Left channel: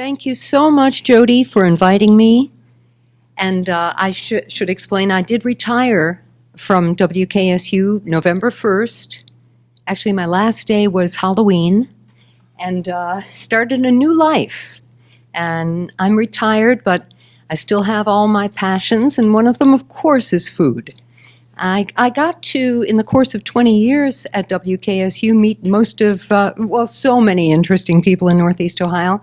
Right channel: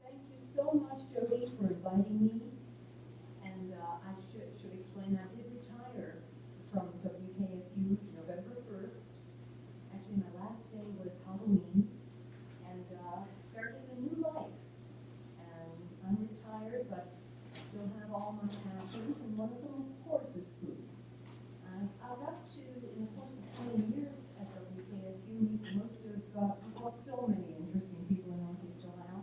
Thank you so much, Jody, for inviting me. And I should explain, I did retire from WKSU November 1st. Actually, my last day was Halloween, and started a new life. And I'm retired, but I still have all my passions, and one of them, of course, is food. I got to, in the course of 20 years at WKSU, meet most of, so many interesting people in Northeast Ohio.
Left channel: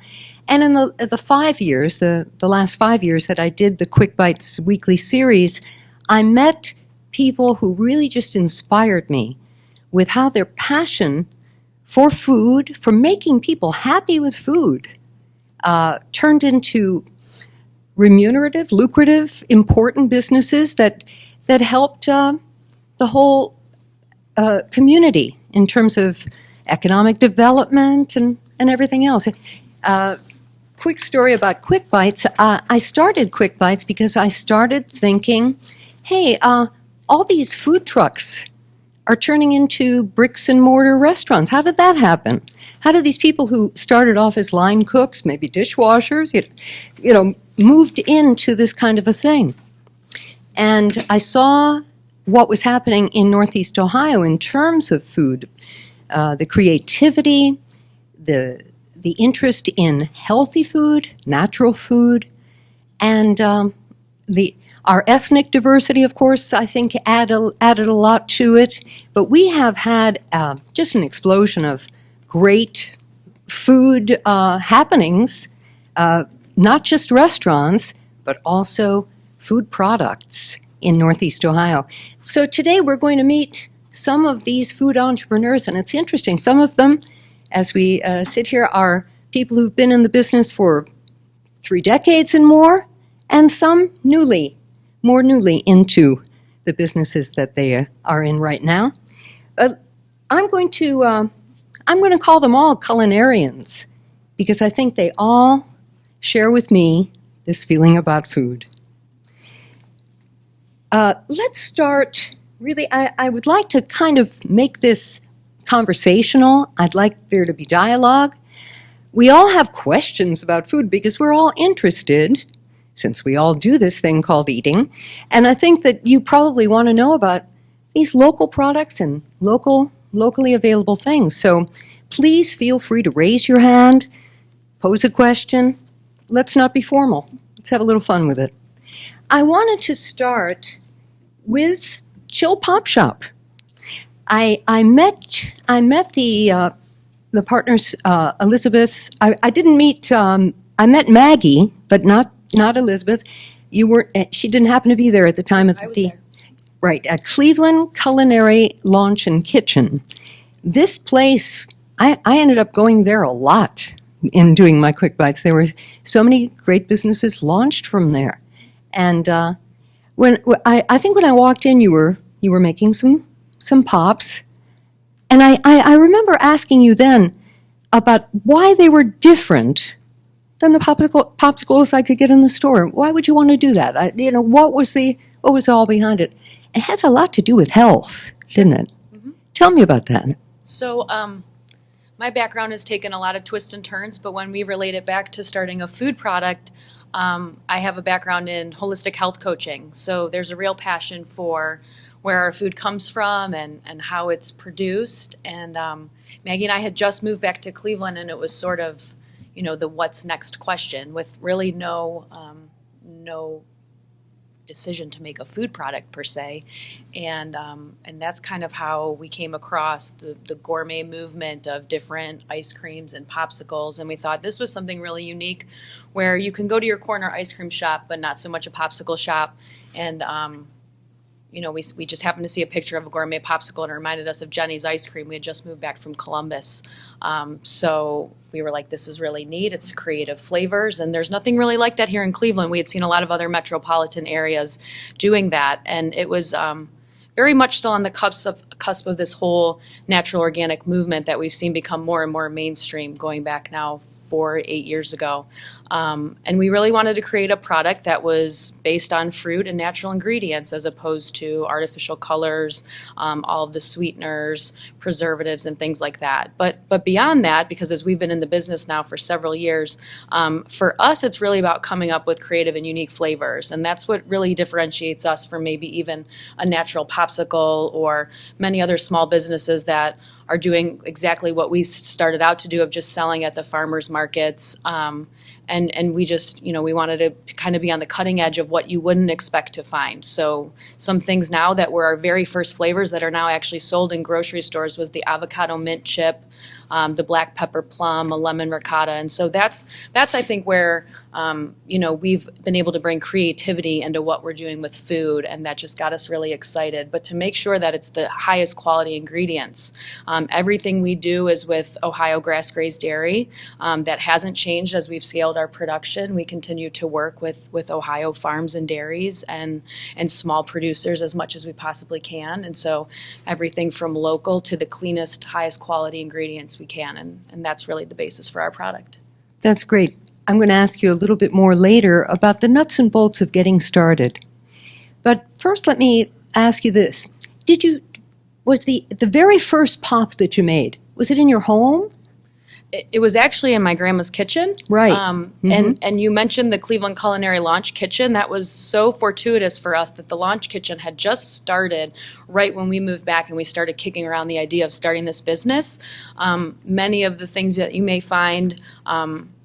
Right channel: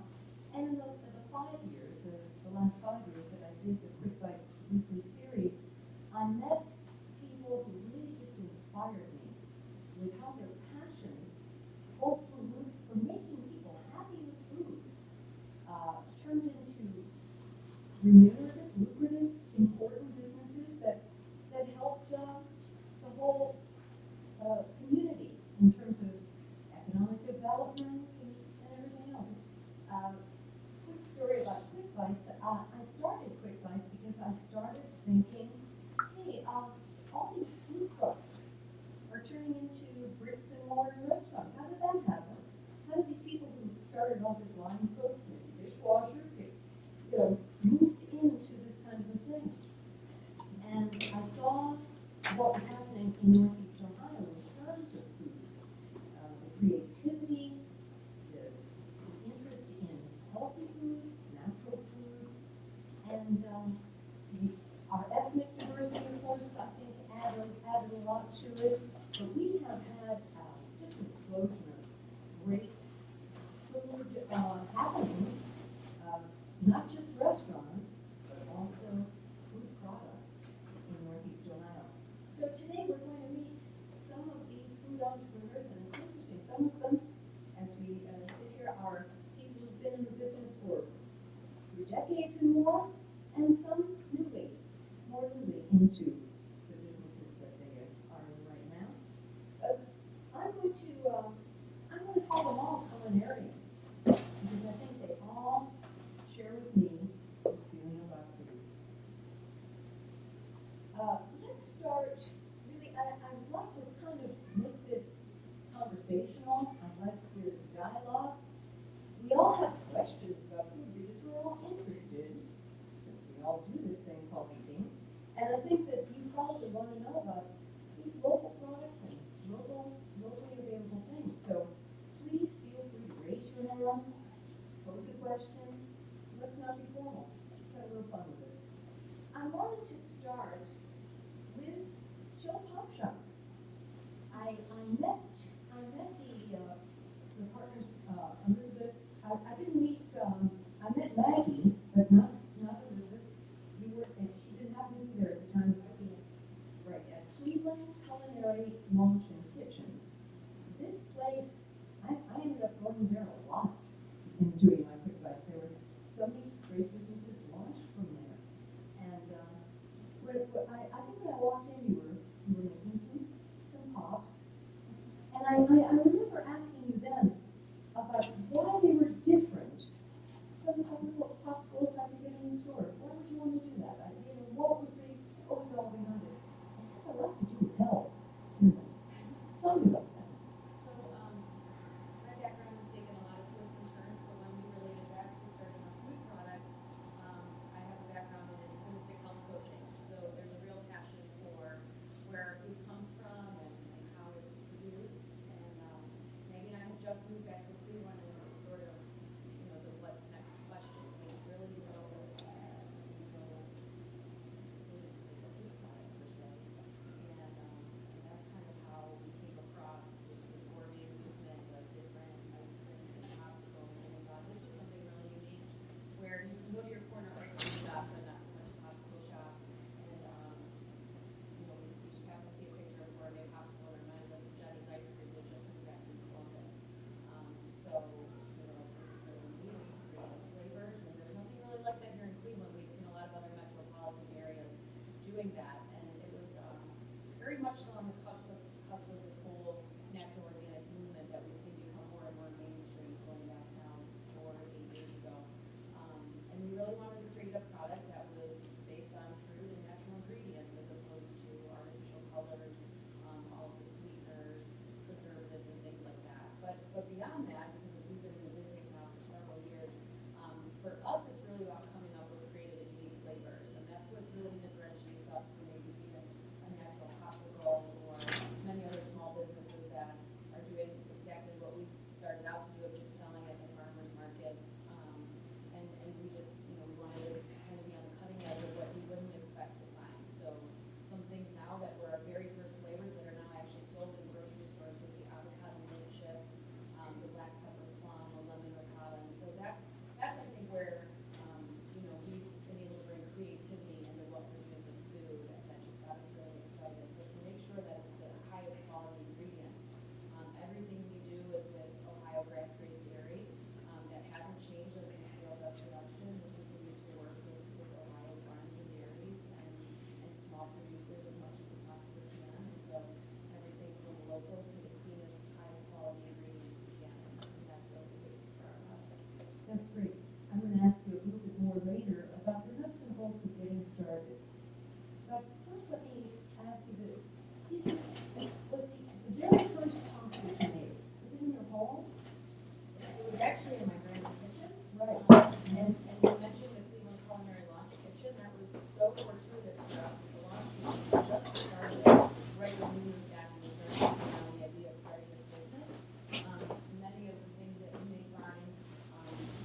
And in the 5 years, the last 5 years that I did the Quick Bites weekly series, I met people who really just inspired me with how their passion for food, for making people happy with food, turned into remunerative, lucrative, important businesses that helped the whole community in terms of economic development and everything else. Quick story about Quick Bites. I started Quick Bites because I started thinking, hey, all these food trucks are turning into bricks and mortar restaurants. How did that happen? How did these people who started off as line cooks, maybe dishwashers, moved into this kind of a thing? And I saw what was happening in Northeast Ohio in terms of food, the creativity, the interest in healthy food, natural food, and our ethnic diversity, of course, I think added a lot to it. But we have had just an explosion of great food happenings, not just restaurants, but also food products in Northeast Ohio. So today we're going to meet some of these food entrepreneurs, and it's interesting. Some of them, as we sit here, are people who've been in the business for 3 decades and more, and some more newly into the businesses that they are in right now. I'm going to call them all culinarians because I think they all share with me this feeling about food. Let's start, really, I would like to kind of make this conversational. I'd like there to be dialogue. We all have questions about food because we're all interested, since we all do this thing called eating. And I think that you probably want to know about these local products and locally available things. So please feel free to raise your hand, pose a question. Let's not be formal. Let's have a little fun with it. I wanted to start with Chill Pop Shop. I met the partners, Elizabeth. I didn't meet. I met Maggie, but not Elizabeth. You weren't. She didn't happen to be there at the time of the. Right, at Cleveland Culinary Launch and Kitchen. This place, I ended up going there a lot in doing my Quick Bites. There were so many great businesses launched from there. And I think when I walked in, you were making some pops, and I remember asking you then about why they were different than the popsicles I could get in the store. Why would you want to do that? What was all behind it? It has a lot to do with health, didn't it? Mm-hmm. Tell me about that. So my background has taken a lot of twists and turns, but when we relate it back to starting a food product, I have a background in holistic health coaching. So there's a real passion for where our food comes from and how it's produced. And Maggie and I had just moved back to Cleveland, and it was sort of, the what's next question with really no decision to make a food product per se. And that's kind of how we came across the gourmet movement of different ice creams and popsicles. And we thought this was something really unique where you can go to your corner ice cream shop, but not so much a popsicle shop. And, we just happened to see a picture of a gourmet popsicle, and it reminded us of Jenny's ice cream. We had just moved back from Columbus. So we were like, this is really neat. It's creative flavors, and there's nothing really like that here in Cleveland. We had seen a lot of other metropolitan areas doing that, and it was very much still on the cusp of this whole natural organic movement that we've seen become more and more mainstream, going back now 8 years ago. And we really wanted to create a product that was based on fruit and natural ingredients as opposed to artificial colors, all of the sweeteners, preservatives, and things like that. But beyond that, because as we've been in the business now for several years, for us it's really about coming up with creative and unique flavors. And that's what really differentiates us from maybe even a natural popsicle or many other small businesses that are doing exactly what we started out to do, of just selling at the farmers markets. And we just, we wanted to kind of be on the cutting edge of what you wouldn't expect to find. So some things now that were our very first flavors that are now actually sold in grocery stores was the avocado mint chip, the black pepper plum, a lemon ricotta. And so that's I think where, we've been able to bring creativity into what we're doing with food, and that just got us really excited. But to make sure that it's the highest quality ingredients. Everything we do is with Ohio grass-grazed dairy. That hasn't changed as we've scaled our production. We continue to work with Ohio farms and dairies and small producers as much as we possibly can. And so everything from local to the cleanest, highest quality ingredients we can, and that's really the basis for our product. That's great. I'm going to ask you a little bit more later about the nuts and bolts of getting started. But first, let me ask you this. Was the very first pop that you made, was it in your home? It was actually in my grandma's kitchen. Right. And you mentioned the Cleveland Culinary Launch Kitchen. That was so fortuitous for us that the Launch Kitchen had just started right when we moved back and we started kicking around the idea of starting this business. Many of the things that you may find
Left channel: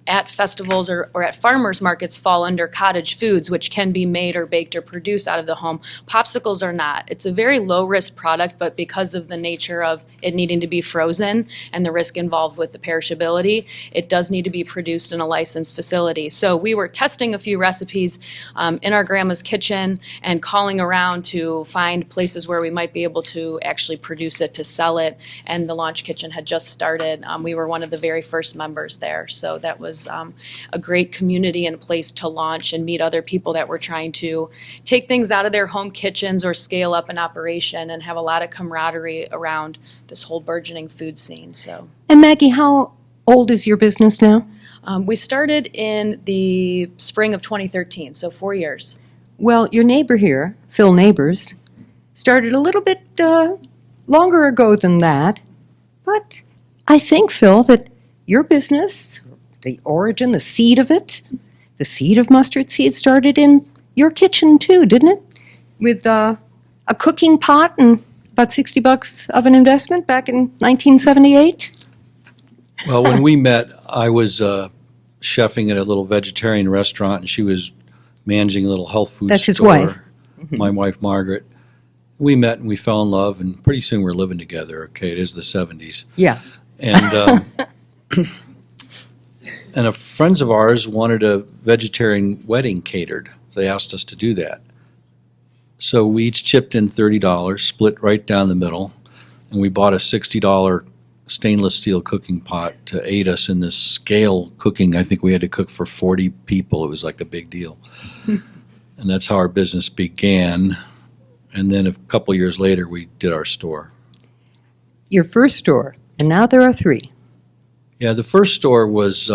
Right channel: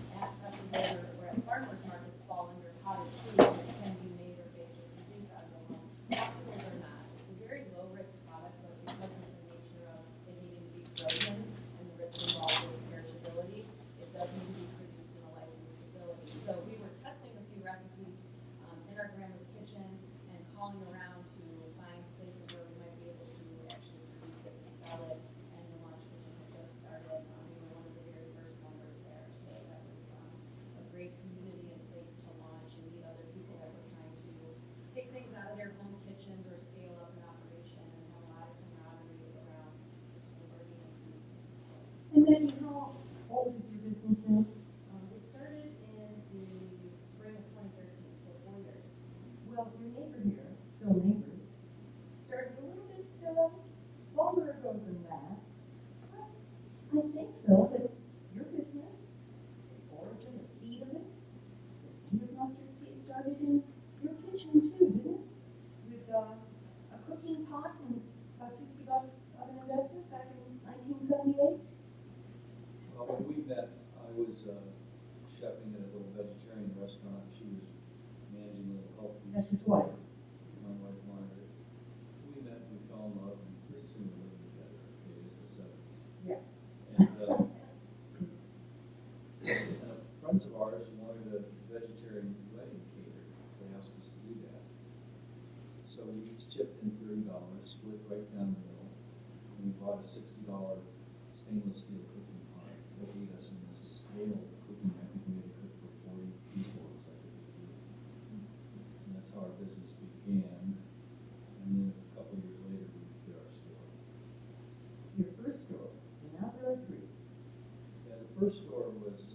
at festivals or at farmers markets fall under cottage foods, which can be made or baked or produced out of the home. Popsicles are not. It's a very low-risk product, but because of the nature of it needing to be frozen and the risk involved with the perishability, it does need to be produced in a licensed facility. So we were testing a few recipes in our grandma's kitchen and calling around to find places where we might be able to actually produce it, to sell it, and the Launch Kitchen had just started. We were one of the very first members there, so that was a great community and place to launch and meet other people that were trying to take things out of their home kitchens or scale up an operation and have a lot of camaraderie around this whole burgeoning food scene. So. And Maggie, how old is your business now? We started in the spring of 2013, so 4 years. Well, your neighbor here, Phil Neighbors, started a little bit longer ago than that. But I think, Phil, that your business, the origin, the seed of it, the seed of mustard seed started in your kitchen too, didn't it? With a cooking pot and about $60 of an investment back in 1978? Well, when we met, I was chefing at a little vegetarian restaurant, and she was managing a little health food store. That's his wife. My wife, Margaret. We met and we fell in love, and pretty soon we're living together. Okay, it is the 70s. Yeah. And and friends of ours wanted a vegetarian wedding catered. They asked us to do that. So we each chipped in $30, split right down the middle, and we bought a $60 stainless steel cooking pot to aid us in this scale cooking. I think we had to cook for 40 people. It was like a big deal. And that's how our business began. And then a couple years later, we did our store. Your first store, and now there are 3. Yeah, the first store was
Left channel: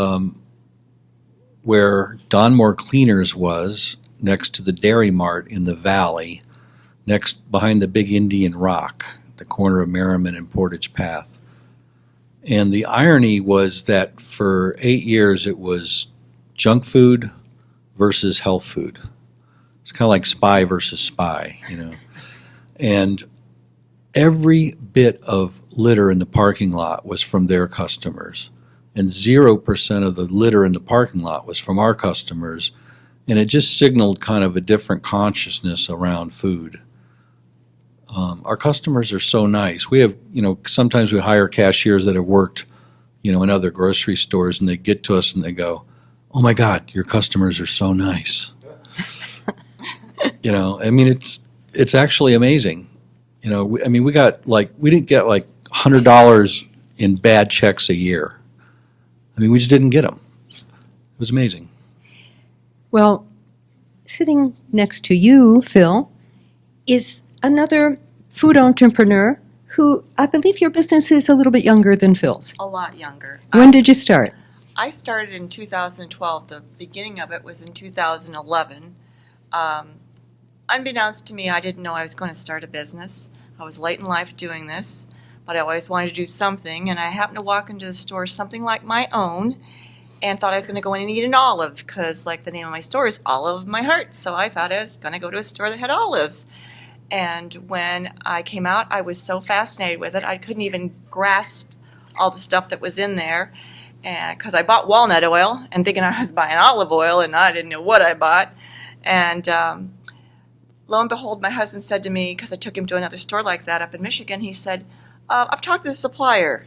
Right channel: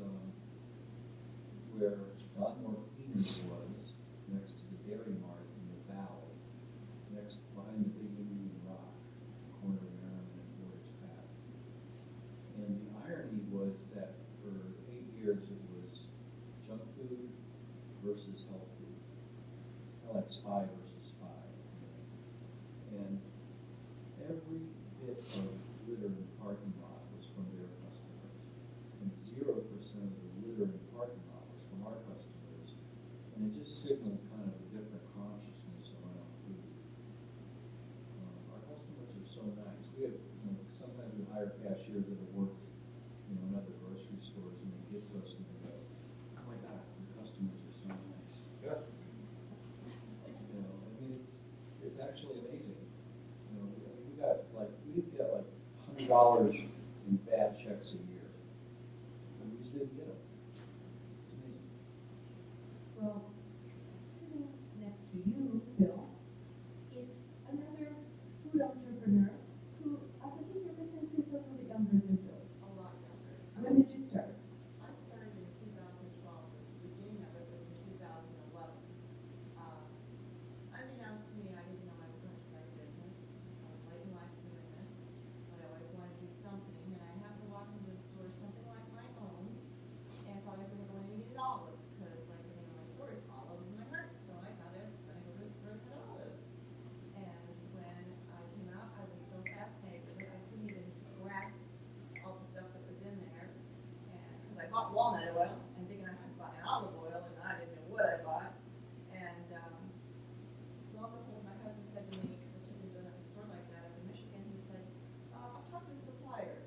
where Donmore Cleaners was, next to the Dairy Mart in the valley, next behind the big Indian Rock, the corner of Merriman and Portage Path. And the irony was that for 8 years it was junk food versus health food. It's kind of like spy versus spy, And every bit of litter in the parking lot was from their customers. And 0% of the litter in the parking lot was from our customers. And it just signaled kind of a different consciousness around food. Our customers are so nice. We have, sometimes we hire cashiers that have worked, in other grocery stores, and they get to us and they go, "Oh my God, your customers are so nice." It's actually amazing. We got we didn't get $100 in bad checks a year. We just didn't get them. It was amazing. Well, sitting next to you, Phil, is another food entrepreneur who I believe your business is a little bit younger than Phil's. A lot younger. When did you start? I started in 2012. The beginning of it was in 2011. Unbeknownst to me, I didn't know I was going to start a business. I was late in life doing this, but I always wanted to do something, and I happened to walk into the store, something like my own, and thought I was going to go in and eat an olive, because like the name of my store is Olive of My Heart, so I thought I was going to go to a store that had olives. And when I came out, I was so fascinated with it, I couldn't even grasp all the stuff that was in there, and because I bought walnut oil and thinking I was buying olive oil, and I didn't know what I bought. And lo and behold, my husband said to me, because I took him to another store like that up in Michigan, he said, I've talked to the supplier,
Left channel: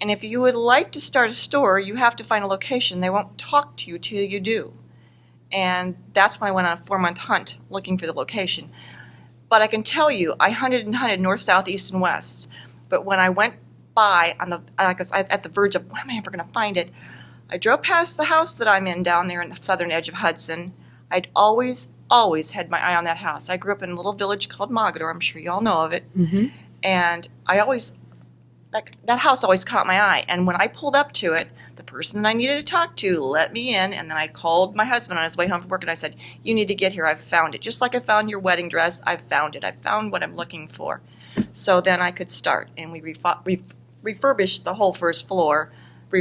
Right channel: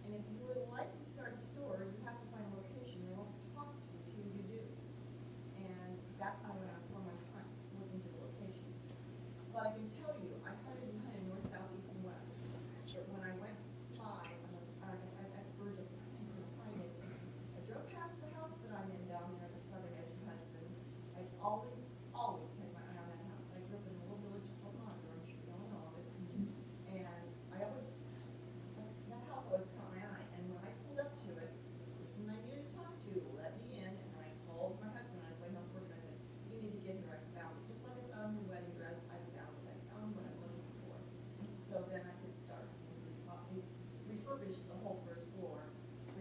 and if you would like to start a store, you have to find a location. They won't talk to you till you do. And that's when I went on a 4-month hunt looking for the location. But I can tell you, I hunted and hunted north, south, east, and west. But when I went by on the at the verge of, when am I ever going to find it, I drove past the house that I'm in down there in the southern edge of Hudson. I'd always had my eye on that house. I grew up in a little village called Mogador. I'm sure you all know of it. Mm-hmm. And I always, that house always caught my eye. And when I pulled up to it, the person that I needed to talk to let me in. And then I called my husband on his way home from work, and I said, you need to get here. I've found it. Just like I found your wedding dress, I've found it. I found what I'm looking for. So then I could start. And we refurbished the whole first floor,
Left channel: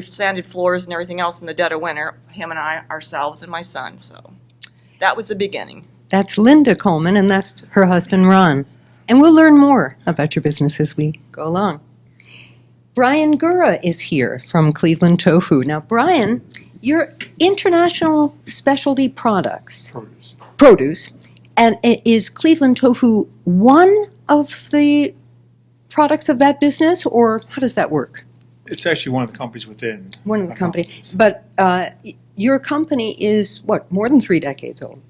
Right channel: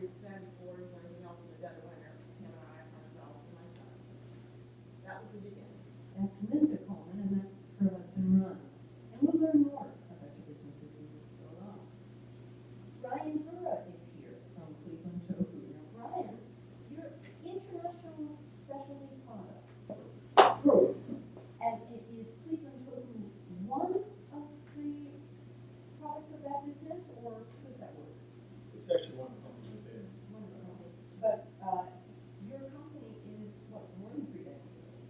sanded floors and everything else in the dead of winter, him and I, ourselves, and my son. So that was the beginning. That's Linda Coleman, and that's her husband, Ron. And we'll learn more about your business as we go along. Brian Gura is here from Cleveland Tofu. Now, Brian, your international specialty products, produce, and is Cleveland Tofu one of the products of that business, or how does that work? It's actually one of the companies within. One of the our company, companies. but your company is what, more than 3 decades old?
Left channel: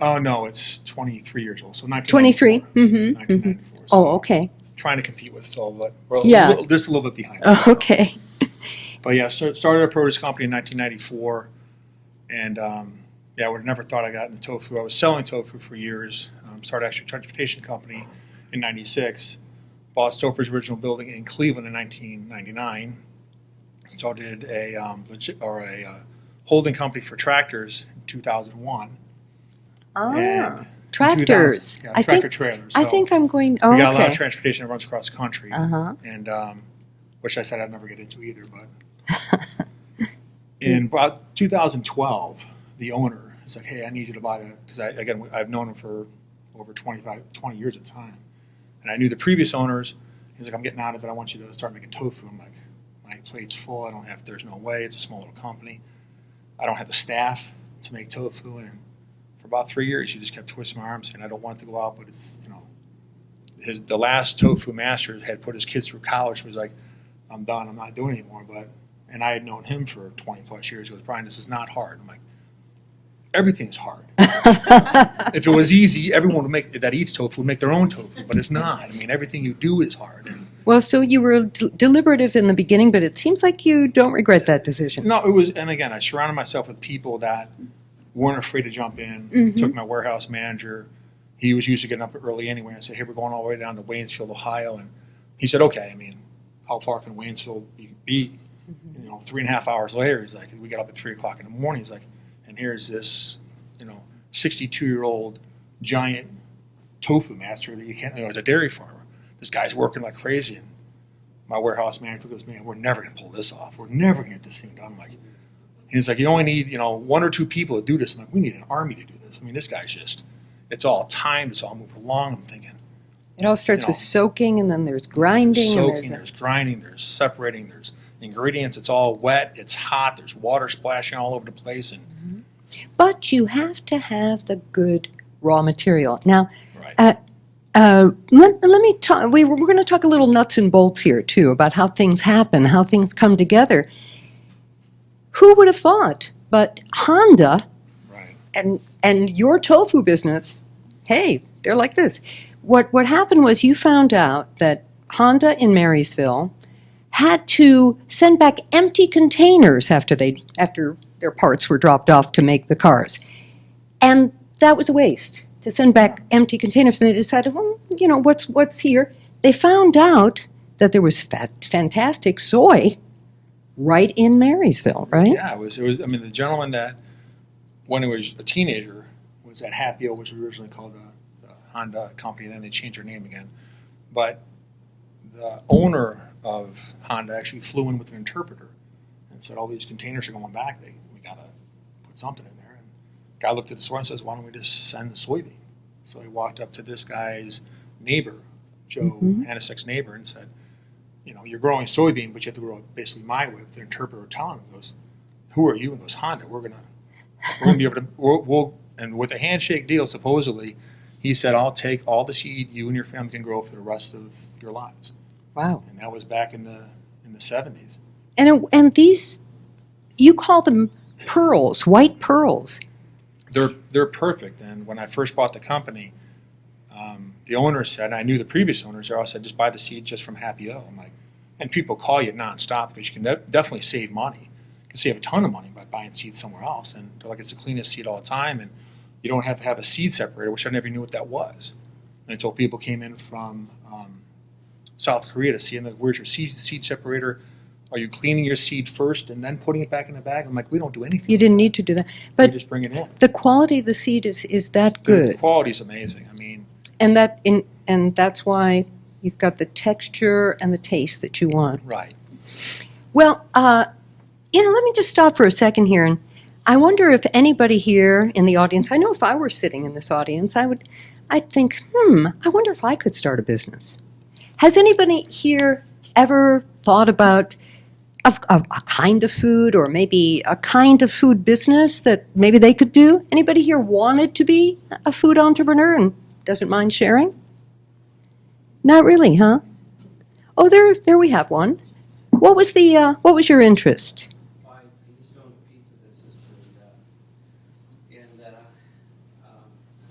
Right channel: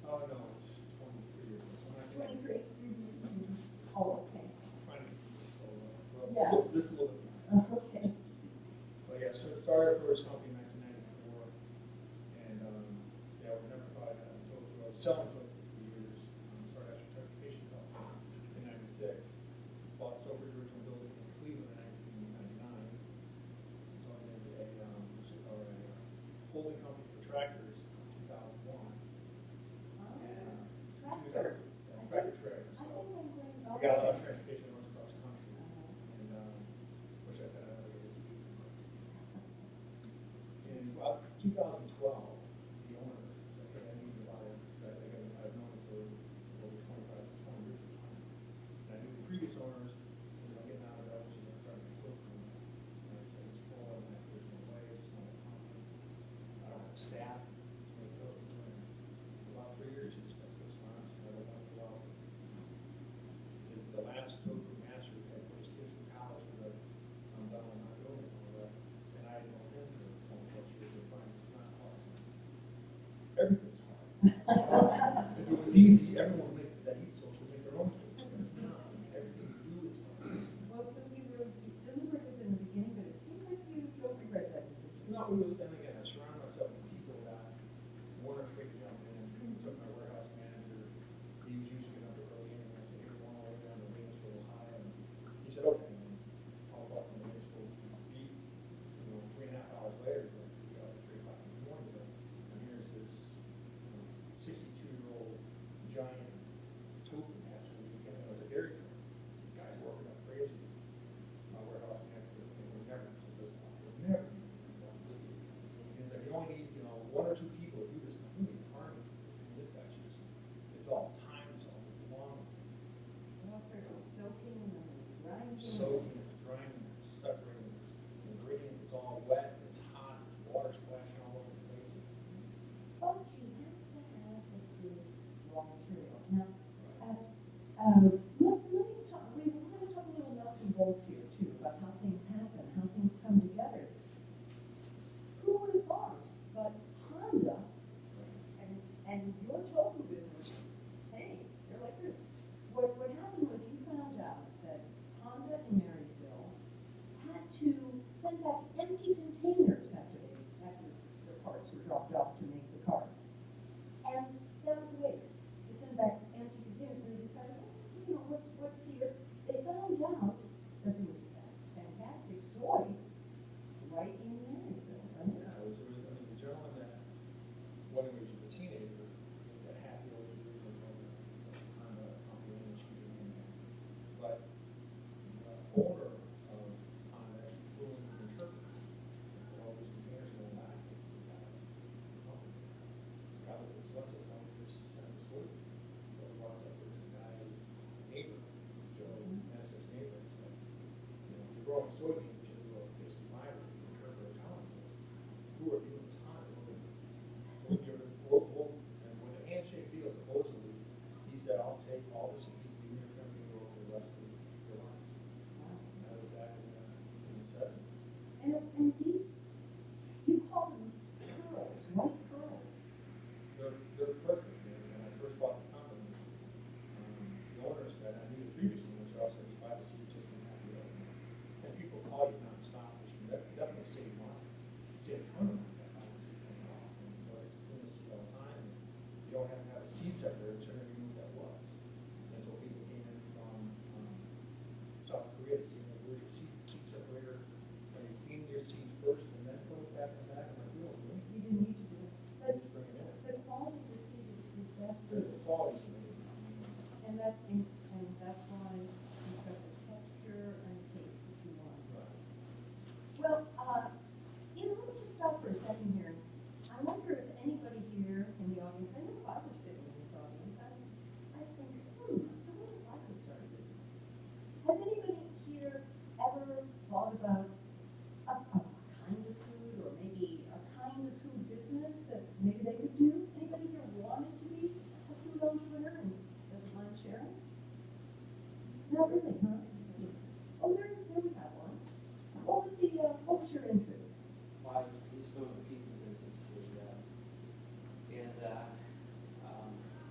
Oh, no, it's 23 years old, so 23? 1994. Mm-hmm. 1994. Oh, So okay. trying to compete with Phil, but we're Yeah. just a little bit behind. Oh, okay. But yeah, started a produce company in 1994, and yeah, I would have never thought I got into tofu. I was selling tofu for years. Started actually a transportation company in '96. Bought Stouffer's original building in Cleveland in 1999. Started a holding company for tractors in 2001. Ah, And tractors. 2000 yeah, I tractor think trailers. I So think I'm going. Oh, we got a lot of okay. transportation that runs across the country, Uh-huh. and which I said I'd never get into either. But in about 2012, the owner is like, "Hey, I need you to buy the," because I've known him for over 20 years at the time, and I knew the previous owners. He's like, "I'm getting out of it. I want you to start making tofu." I'm like, "My plate's full. I don't have. There's no way. It's a small little company. I don't have the staff to make tofu." And for about 3 years, he just kept twisting my arms, saying, "I don't want it to go out, but it's, you know." The last tofu master had put his kids through college. He was like, "I'm done. I'm not doing it anymore." And I had known him for 20 plus years. He goes, "Brian, this is not hard." I'm like, "Everything's hard." If it was easy, everyone that eats tofu would make their own tofu, but it's not. I mean, everything you do is hard. And Well, so you were deliberative in the beginning, but it seems like you don't regret that decision. no, it was, and again, I surrounded myself with people that weren't afraid to jump in. Mhm. Took my warehouse manager. He was used to getting up early anyway. I said, "Hey, we're going all the way down to Waynesville, Ohio." And he said, "Okay." I mean, how far can Waynesville be? You know, 3.5 hours later, he's like, we got up at 3 o'clock in the morning. He's like, and here's this, 62-year-old giant tofu master that you can't, it's a dairy farmer. This guy's working like crazy. And my warehouse manager goes, "Man, we're never going to pull this off. We're never going to get this thing done." I'm like, and he's like, "You only need, 1 or 2 people to do this." I'm like, "We need an army to do this." I mean, this guy's just, it's all timed. It's all moving along. I'm thinking, It all starts with know, soaking, and then there's grinding. there's soaking, and there's grinding, there's separating, there's ingredients. It's all wet. It's hot. There's water splashing all over the place. And But you have to have the good raw material. Now, right. let me talk. We're going to talk a little nuts and bolts here too about how things happen, how things come together. Who would have thought? But Honda Right. and your tofu business, hey, they're like this. What happened was you found out that Honda in Marysville had to send back empty containers after their parts were dropped off to make the cars. And that was a waste, to send back empty containers. And they decided, well, what's here? They found out that there was fantastic soy right in Marysville, right? Yeah, it was, I mean, the gentleman that, when he was a teenager, was at Happy O, which was originally called the Honda company, then they changed their name again. But the owner of Honda actually flew in with an interpreter and said, all these containers are going back, we gotta put something in there. And the guy looked at the store and says, why don't we just send the soybean? So he walked up to this guy's neighbor, Joe Hanisek's neighbor, and said, you know, you're growing soybean, but you have to grow it basically my way. With the interpreter telling him, goes, who are you? And goes, Honda. We're gonna be able to. We'll and with a handshake deal, supposedly, he said, I'll take all the seed you and your family can grow for the rest of your lives. Wow. And that was back in the 70s. And these, you call them pearls, white pearls. They're perfect. And when I first bought the company, the owner said, and I knew the previous owners, they all said, just buy the seed just from Happy O. I'm like, and people call you nonstop because you can definitely save money. You can save a ton of money by buying seed somewhere else. And they're like, it's the cleanest seed all the time, and you don't have to have a seed separator, which I never knew what that was. And until people came in from South Korea to see, and like, where's your seed separator? Are you cleaning your seed first and then putting it back in the bag? I'm like, we don't do anything. You didn't need to do that. We But just bring it in. the quality of the seed is that The good. quality's amazing. I mean, And that's why you've got the texture and the taste that you want. right. Well, let me just stop for a second here, and I wonder if anybody here in the audience, I know if I were sitting in this audience, I'd think, I wonder if I could start a business. Has anybody here ever thought about a kind of food, or maybe a kind of food business that maybe they could do? Anybody here wanted to be a food entrepreneur and doesn't mind sharing? Not really, huh? Oh, there we have one. What was your interest? I used to own a pizza business, and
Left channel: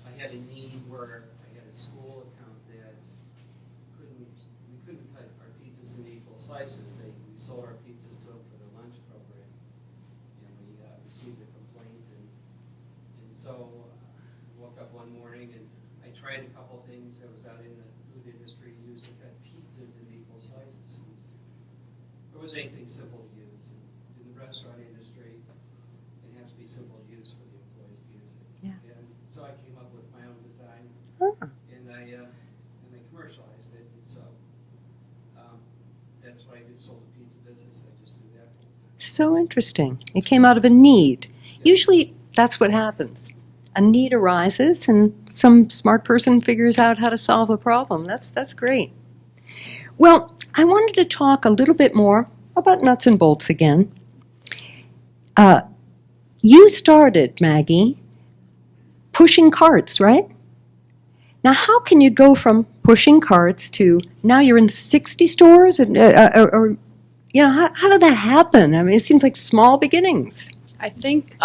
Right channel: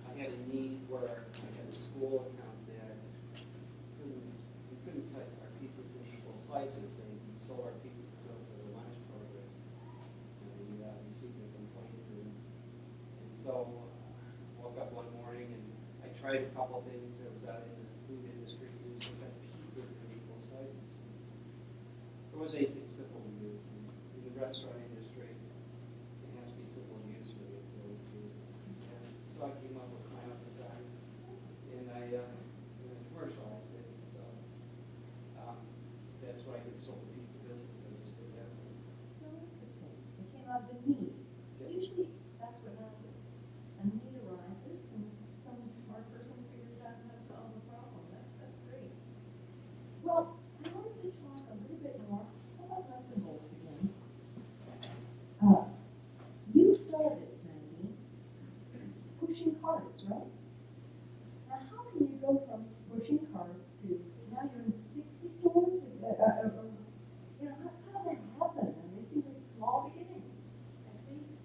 I had a need where I had a school account that we couldn't cut our pizzas into equal slices. We sold our pizzas to them for the lunch program, and we received a complaint, and so I woke up one morning and I tried a couple things that was out in the food industry using cut pizzas in equal slices. There was anything simple to use. In the restaurant industry, it has to be simple to use for the employees to use it. Yeah. And so I came up with my own design, Oh, and I commercialized it. And so that's what I did, sold the pizza business. I just did that. so interesting. It came out of a need. Usually that's what happens. A need arises and some smart person figures out how to solve a problem. That's great. Well, I wanted to talk a little bit more about nuts and bolts again. You started, Maggie, pushing carts, right? Now, how can you go from pushing carts to now you're in 60 stores? Or how did that happen? I mean, it seems like small beginnings. I think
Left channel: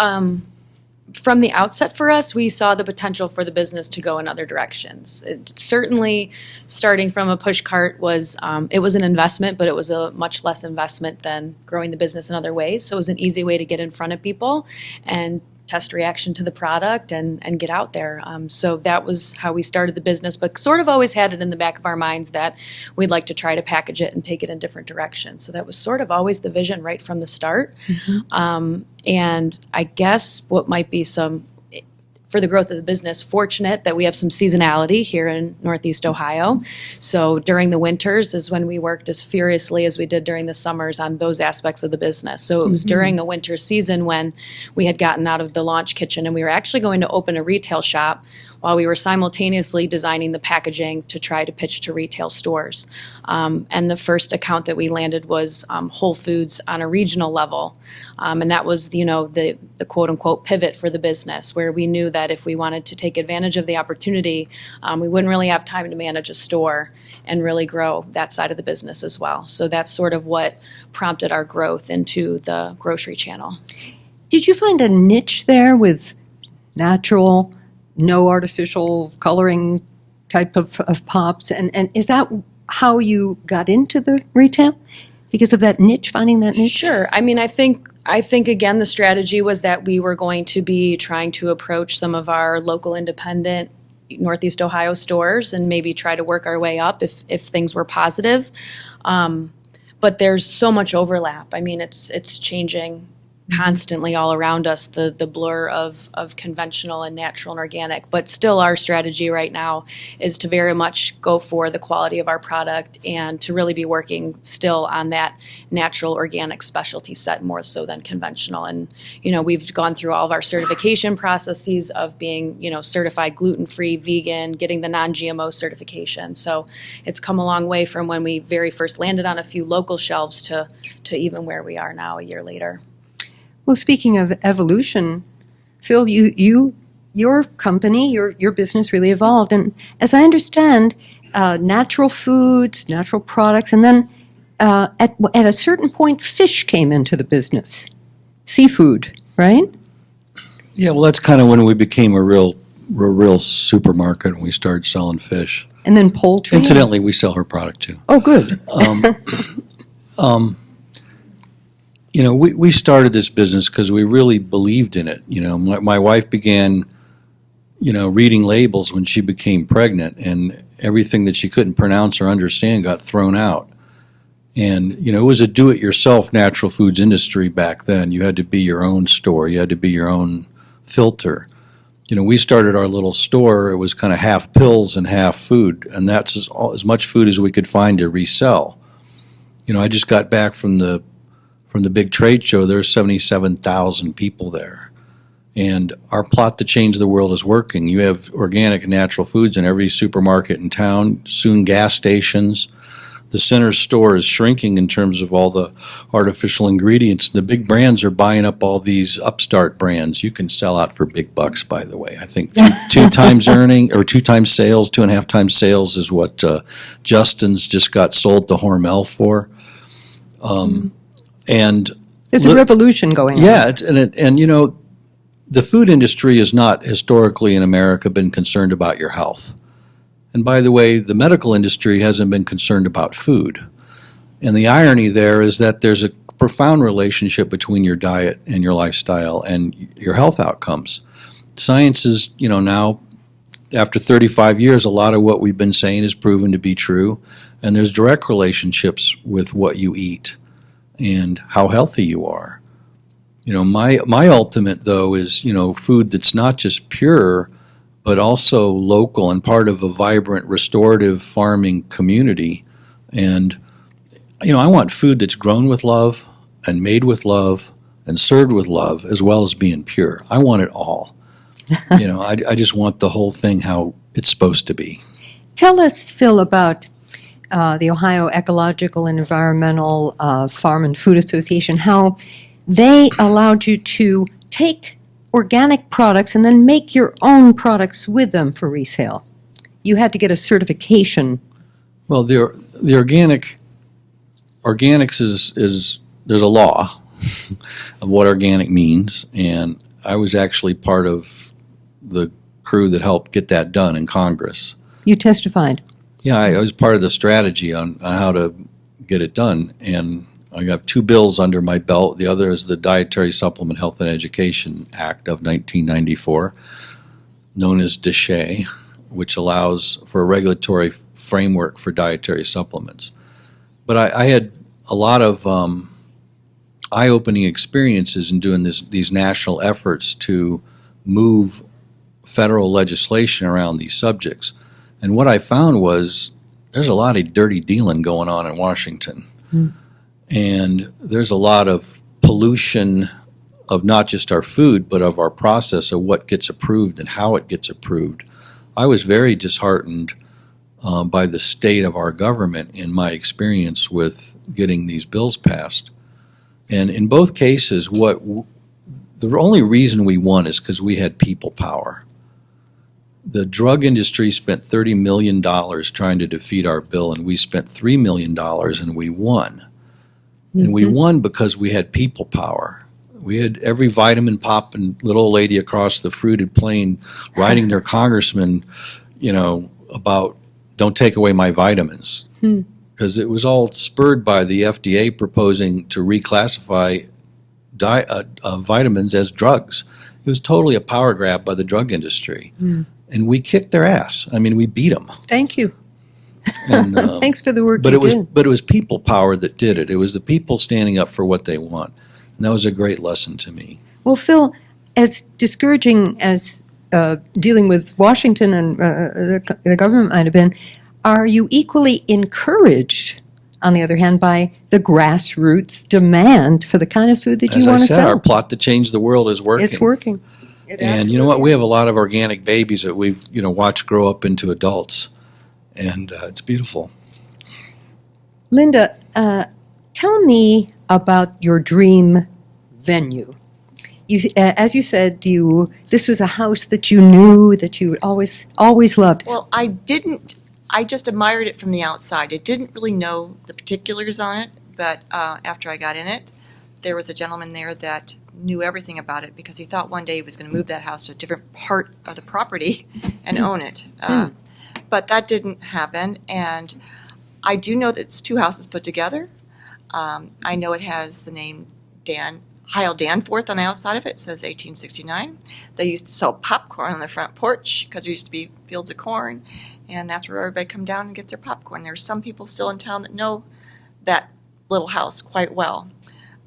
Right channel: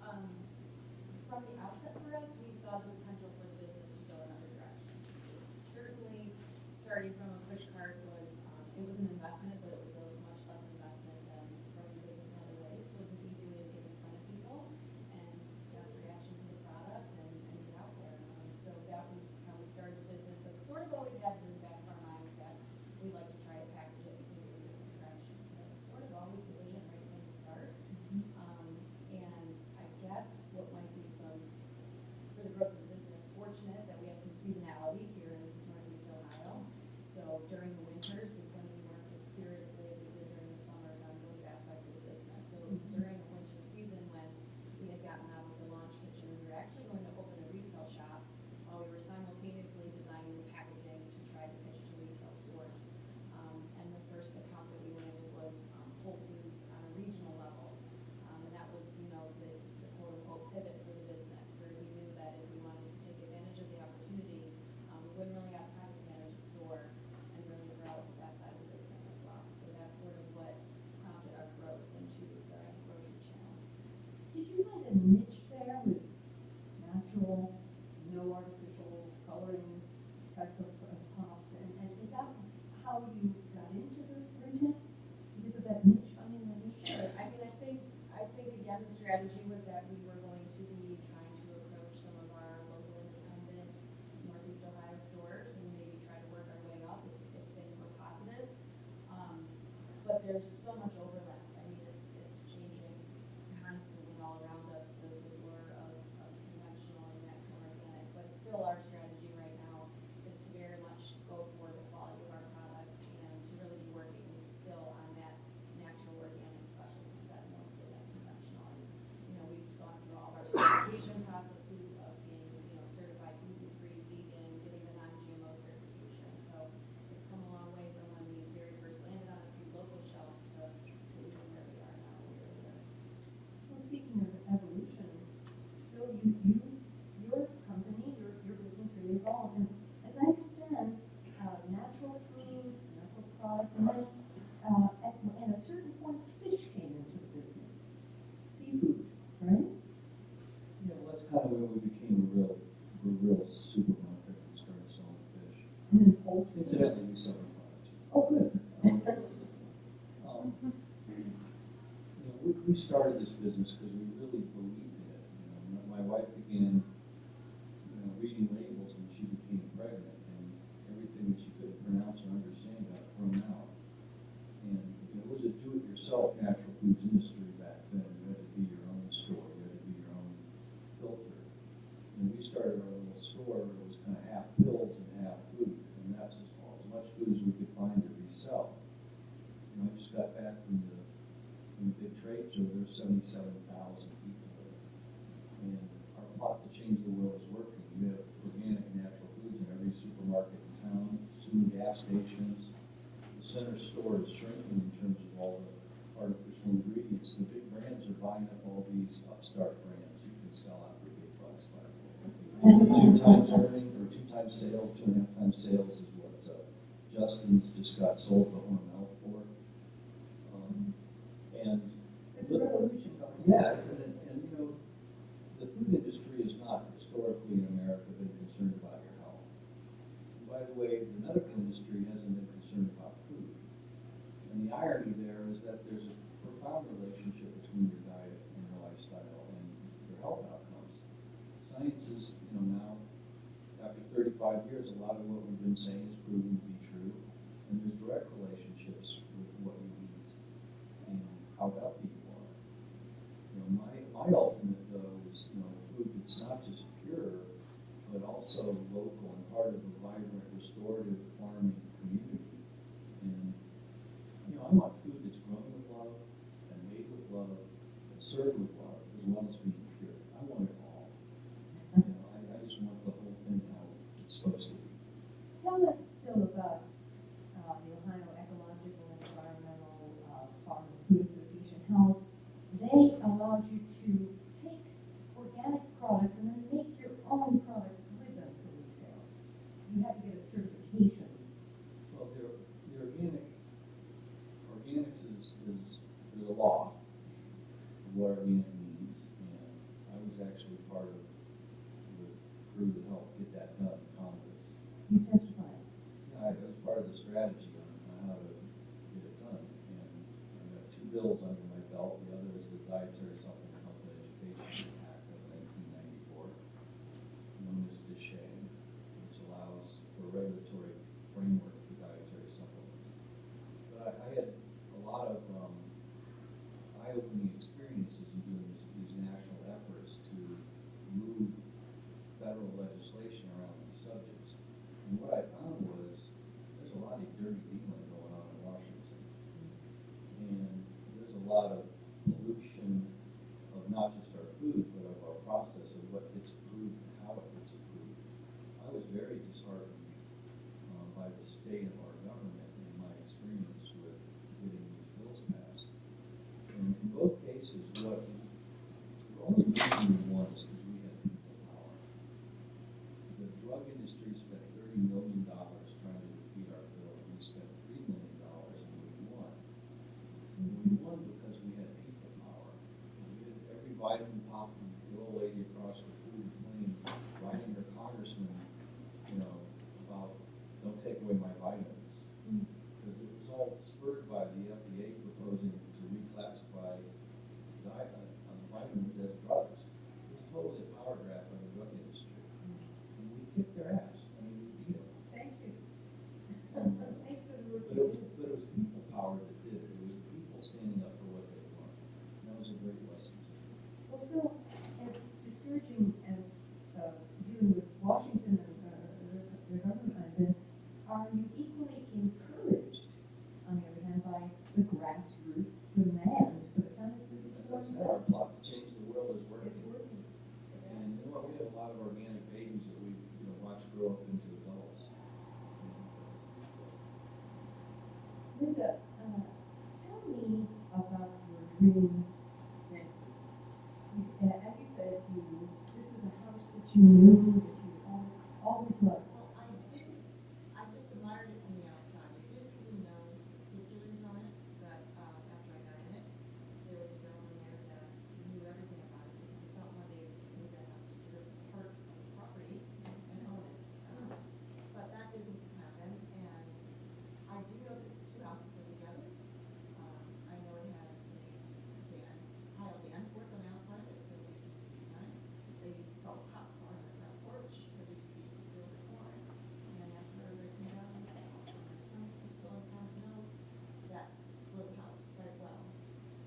from the outset for us, we saw the potential for the business to go in other directions. Certainly, starting from a push cart was it was an investment, but it was a much less investment than growing the business in other ways. So it was an easy way to get in front of people and test reaction to the product and get out there. So that was how we started the business, but sort of always had it in the back of our minds that we'd like to try to package it and take it in different directions. So that was sort of always the vision right from the start. And I guess what might be for the growth of the business, fortunate that we have some seasonality here in Northeast Ohio. So during the winters is when we worked as furiously as we did during the summers on those aspects of the business. So it was during a winter season when we had gotten out of the launch kitchen and we were actually going to open a retail shop while we were simultaneously designing the packaging to try to pitch to retail stores. And the first account that we landed was Whole Foods on a regional level. And that was, the quote unquote pivot for the business, where we knew that if we wanted to take advantage of the opportunity, we wouldn't really have time to manage a store and really grow that side of the business as well. So that's sort of what prompted our growth into the grocery channel. Did you find a niche there with natural, no artificial coloring type of pops? And is that how you got into the retail? Because of that niche, finding that niche? Sure. I mean, I think again, the strategy was that we were going to be trying to approach some of our local independent Northeast Ohio stores and maybe try to work our way up if things were positive. But but there's so much overlap. I mean, it's changing constantly all around us, the blur of conventional and natural and organic. But still, our strategy right now is to very much go for the quality of our product and to really be working still on that natural organic specialty set more so than conventional. And, we've gone through all of our certification processes of being, certified gluten-free, vegan, getting the non-GMO certification. So it's come a long way from when we very first landed on a few local shelves to even where we are now a year later. Well, speaking of evolution, Phil, your company, your business really evolved. And as I understand, natural foods, natural products, and then at a certain point, fish came into the business. Seafood, right? Yeah, well, that's kind of when we became a real supermarket and we started selling fish. And then poultry. Incidentally, we sell her product too. Oh, good. We started this business because we really believed in it. My wife began, reading labels when she became pregnant, and everything that she couldn't pronounce or understand got thrown out. And, it was a do-it-yourself natural foods industry back then. You had to be your own store. You had to be your own filter. We started our little store. It was kind of half pills and half food, and that's as much food as we could find to resell. I just got back from the big trade show. There were 77,000 people there. And our plot to change the world is working. You have organic and natural foods in every supermarket in town, soon gas stations. The center store is shrinking in terms of all the artificial ingredients. The big brands are buying up all these upstart brands. You can sell out for big bucks, by the way. I think two times earning, or 2 times sales, 2.5 times sales is what Justin's just got sold to Hormel for. And there's a revolution going on. Yeah, the food industry has not historically in America been concerned about your health. And by the way, the medical industry hasn't been concerned about food. And the irony there is that there's a profound relationship between your diet and your lifestyle and your health outcomes. Science is, now, after 35 years, a lot of what we've been saying is proven to be true. And there's direct relationships with what you eat and how healthy you are. My ultimate, though, is, food that's not just pure, but also local and part of a vibrant restorative farming community. And, I want food that's grown with love and made with love and served with love, as well as being pure. I want it all. I just want the whole thing how it's supposed to be. Tell us, Phil, about the Ohio Ecological and Environmental Farm and Food Association, how they allowed you to take organic products and then make your own products with them for resale. You had to get a certification. Well, the organics is there's a law of what organic means, and I was actually part of the crew that helped get that done in Congress. You testified. Yeah, I was part of the strategy on how to get it done, and I got 2 bills under my belt. The other is the Dietary Supplement Health and Education Act of 1994, known as DSHEA, which allows for a regulatory framework for dietary supplements. But I had a lot of eye-opening experiences in doing these national efforts to move federal legislation around these subjects. And what I found was there's a lot of dirty dealing going on in Washington. And there's a lot of pollution of not just our food, but of our process of what gets approved and how it gets approved. I was very disheartened by the state of our government in my experience with getting these bills passed. And in both cases, the only reason we won is because we had people power. The drug industry spent $30 million trying to defeat our bill, and we spent $3 million and we won. And we won because we had people power. We had every vitamin pop and little old lady across the fruited plain writing their congressman, about don't take away my vitamins. Because it was all spurred by the FDA proposing to reclassify vitamins as drugs. It was totally a power grab by the drug industry. And we kicked their ass. I mean, we beat them. Thank you. And, Thanks for the work but you it was did. but it was people power that did it. It was the people standing up for what they want, and that was a great lesson to me. Well, Phil, as discouraging as dealing with Washington and the government might have been, are you equally encouraged, on the other hand, by the grassroots demand for the kind of food that As you I want to said, sell? our plot to change the world is working. It's working. And you know what? We have a lot of organic babies that we've watched grow up into adults, and it's beautiful. Linda, tell me about your dream venue. As you said, this was a house that you knew, that you always loved. Well, I didn't, I just admired it from the outside. I didn't really know the particulars on it, but after I got in it, there was a gentleman there that knew everything about it because he thought one day he was going to move that house to a different part of the property and own it. But that didn't happen, and I do know that it's two houses put together. I know it has the name Heil Danforth on the outside of it. It says 1869. They used to sell popcorn on the front porch because there used to be fields of corn, and that's where everybody come down and get their popcorn. There's some people still in town that know that little house quite well.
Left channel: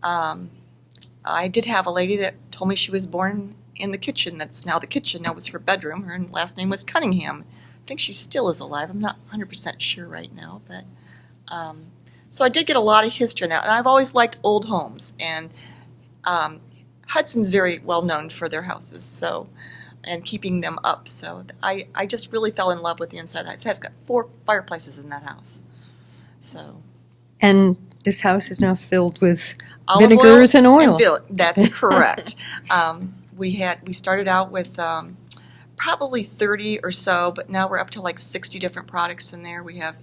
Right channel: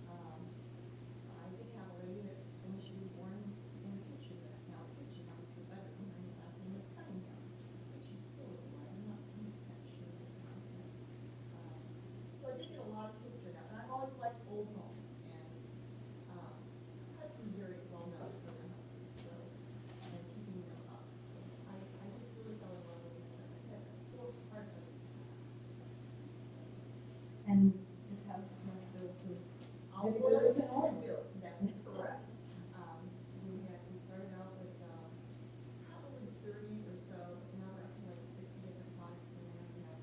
I did have a lady that told me she was born in the kitchen. That's now the kitchen. That was her bedroom. Her last name was Cunningham. I think she still is alive. I'm not 100% sure right now, but so I did get a lot of history in that. And I've always liked old homes, and Hudson's very well known for their houses, so, and keeping them up. So I just really fell in love with the inside of that. It's got 4 fireplaces in that house. So And this house is now filled with olive vinegars and oil. That's correct. We started out with probably 30 or so, but now we're up to like 60 different products in there. We have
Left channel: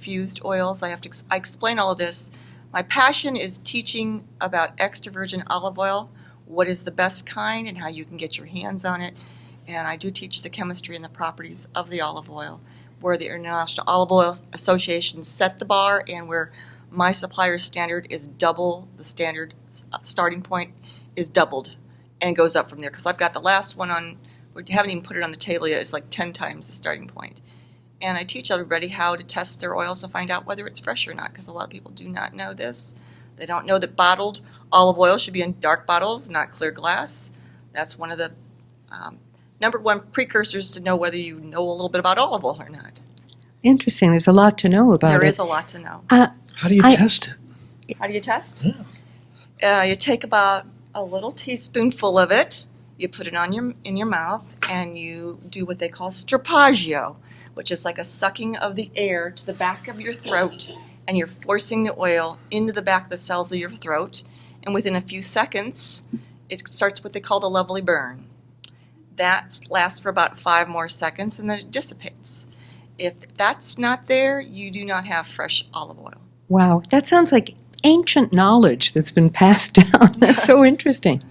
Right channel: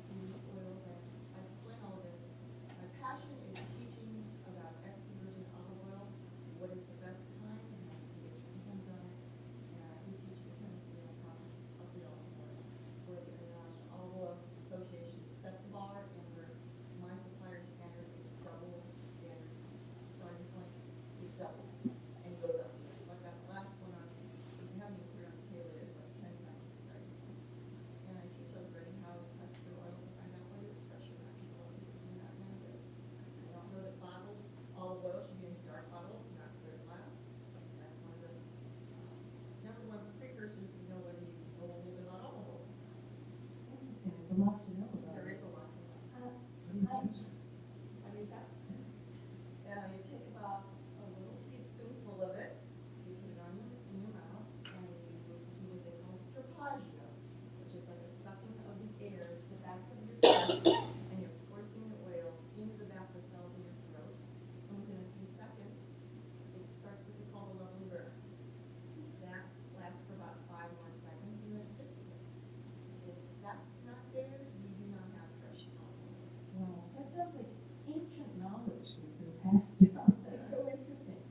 fused oils. I explain all of this. My passion is teaching about extra virgin olive oil, what is the best kind and how you can get your hands on it. And I do teach the chemistry and the properties of the olive oil, where the International Olive Oil Association set the bar and where my supplier's standard is double the standard starting point is doubled and goes up from there. Because I've got the last one on, we haven't even put it on the table yet, it's like 10 times the starting point. And I teach everybody how to test their oils to find out whether it's fresh or not, because a lot of people do not know this. They don't know that bottled olive oil should be in dark bottles, not clear glass. That's one of the number one precursors to know whether you know a little bit about olive oil or not. Interesting. There's a lot to know about it. There is a lot to know. How do you test it? How do you test? You take about a little teaspoonful of it, you put it on in your mouth, and you do what they call strapagio, which is like a sucking of the air to the back of your throat, and you're forcing the oil into the back of the cells of your throat, and within a few seconds, it starts what they call the lovely burn. That lasts for about 5 more seconds, and then it dissipates. If that's not there, you do not have fresh olive oil. Wow, that sounds like ancient knowledge that's been passed down. That's so interesting.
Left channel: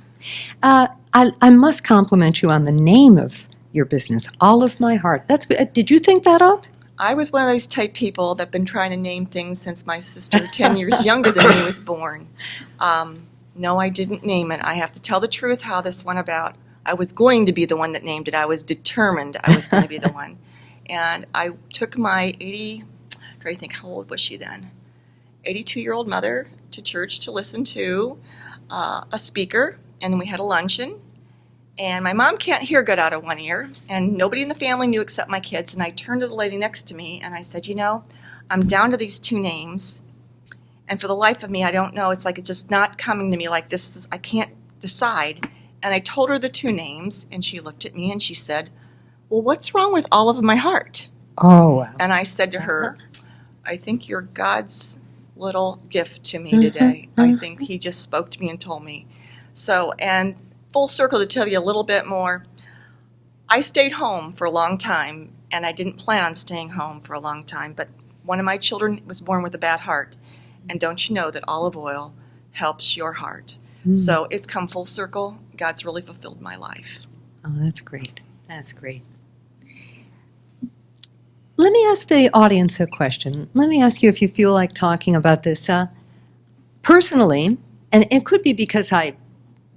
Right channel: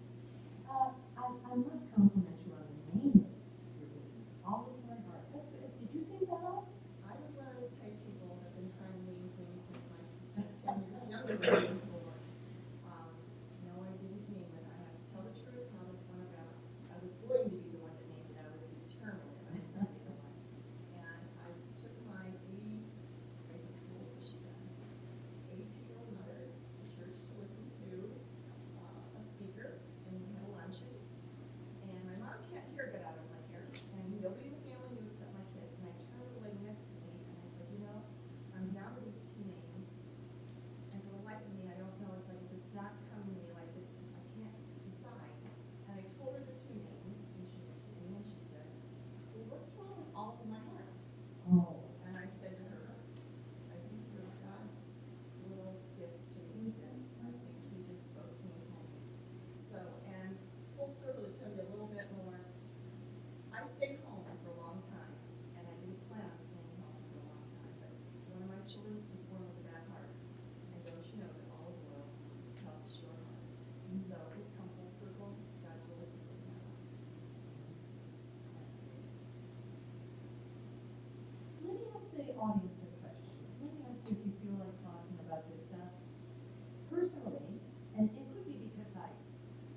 I must compliment you on the name of your business, Olive My Heart. Did you think that up? I was one of those type people that have been trying to name things since my sister, 10 years younger than me, was born. No, I didn't name it. I have to tell the truth how this went about. I was going to be the one that named it. I was determined I was going to be the one. And I took my try to think, how old was she then? 82-year-old mother to church to listen to a speaker, and we had a luncheon. And my mom can't hear good out of one ear, and nobody in the family knew except my kids. And I turned to the lady next to me, and I said, you know, I'm down to these 2 names, and for the life of me, I don't know. It's like it's just not coming to me like this. I can't decide. And I told her the 2 names, and she looked at me, and she said, well, what's wrong with Olive of My Heart? Oh, wow. And I said to her, I think you're God's little gift to me today. I think he just spoke to me and told me. So, and full circle to tell you a little bit more, I stayed home for a long time, and I didn't plan on staying home for a long time, but one of my children was born with a bad heart. And don't you know that olive oil helps your heart? So it's come full circle. God's really fulfilled my life. Oh, that's great. That's great. Let me ask the audience a question. Let me ask you if you feel like talking about this. Personally, and it could be because I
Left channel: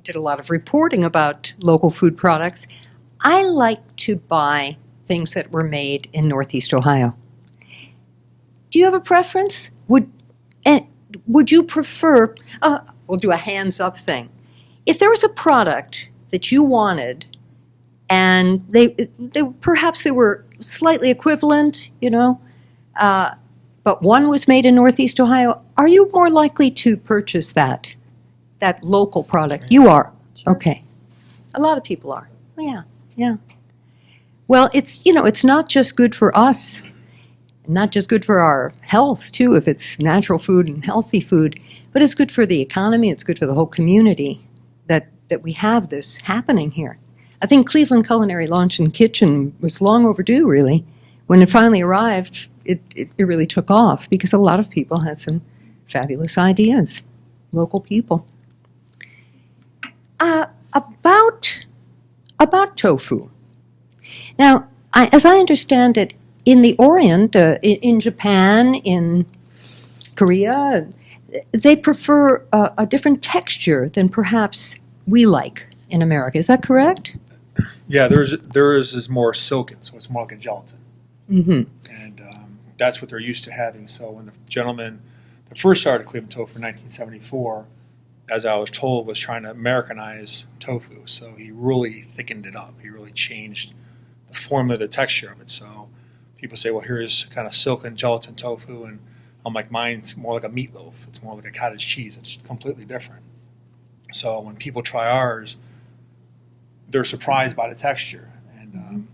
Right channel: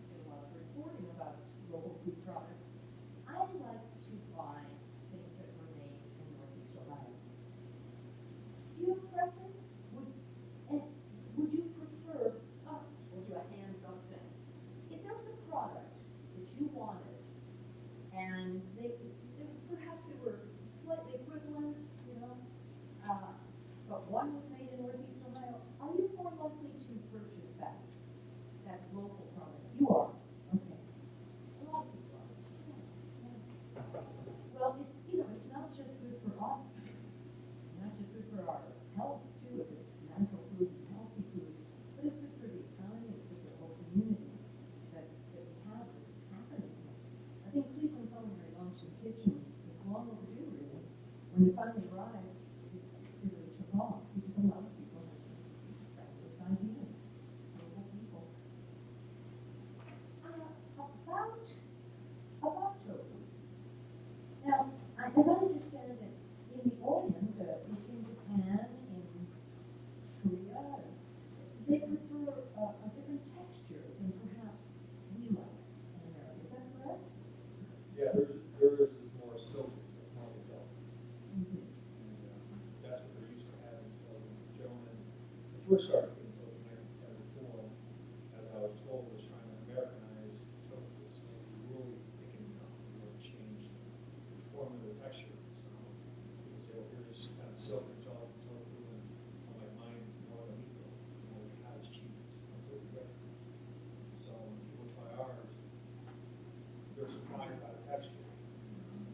did a lot of reporting about local food products, I like to buy things that were made in Northeast Ohio. do you have a preference? Would you prefer, we'll do a hands-up thing. If there was a product that you wanted and they perhaps they were slightly equivalent, but one was made in Northeast Ohio, are you more likely to purchase that local product? You are? Okay. A lot of people are. Yeah, yeah. Well, it's not just good for us, not just good for our health, too, if it's natural food and healthy food, but it's good for the economy, it's good for the whole community that we have this happening here. I think Cleveland Culinary Lunch and Kitchen was long overdue, really. When it finally arrived, it really took off because a lot of people had some fabulous ideas, local people. About tofu. Now, as I understand it, in the Orient, in Japan, in Korea, they prefer a different texture than perhaps we like in America. Is that correct? Yeah, there is more silken, so it's more like a gelatin. Mm-hmm. And that's what they're used to having. So when the gentleman that first started Cleveland Tofu in 1974, as I was told, was trying to Americanize tofu. So he really thickened it up. He really changed the form of the texture of it. So people say, well, here's kind of silken gelatin tofu, and I'm like, mine's more like a meatloaf. It's more like a cottage cheese. It's completely different. So when people try ours, they're surprised by the texture. And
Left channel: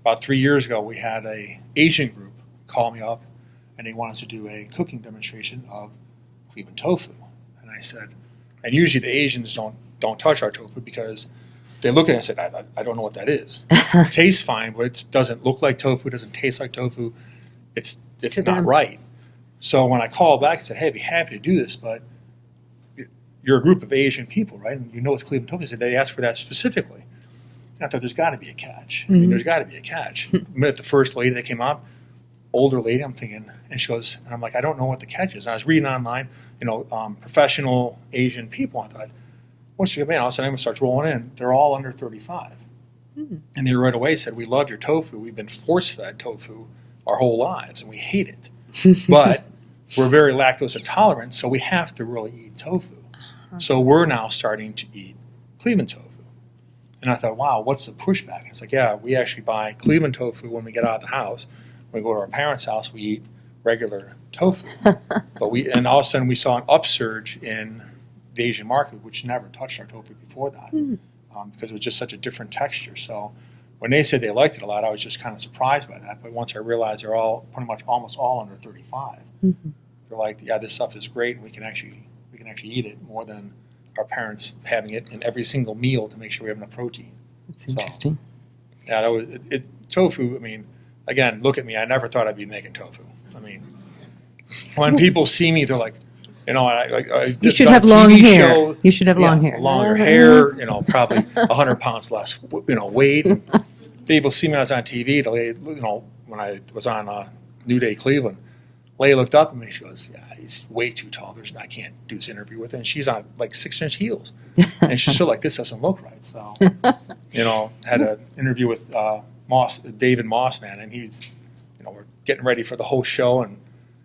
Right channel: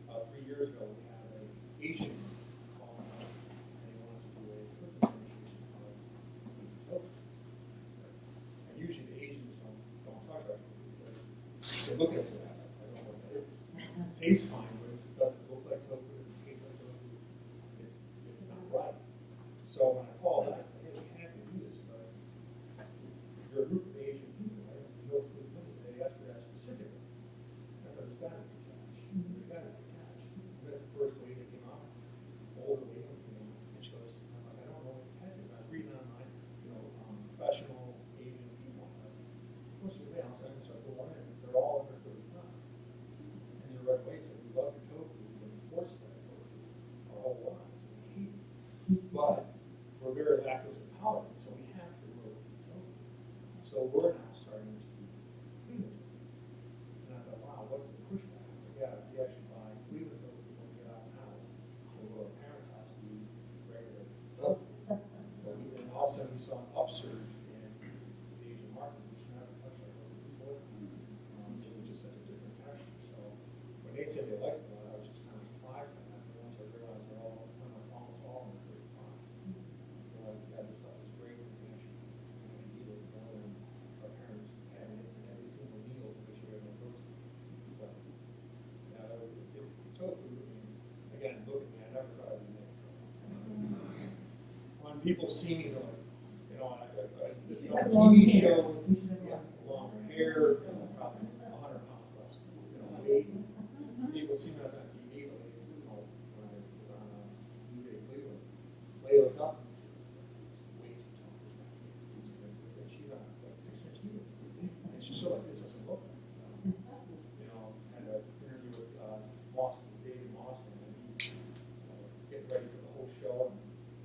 about 3 years ago, we had a Asian group call me up, and they wanted to do a cooking demonstration of Cleveland tofu. And I said, and usually the Asians don't touch our tofu because they look at it and say, I don't know what that is. It tastes fine, but it doesn't look like tofu, it doesn't taste like tofu. It's not right. So when I called back and said, hey, I'd be happy to do this, but you're a group of Asian people, right? And you know it's Cleveland tofu. They asked for that specifically. And I thought there's got to be a catch. I mean, there's got to be a catch. I met the first lady that came up, older lady, I'm thinking, and she goes, and I'm like, I don't know what the catch is. And I was reading online, professional Asian people. I thought, what's your man? All of a sudden, everyone starts rolling in. They're all under 35. And they right away said, we love your tofu. We've been force-fed tofu our whole lives, and we hate it. But we're very lactose intolerant, so we have to really eat tofu. So we're now starting to eat Cleveland tofu. And I thought, wow, what's the pushback? And it's like, yeah, we actually buy Cleveland tofu when we get out of the house. When we go to our parents' house, we eat regular tofu. And all of a sudden, we saw an upsurge in the Asian market, which never touched our tofu before that, because it was just such a different texture. So when they said they liked it a lot, I was just kind of surprised by that. But once I realized they're all pretty much almost all under 35, they're like, yeah, this stuff is great, and we can actually eat it more than our parents having it in every single meal to make sure we have enough protein. That's interesting. Yeah, that was it. Tofu. I mean, again, look at me. I never thought I'd be making tofu. I mean, when people see me, they're like, I You should done have a long TV hair. show. You should have long Yeah, hair. longer hair. Probably 100 pounds less. Weight. And people see me. I was on TV. The lady, when I was on New Day Cleveland, Leigh looked up at me. She goes, yeah, he's way too tall. I can't do this interview with him. And she's on like 6-inch heels, and she's still like, this doesn't look right. So, had an interview with David Moss, man, and he's, we're getting ready for the whole show, and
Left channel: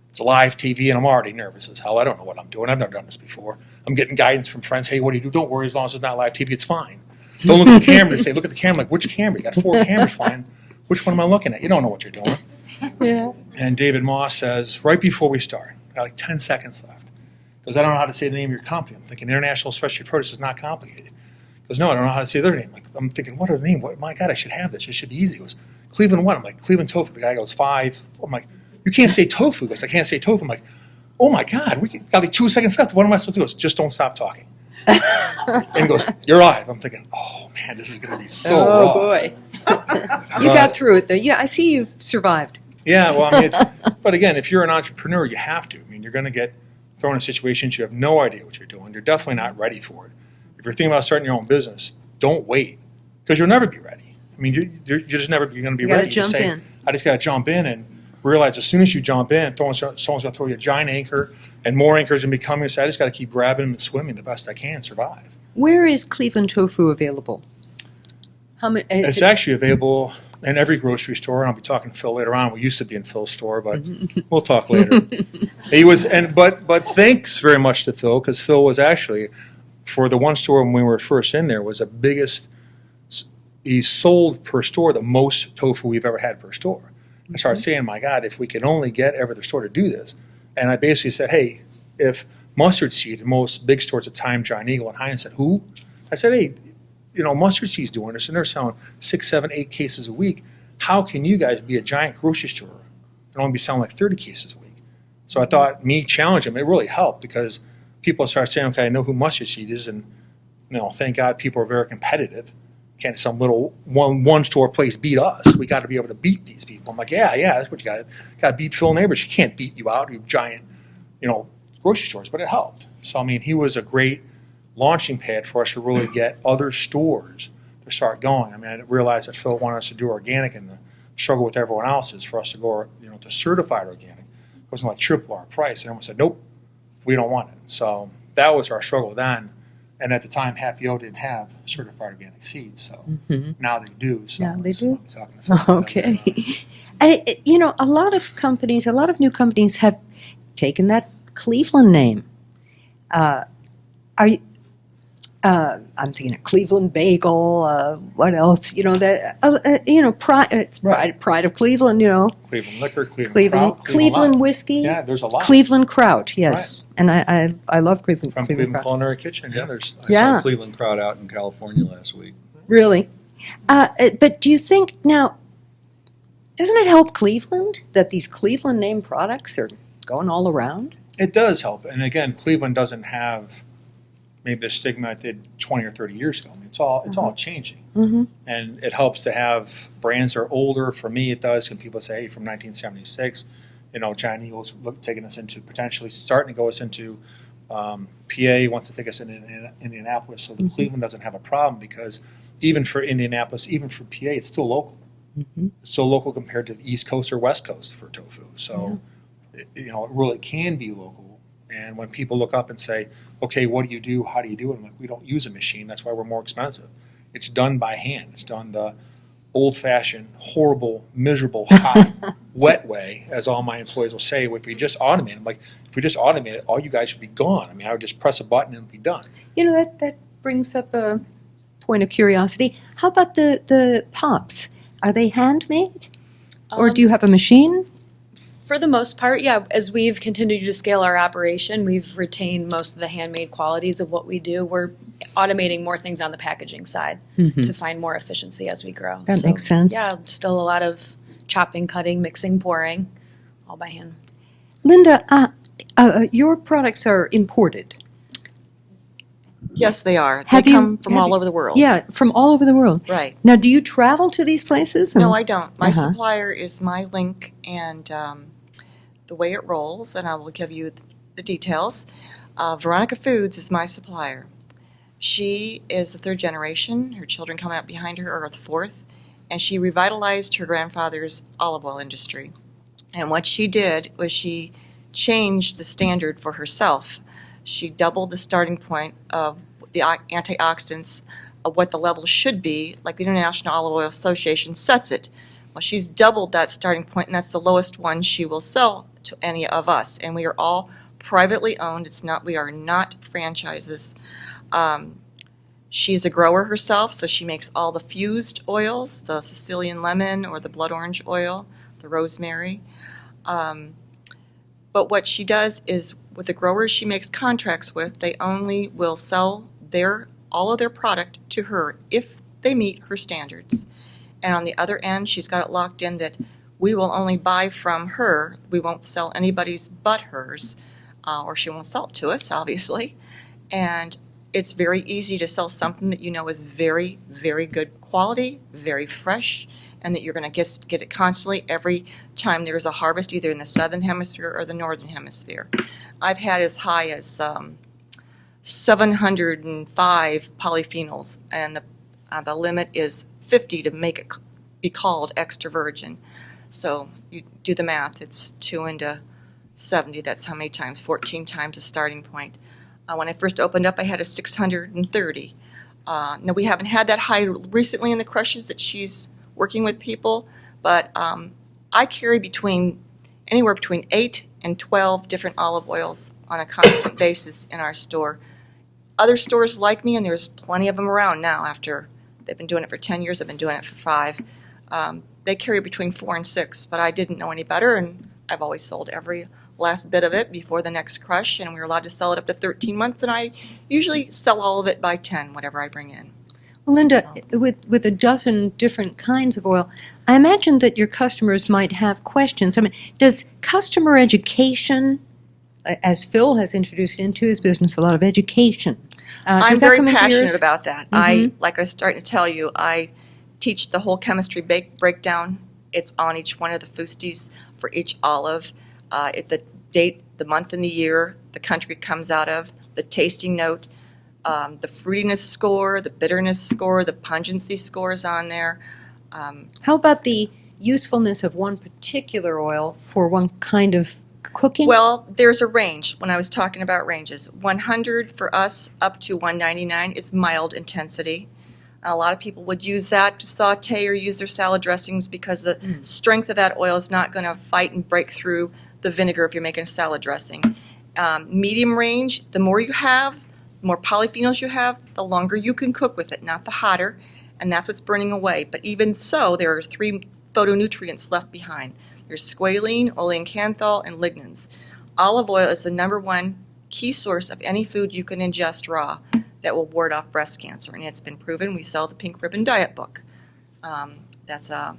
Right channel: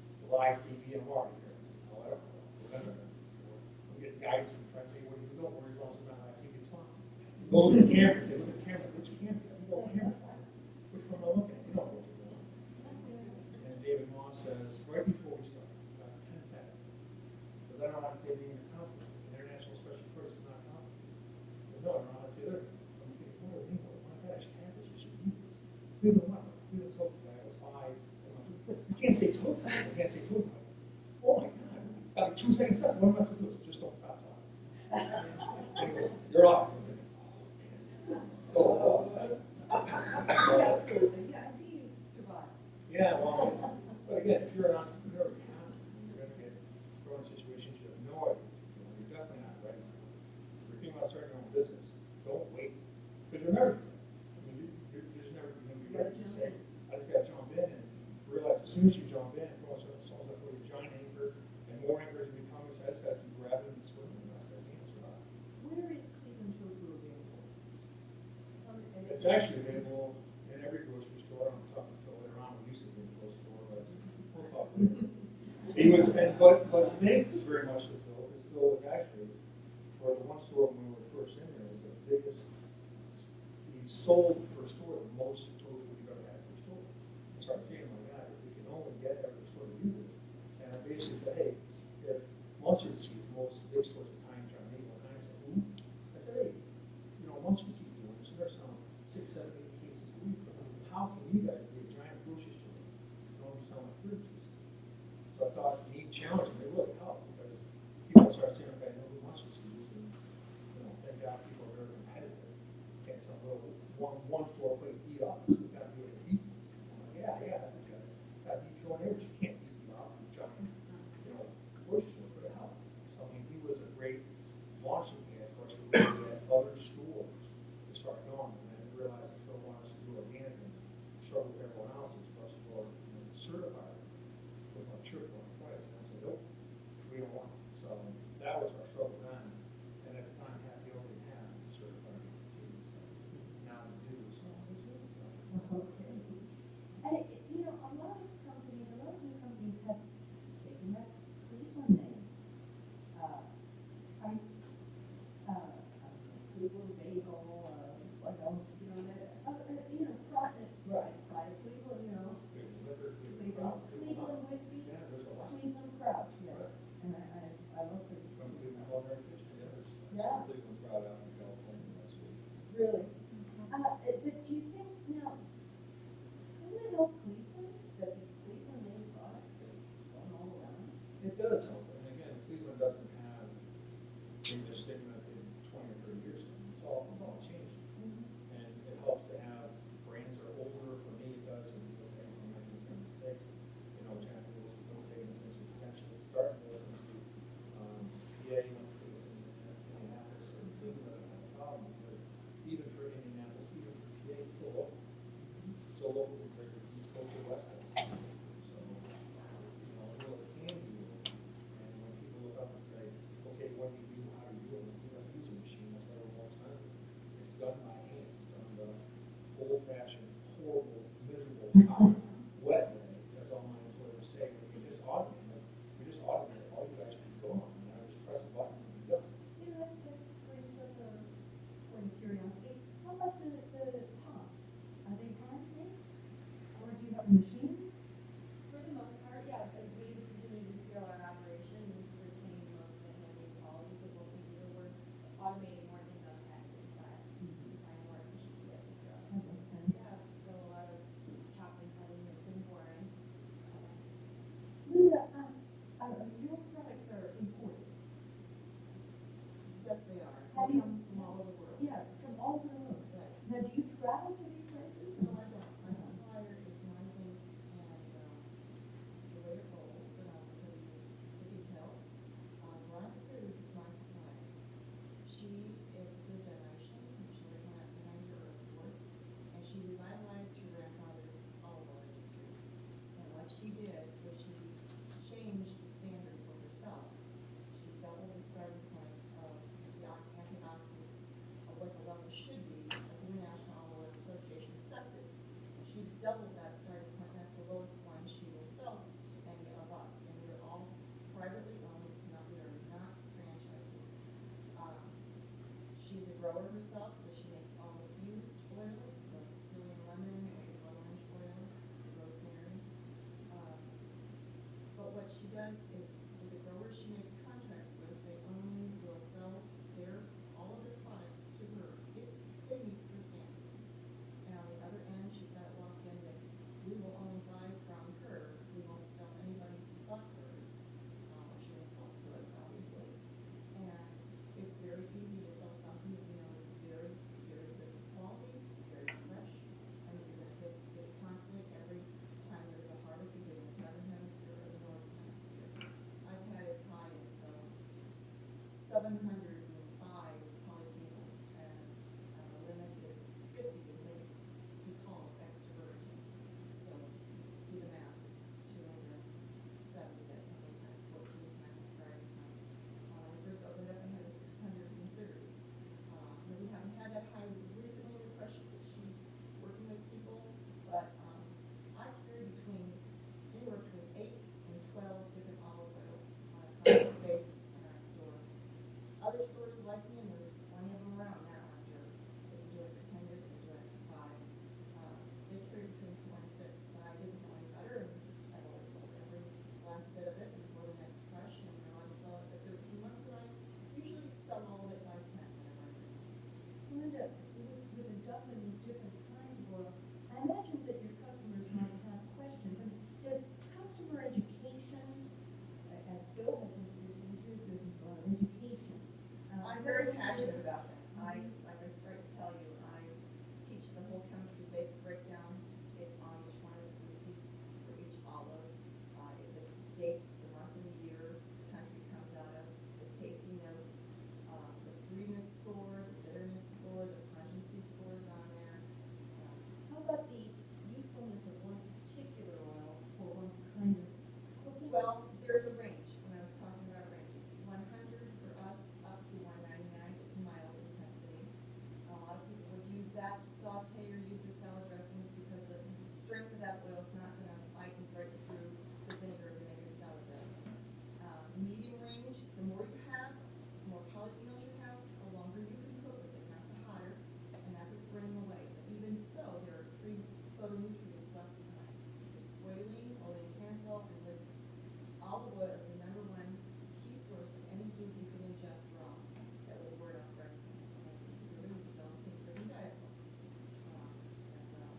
it's live TV, and I'm already nervous as hell. I don't know what I'm doing. I've never done this before. I'm getting guidance from friends. Hey, what do you do? Don't worry, as long as it's not live TV, it's fine. Don't look at the camera and say, look at the camera. Like, which camera? You got 4 cameras flying. Which one am I looking at? You don't know what you're doing. Yeah. And David Moss says, right before we start, I got like 10 seconds left. He goes, I don't know how to say the name of your company. I'm thinking International Specialty Produce is not complicated. He goes, no, I don't know how to say their name. I'm thinking, what are the name? My God, I should have this. It should be easy. He goes, Cleveland what? I'm like, Cleveland tofu. The guy goes, 5. I'm like, you can't say tofu. He goes, I can't say tofu. I'm like, oh my God, we got like 2 seconds left. What am I supposed to do? He goes, just don't stop talking. And he goes, you're live. I'm thinking, oh man, this is going to be so rough. Oh boy. You got through it though. Yeah, I see you survived. Yeah, well, I mean, but again, if you're an entrepreneur, you have to. I mean, you're going to get thrown in situations you have no idea what you're doing. You're definitely not ready for it. If you're thinking about starting your own business, don't wait, because you'll never be ready. I mean, you're just never going to be ready. You gotta jump in. I just got to jump in and realize as soon as you jump in, someone's going to throw you a giant anchor, and more anchors are going to be coming. So I just got to keep grabbing them and swimming the best I can, survive. Where is Cleveland tofu available? It's actually available in every grocery store, and I'll be talking to Phil later on. We used to be in Phil's store, but we'll talk later. He was, but thanks very much to Phil, because Phil was actually, for the one store when we were first in there, was the biggest. He sold per store the most tofu we've ever had per store. I started saying, my God, if we can only get every other store to do this. And I basically said, hey, if mustard seed, most big stores at the time, Giant Eagle and Heinz said, who? I said, hey, mustard seed's doing this, and they're selling 6, 7, 8 cases a week. How can you guys be a giant grocery store and only be selling like 30 cases a week? So I thought me challenging them, it really helped, because people started saying, okay, I know who mustard seed is, and thank God people are very competitive. Can't some little one store place beat us. We got to be able to beat these people. I'm like, yeah, that's what you got. Got to beat Phil Neighbors. You can't beat you out, you giant, grocery stores. But it helped. So I mean, he was a great launching pad for us to really get other stores to start going. I mean, I didn't realize that Phil wanted us to do organic, and the struggle with everyone else is for us to go, to certified organic. It wasn't like triple our price. And everyone said, nope, we don't want it. So that was our struggle then. And at the time, Happy O didn't have certified organic seeds, so now they do. So Now they it's- do? I'm talking to Phil about Okay. that. A lot of new companies have taken that Cleveland name. I'm thinking of Cleveland Bagel. What else? Pride of Cleveland. Cleveland Liquor, Cleveland Cleveland Kraut, Cleveland Lime. whiskey. Yeah, there's a lot. Cleveland Kraut. Yes, and I love Cleveland. From Cleveland Cleveland Kraut. Culinary Kitchen. Yeah, there's. I Yeah. saw Cleveland Crowd out in California last week. Really, but do you think now? Doesn't it help Cleveland that these Cleveland name products are going all around? It does help, and again, Cleveland doesn't have maybe the stigma it did 20 or 30 years ago. I mean, it's all changing, and it helps to have brands that are older. For me, it does. And people say, hey, from 1976, Giant Eagle's taking us into potentially starting to go us into PA, wants to take us into Indianapolis. So the Cleveland doesn't have a problem, because even for Indianapolis, even for PA, it's still local. So local compared to the East Coast or West Coast for tofu. So, it really can be local. And when people look up and say, okay, what do you do? How do you do it? I'm like, we don't use a machine. That's why we're more expensive. It's done by hand. It's done the old-fashioned, horrible, miserable, hot, wet way, as all my employees will say. If we just automate it, I'm like, if we just automate it, all you guys should be gone. I mean, I would just press a button and be done. That brings up a point of curiosity. How about the pops? Are they handmade, or do you have a machine? For the most part, yeah. As we've continued to scale our operation, we've retained most of the handmade qualities of what we do. We're automating more things on the packaging side to find more efficiency as we grow. That makes sense. Yeah, still a lot of chopping, cutting, mixing, pouring, all by hand. Linda, your products are imported. Yes, they are. Have They you- come from have all you- over the world. Yeah, from all over the world. Right. Now, do you travel to these places? No, I don't. My Uh-huh. supplier is my link and the way it rolls, and I will give you the details. Veronica Foods is my supplier. She is the third generation. Her children coming up behind her are the fourth, and she revitalized her grandfather's olive oil industry. And what she did was she changed the standard for herself. She doubled the starting point of the antioxidants of what the level should be, like the International Olive Oil Association sets it. Well, she's doubled that starting point, and that's the lowest one she will sell to any of us. And we are all privately owned. We are not franchises. She's a grower herself, so she makes all the fused oils, the Sicilian lemon or the blood orange oil, the rosemary. But what she does is, with the growers she makes contracts with, they only will sell all of their product to her if they meet her standards. And on the other end, she's got it locked in that we will only buy from her. We won't sell anybody's but hers, or she won't sell it to us, obviously. And it's very easy to sell something that you know is very, very good quality, very fresh, and that you're going to get it constantly every time there's a harvest, either in the southern hemisphere or the northern hemisphere. I've had as high as 705 polyphenols, and the limit is 50 to make it be called extra virgin. So you do the math, it's 2 into 70, that's how many times, 14 times the starting point. When I first opened up, I had a 630. Now we haven't had that high recently in the crushes that she's working with people, but I carry anywhere between 8 and 12 different olive oils on a constant basis in our store. Other stores like me, and there's plenty of them around now after they've been doing it for 10 years, I've been doing it for 5. They carry between 4 and 6, but I didn't know any better, and I've always sold every last bit of it before the next crush, and we were allowed to sell it up to 13 months, and I usually sell all of it by 10, whatever I bring in. Well, Linda, with a dozen different kinds of oil, I imagine that your customers might have questions. I mean, does customer education, as Phil has introduced into his business, a lot of education? I'm does that very come into passionate yours? about that. Like I was starting to tell you, I teach the whole chemistry breakdown. It's on each one of the fusties for each olive. The date, the month and the year the country comes out of, the tasting note, the fruitiness score, the bitterness score, the pungency scores on there. How about the usefulness of one particular oil for one kind of cooking? Well, there's a range when I was talking about ranges. 100 for us up to 199 is mild intensity. A lot of people would use that to saute or use their salad dressings because the strength of that oil is not going to fight and break through the vinegar if you're making a salad dressing. Medium range, the more you have, the more polyphenols you have, the longer you can cook with it, not the hotter, and that's what's burning away. But even so, there are 3 phytonutrients left behind. There's squalene, olein canthal, and lignans. Olive oil is the #1 key source of any food you can ingest raw that will ward off breast cancer, and it's been proven. We sell the Pink Ribbon Diet book. That's a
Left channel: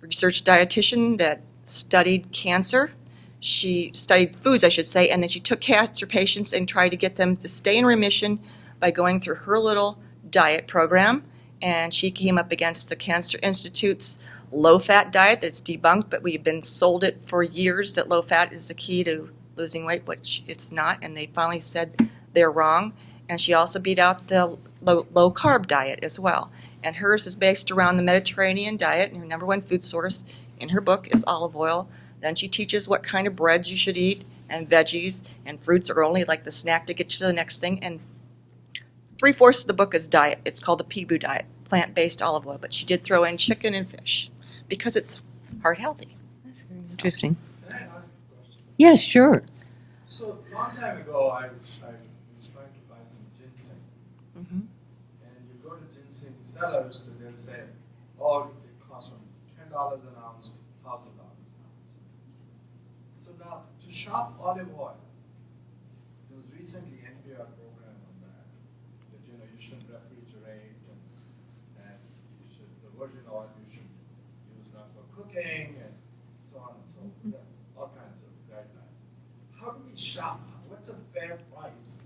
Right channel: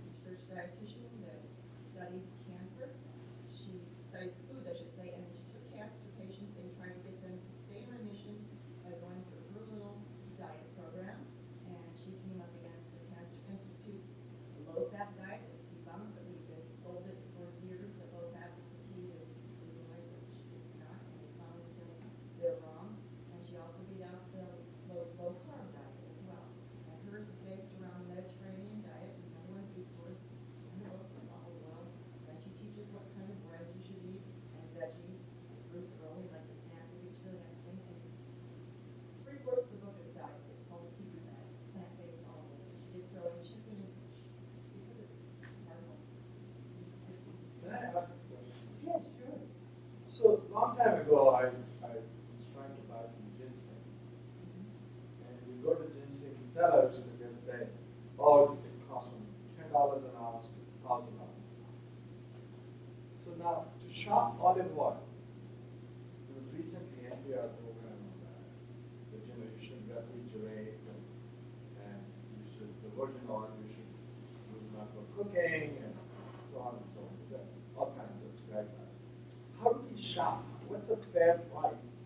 research dietitian that studied cancer. She studied foods, I should say, and then she took cancer patients and tried to get them to stay in remission by going through her little diet program, and she came up against the Cancer Institute's low-fat diet that's debunked, but we've been sold it for years that low-fat is the key to losing weight, which it's not, and they finally said they're wrong. And she also beat out the low-carb diet as well. And hers is based around the Mediterranean diet, and her #1 food source in her book is olive oil. Then she teaches what kind of breads you should eat, and veggies, and fruits are only like the snack to get you to the next thing. And 3/4 of the book is diet. It's called the PBU diet, plant-based olive oil. But she did throw in chicken and fish because it's heart healthy. That's very interesting. Can I ask a question? Yes, sure. So, long time ago, I was trying to buy some ginseng. Mhm. And you go to ginseng sellers, and they'll say, oh, it costs from $10 an ounce to $1,000 an ounce. So now, to shop olive oil, there was recently NPR program on that you shouldn't refrigerate, and you should, the virgin oil you should use not for cooking, and so on and so forth, all kinds of guidelines. How do we shop? What's a fair price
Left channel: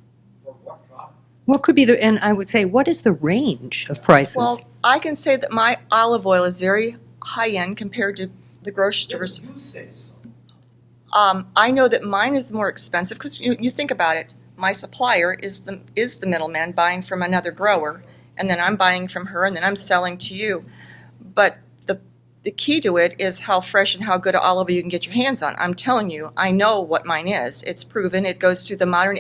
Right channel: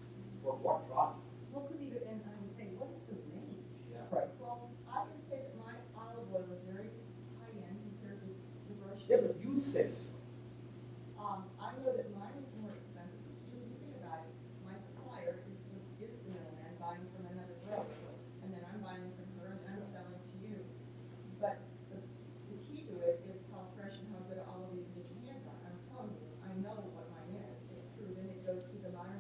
for what product? What could be and I would say, what is the range of prices? Well, I can say that my olive oil is very high-end compared to the grocery stores. You say so. I know that mine is more expensive because you think about it. My supplier is the middleman buying from another grower, and then I'm buying from her, and then I'm selling to you. But the key to it is how fresh and how good olive oil you can get your hands on. I'm telling you, I know what mine is. It's proven. It goes through the Modern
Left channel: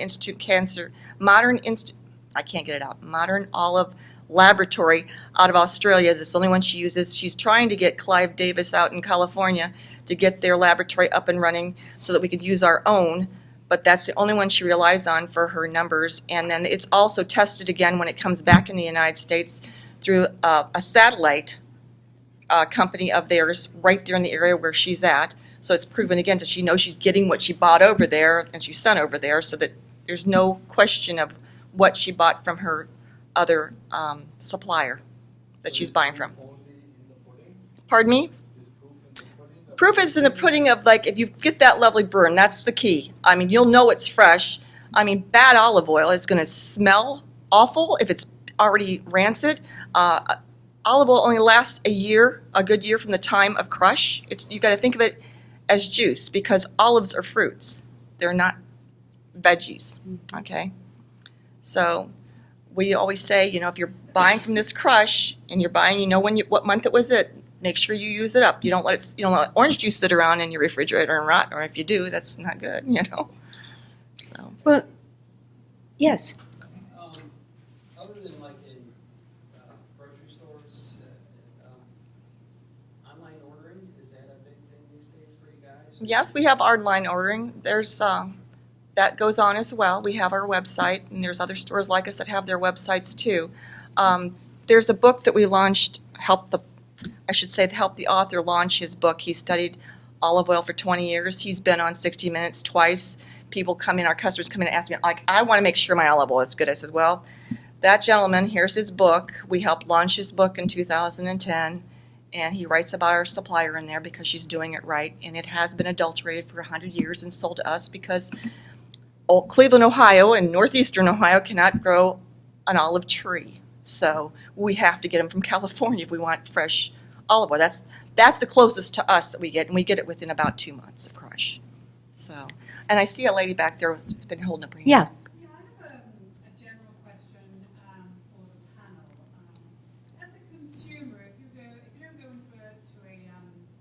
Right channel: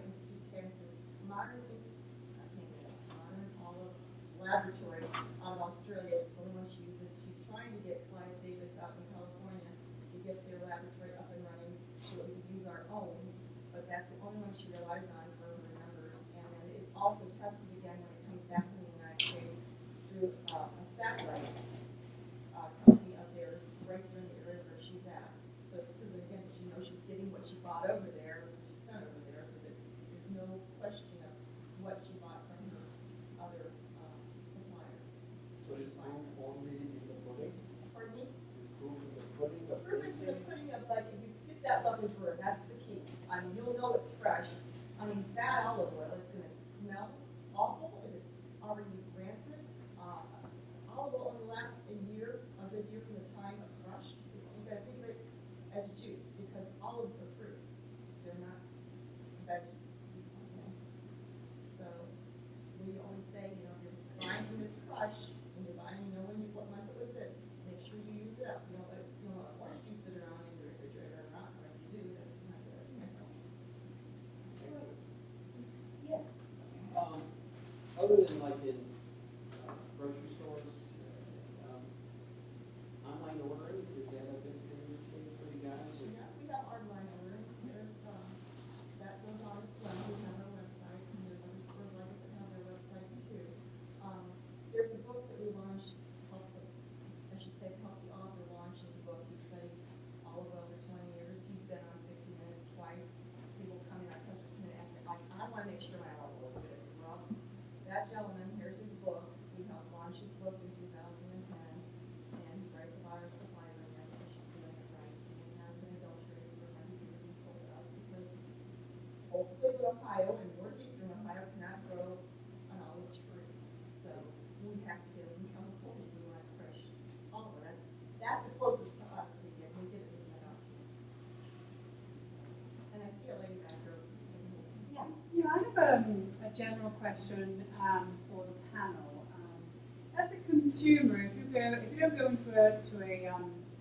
Olive Laboratory out of Australia. That's the only one she uses. She's trying to get Clive Davis out in California to get their laboratory up and running so that we could use our own. But that's the only one she relies on for her numbers. And then it's also tested again when it comes back in the United States through a satellite company of theirs right there in the area where she's at. So it's proven again that she knows she's getting what she bought over there and she sent over there, so that there's no question of what she bought from her other supplier that she's buying from. Only in the pudding? Pardon me? Is proof in the pudding? Proof is in the pudding of, like, if you get that lovely burn, that's the key. I mean, you'll know it's fresh. I mean, bad olive oil is going to smell awful if it's already rancid. Olive oil only lasts a good year from the time of crush. You got to think of it as juice because olives are fruits. They're not veggies, okay? So we always say, if you're buying from this crush and you're buying, what month it was make sure you use it up. You don't let orange juice sit around in your refrigerator and rot, or if you do, that's not good, So. Well, yes. Other than like in grocery stores, Yes, we have online ordering. There's, that goes on as well. We have our website, and there's other stores like us that have their websites too. There's a book that we launched, help the author launch his book. He studied olive oil for 20 years. He's been on 60 Minutes twice. People come in, our customers come in and ask me, like, I want to make sure my olive oil is good. I said, well, that gentleman, here's his book. We helped launch his book in 2010. And he writes about our supplier in there because she's doing it right. And it has been adulterated for 100 years and sold to us because Cleveland, Ohio and northeastern Ohio cannot grow an olive tree. So we have to get them from California if we want fresh olive oil. That's the closest to us that we get, and we get it within about 2 months of crush. So, and I see a lady back there who's been holding up her hand. Yeah. Yeah, I have a general question for the panel. As a consumer, if you don't go into a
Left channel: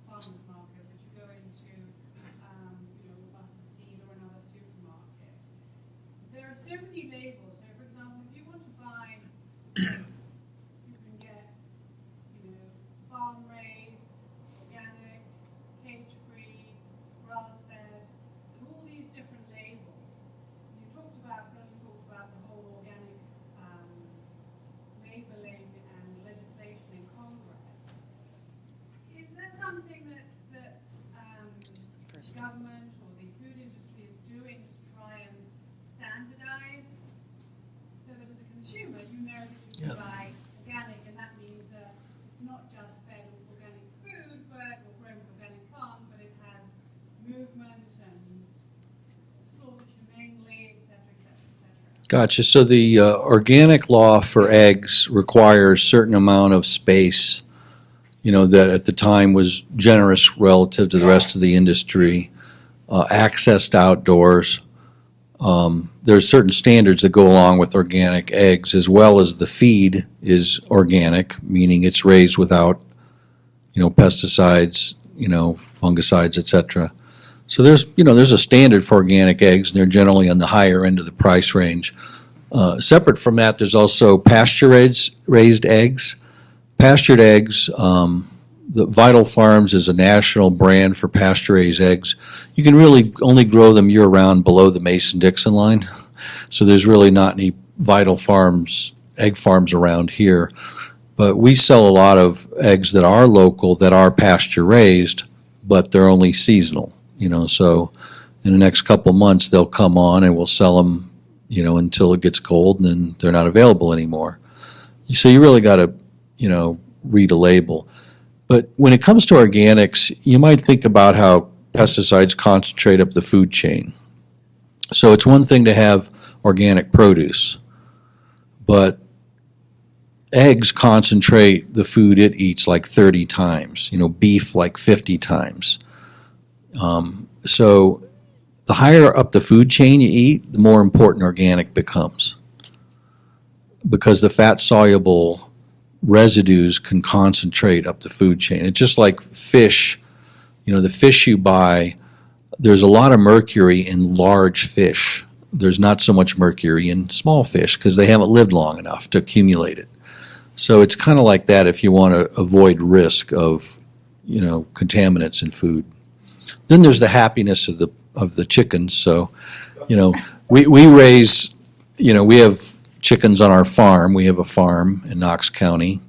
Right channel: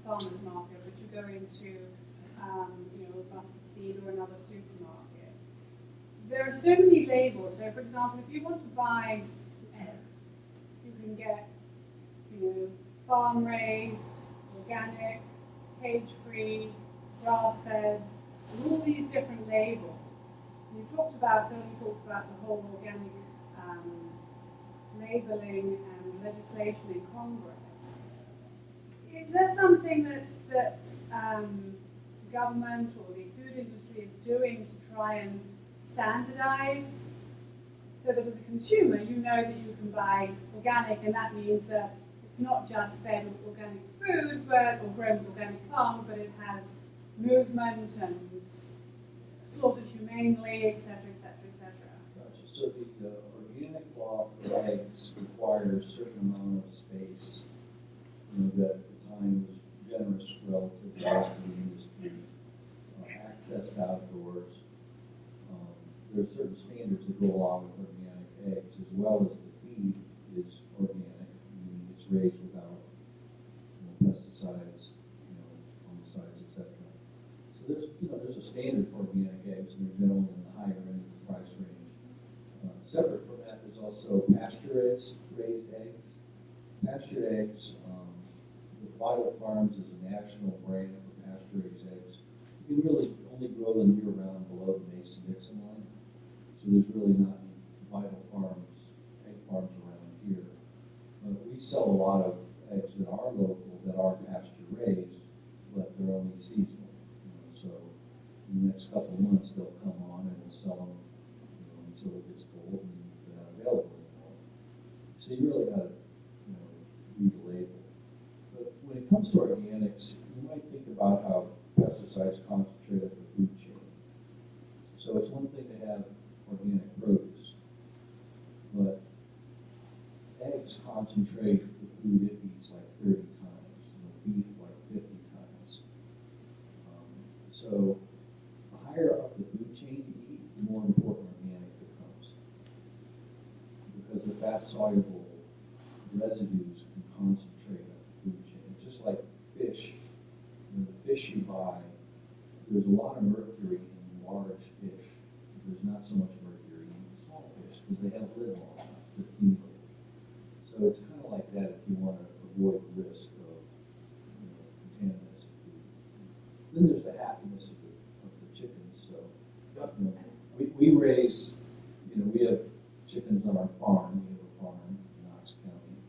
farmer's market, but you go into a mustard seed or another supermarket, there are so many labels. So, for example, if you want to buy eggs, you can get farm raised, organic, cage-free, grass-fed, and all these different labels. You talked about the whole organic labeling and legislation in Congress. Is there something that government or the food industry is doing to try and standardize so that as a consumer you know that you can buy organic, and that means that it's not just fed organic food or grown organic farms, but it has movement and slaughtered humanely, etc., etc., etc. Gotcha. So the organic law for eggs requires a certain amount of space, that at the time was generous relative to the rest of the industry, access to outdoors. There's certain standards that go along with organic eggs, as well as the feed is organic, meaning it's raised without, pesticides, fungicides, etc. So there's a standard for organic eggs, and they're generally on the higher end of the price range. Separate from that, there's also pasture-raised eggs. Pastured eggs, the Vital Farms is a national brand for pasture-raised eggs. You can really only grow them year-round below the Mason-Dixon line, so there's really not any Vital Farms, egg farms around here. But we sell a lot of eggs that are local, that are pasture-raised, but they're only seasonal. So in the next couple months they'll come on and we'll sell them, until it gets cold, and then they're not available anymore. So you really got to, read a label. But when it comes to organics, you might think about how pesticides concentrate up the food chain. So it's one thing to have organic produce, but eggs concentrate the food it eats like 30 times, beef like 50 times. So the higher up the food chain you eat, the more important organic becomes, because the fat-soluble residues can concentrate up the food chain. It's just like fish. The fish you buy, there's a lot of mercury in large fish. There's not so much mercury in small fish because they haven't lived long enough to accumulate it. So it's kind of like that if you want to avoid risk of, contaminants in food. Then there's the happiness of the chickens. So, we raise, we have chickens on our farm. We have a farm in Knox County,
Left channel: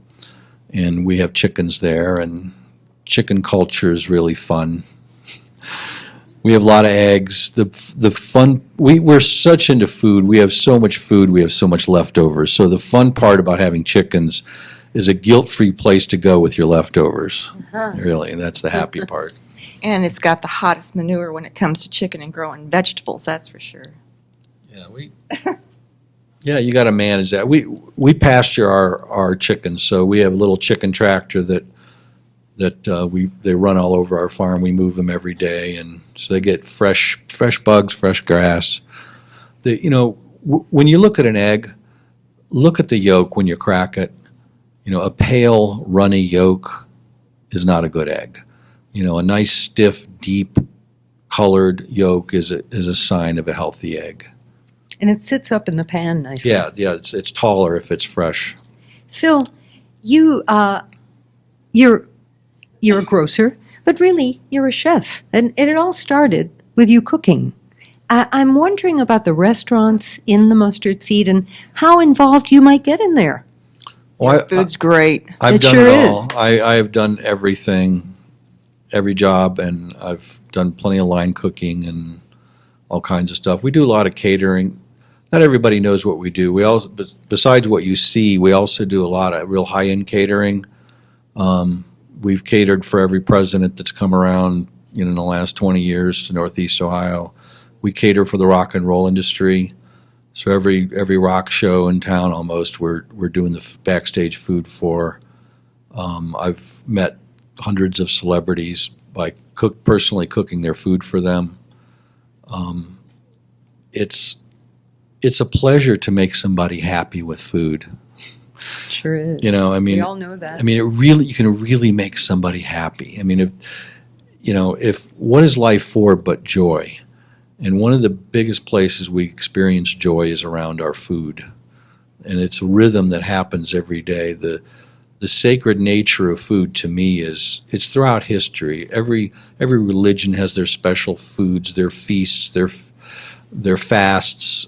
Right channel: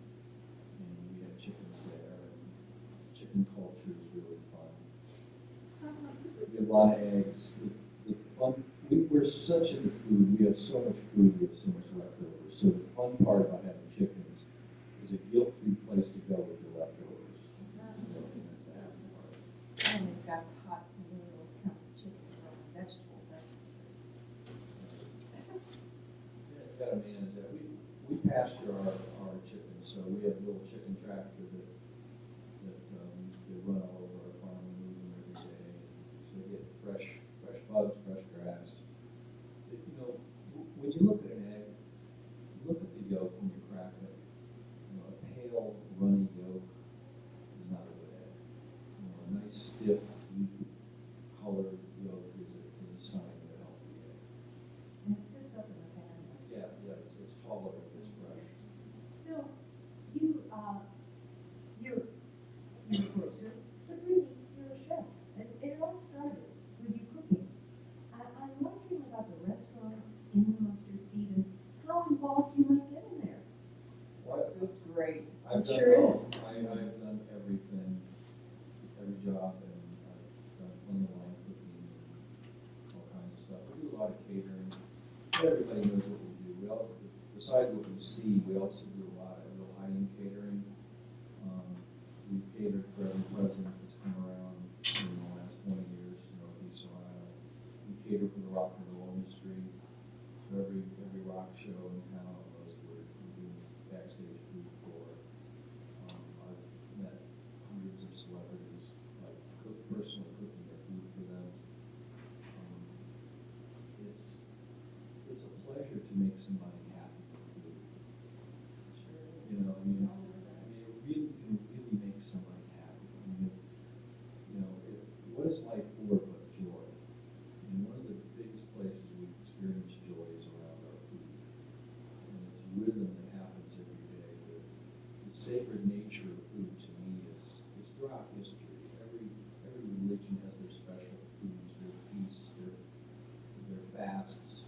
and we have chickens there, and chicken culture is really fun. We have a lot of eggs. The fun, we're such into food. We have so much food. We have so much leftovers. So the fun part about having chickens is a guilt-free place to go with your leftovers. Really, that's the happy part. And it's got the hottest manure when it comes to chicken and growing vegetables, that's for sure. Yeah, you got to manage that. We pasture our chickens, so we have a little chicken tractor that they run all over our farm. We move them every day, and so they get fresh bugs, fresh grass. When you look at an egg, look at the yolk when you crack it. A pale, runny yolk is not a good egg. A nice, stiff, deep colored yolk is a sign of a healthy egg. And it sits up in the pan nicely. Yeah, it's taller if it's fresh. Phil, you're a grocer, But really, you're a chef, and it all started with you cooking. I'm wondering about the restaurants in the mustard seed and how involved you might get in there. Well, Your food's great. I've It done sure it all. is. I've done everything, every job, and I've done plenty of line cooking and all kinds of stuff. We do a lot of catering. Not everybody knows what we do. We also, besides what you see, we also do a lot of real high-end catering. We've catered for every president that's come around in the last 20 years to Northeast Ohio. We cater for the rock and roll industry. So every rock show in town almost, we're doing the backstage food for. I've met hundreds of celebrities by personally cooking their food for them. It's a pleasure to make somebody happy with food. Sure is. I mean, we all know that. I mean, you can really make somebody happy. I mean, if what is life for but joy? And one of the biggest places we experience joy is around our food. And it's a rhythm that happens every day. The sacred nature of food to me it's throughout history. Every religion has their special foods, their feasts, their fasts.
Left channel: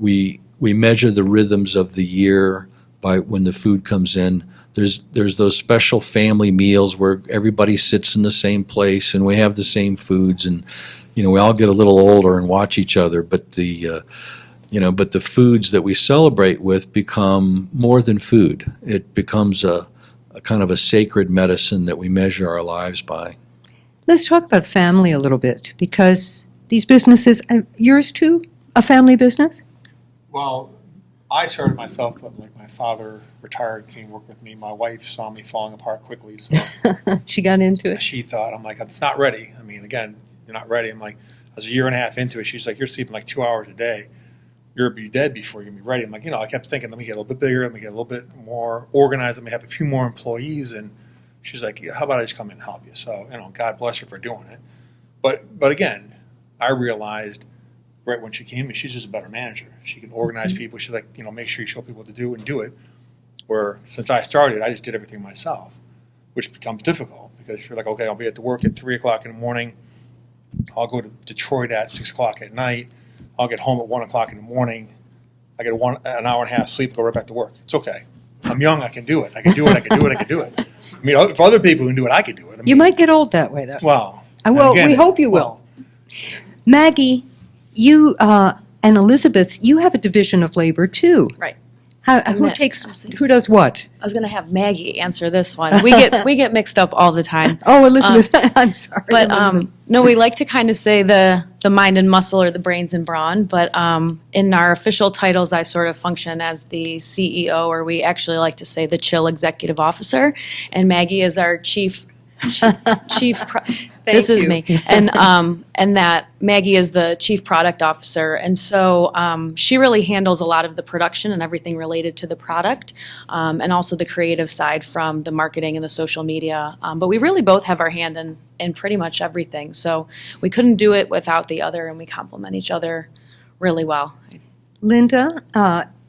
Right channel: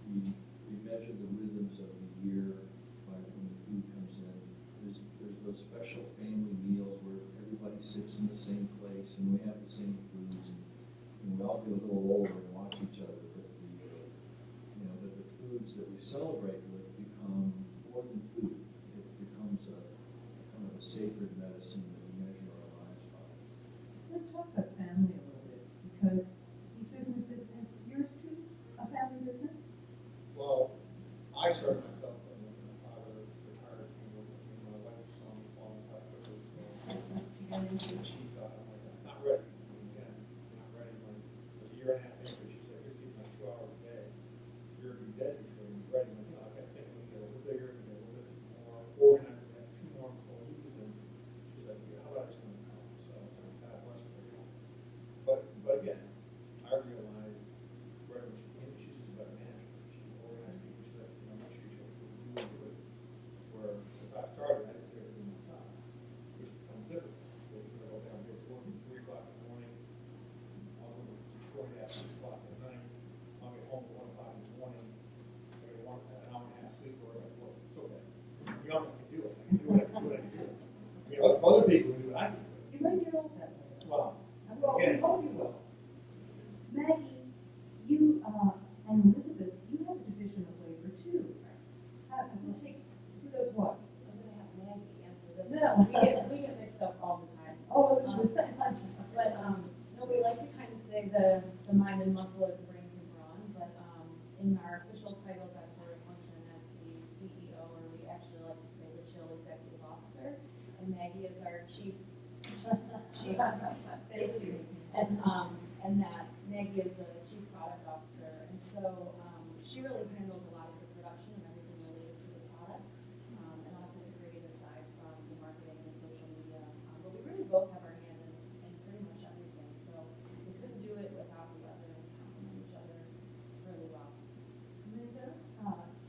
We measure the rhythms of the year by when the food comes in. There's those special family meals where everybody sits in the same place and we have the same foods, and we all get a little older and watch each other. But the foods that we celebrate with become more than food. It becomes a kind of a sacred medicine that we measure our lives by. Let's talk about family a little bit, because these businesses, yours too, a family business? Well, I started myself, but like my father retired, came work with me. My wife saw me falling apart quickly, so She got into it. she thought, I'm like, it's not ready. I mean, again, you're not ready. I'm like, I was a year and a half into it. She's like, you're sleeping like 2 hours a day. You'll be dead before you're gonna be ready. I'm like, I kept thinking, let me get a little bit bigger, let me get a little bit more organized, let me have a few more employees. And she's like, how about I just come in and help you? So, God bless her for doing it. But again, I realized right when she came in, she's just a better manager. She can organize people. She's like, make sure you show people what to do and do it. Where since I started, I just did everything myself, which becomes difficult because you're like, okay, I'll be at the work at 3 o'clock in the morning. I'll go to Detroit at 6 o'clock at night. I'll get home at 1 o'clock in the morning. I get an hour and a half sleep, go right back to work. It's okay. I'm young. I can do it. I can do it. I mean, if other people can do it, I can do it. You might get old that way, though. Well, Well, again, we hope you will. Maggie, you and Elizabeth, you have a division of labor too. Right. Who does what? I was going to have Maggie answer this one. We get mixed up all the time. Oh, Elizabeth, I'm sorry. But Elizabeth. no, we like to kind of say the mind and muscle or the brains and brawn. But in our official titles, I sort of function as the CEO, or we actually like to say the chill executive officer. And Maggie is our chief. This is you. me, and that Maggie is the chief product officer, and so she really handles a lot of the production and everything related to the product, and also the creative side from the marketing and the social media. But we really both have our hand in pretty much everything, so we couldn't do it without the other, and we complement each other really well. Linda,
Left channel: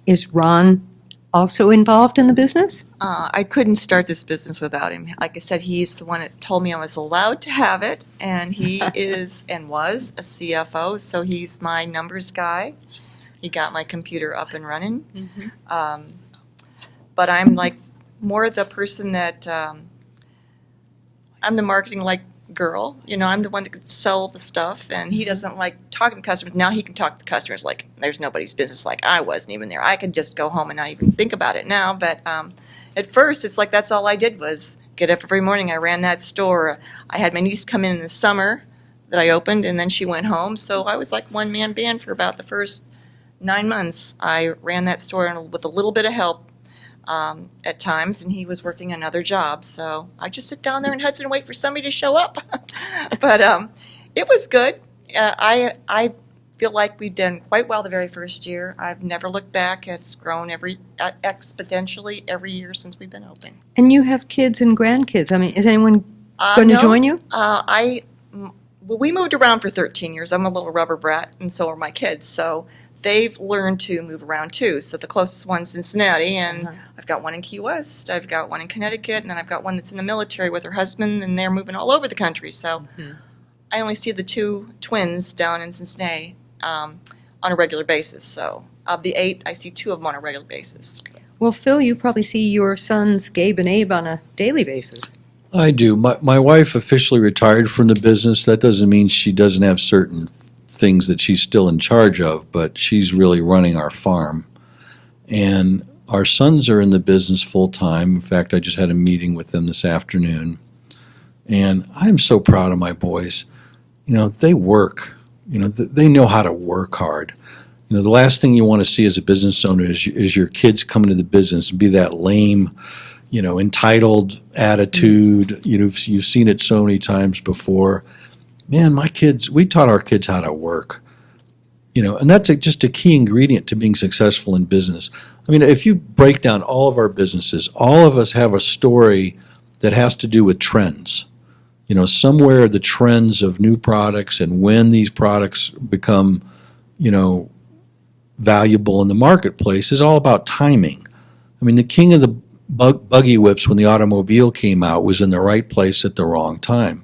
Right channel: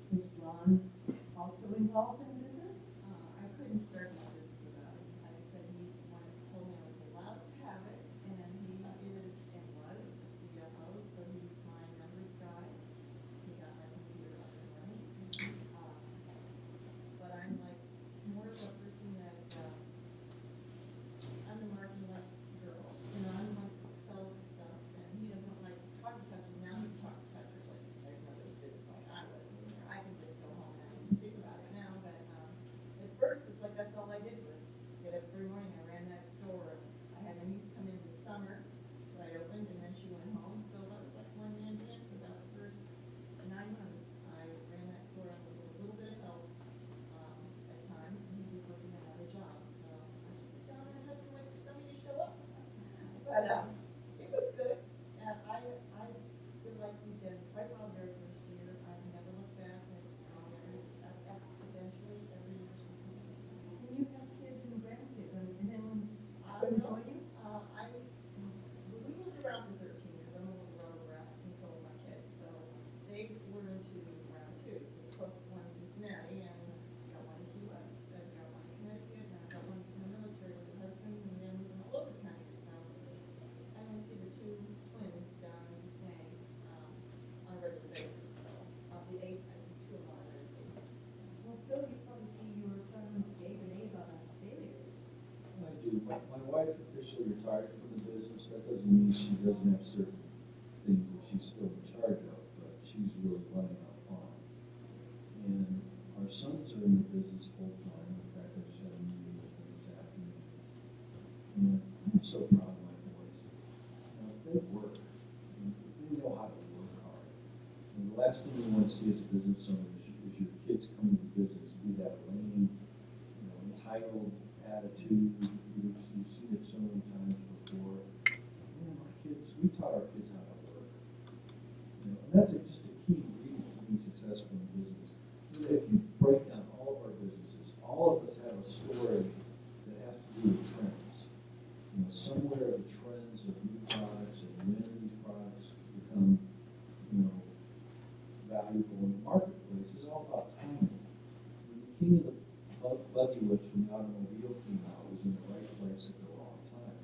is Ron also involved in the business? I couldn't start this business without him. Like I said, he's the one that told me I was allowed to have it, and he is and was a CFO, so he's my numbers guy. He got my computer up and running. But I'm like more the person that I'm the marketing girl. I'm the one that could sell the stuff, and he doesn't like talking to customers. Now he can talk to customers like there's nobody's business, like I wasn't even there. I could just go home and not even think about it now. But at first, it's like that's all I did was get up every morning. I ran that store. I had my niece come in the summer that I opened, and then she went home. So I was like one-man band for about the first 9 months. I ran that store with a little bit of help at times, and he was working another job. So I just sit down there in Hudson and wait for somebody to show up. But it was good. I feel like we've done quite well the very first year. I've never looked back. It's grown exponentially every year since we've been open. And you have kids and grandkids. I mean, is anyone going to No. join you? Well, we moved around for 13 years. I'm a little rubber brat, and so are my kids. So they've learned to move around too. So the closest one's Cincinnati, and Uh-huh. I've got one in Key West, I've got one in Connecticut, and then I've got one that's in the military with her husband, and they're moving all over the country. So I only see the 2 twins down in Cincinnati on a regular basis. So of the 8, I see 2 of them on a regular basis. Well, Phil, you probably see your sons, Gabe and Abe, on a daily basis. I do. My wife officially retired from the business. That doesn't mean she doesn't have certain things that she's still in charge of, but she's really running our farm. And our sons are in the business full time. In fact, I just had a meeting with them this afternoon. And I'm so proud of my boys. You know, they work. You know, they know how to work hard. You know, the last thing you want to see as a business owner is your kids come into the business and be that lame, you know, entitled attitude. You know, you've seen it so many times before. Man, we taught our kids how to work. You know, and that's just a key ingredient to being successful in business. I mean, if you break down all of our businesses, all of us have a story that has to do with trends. You know, somewhere the trends of new products and when these products become, you know, valuable in the marketplace is all about timing. I mean, the king of the buggy whips when the automobile came out was in the right place at the wrong time.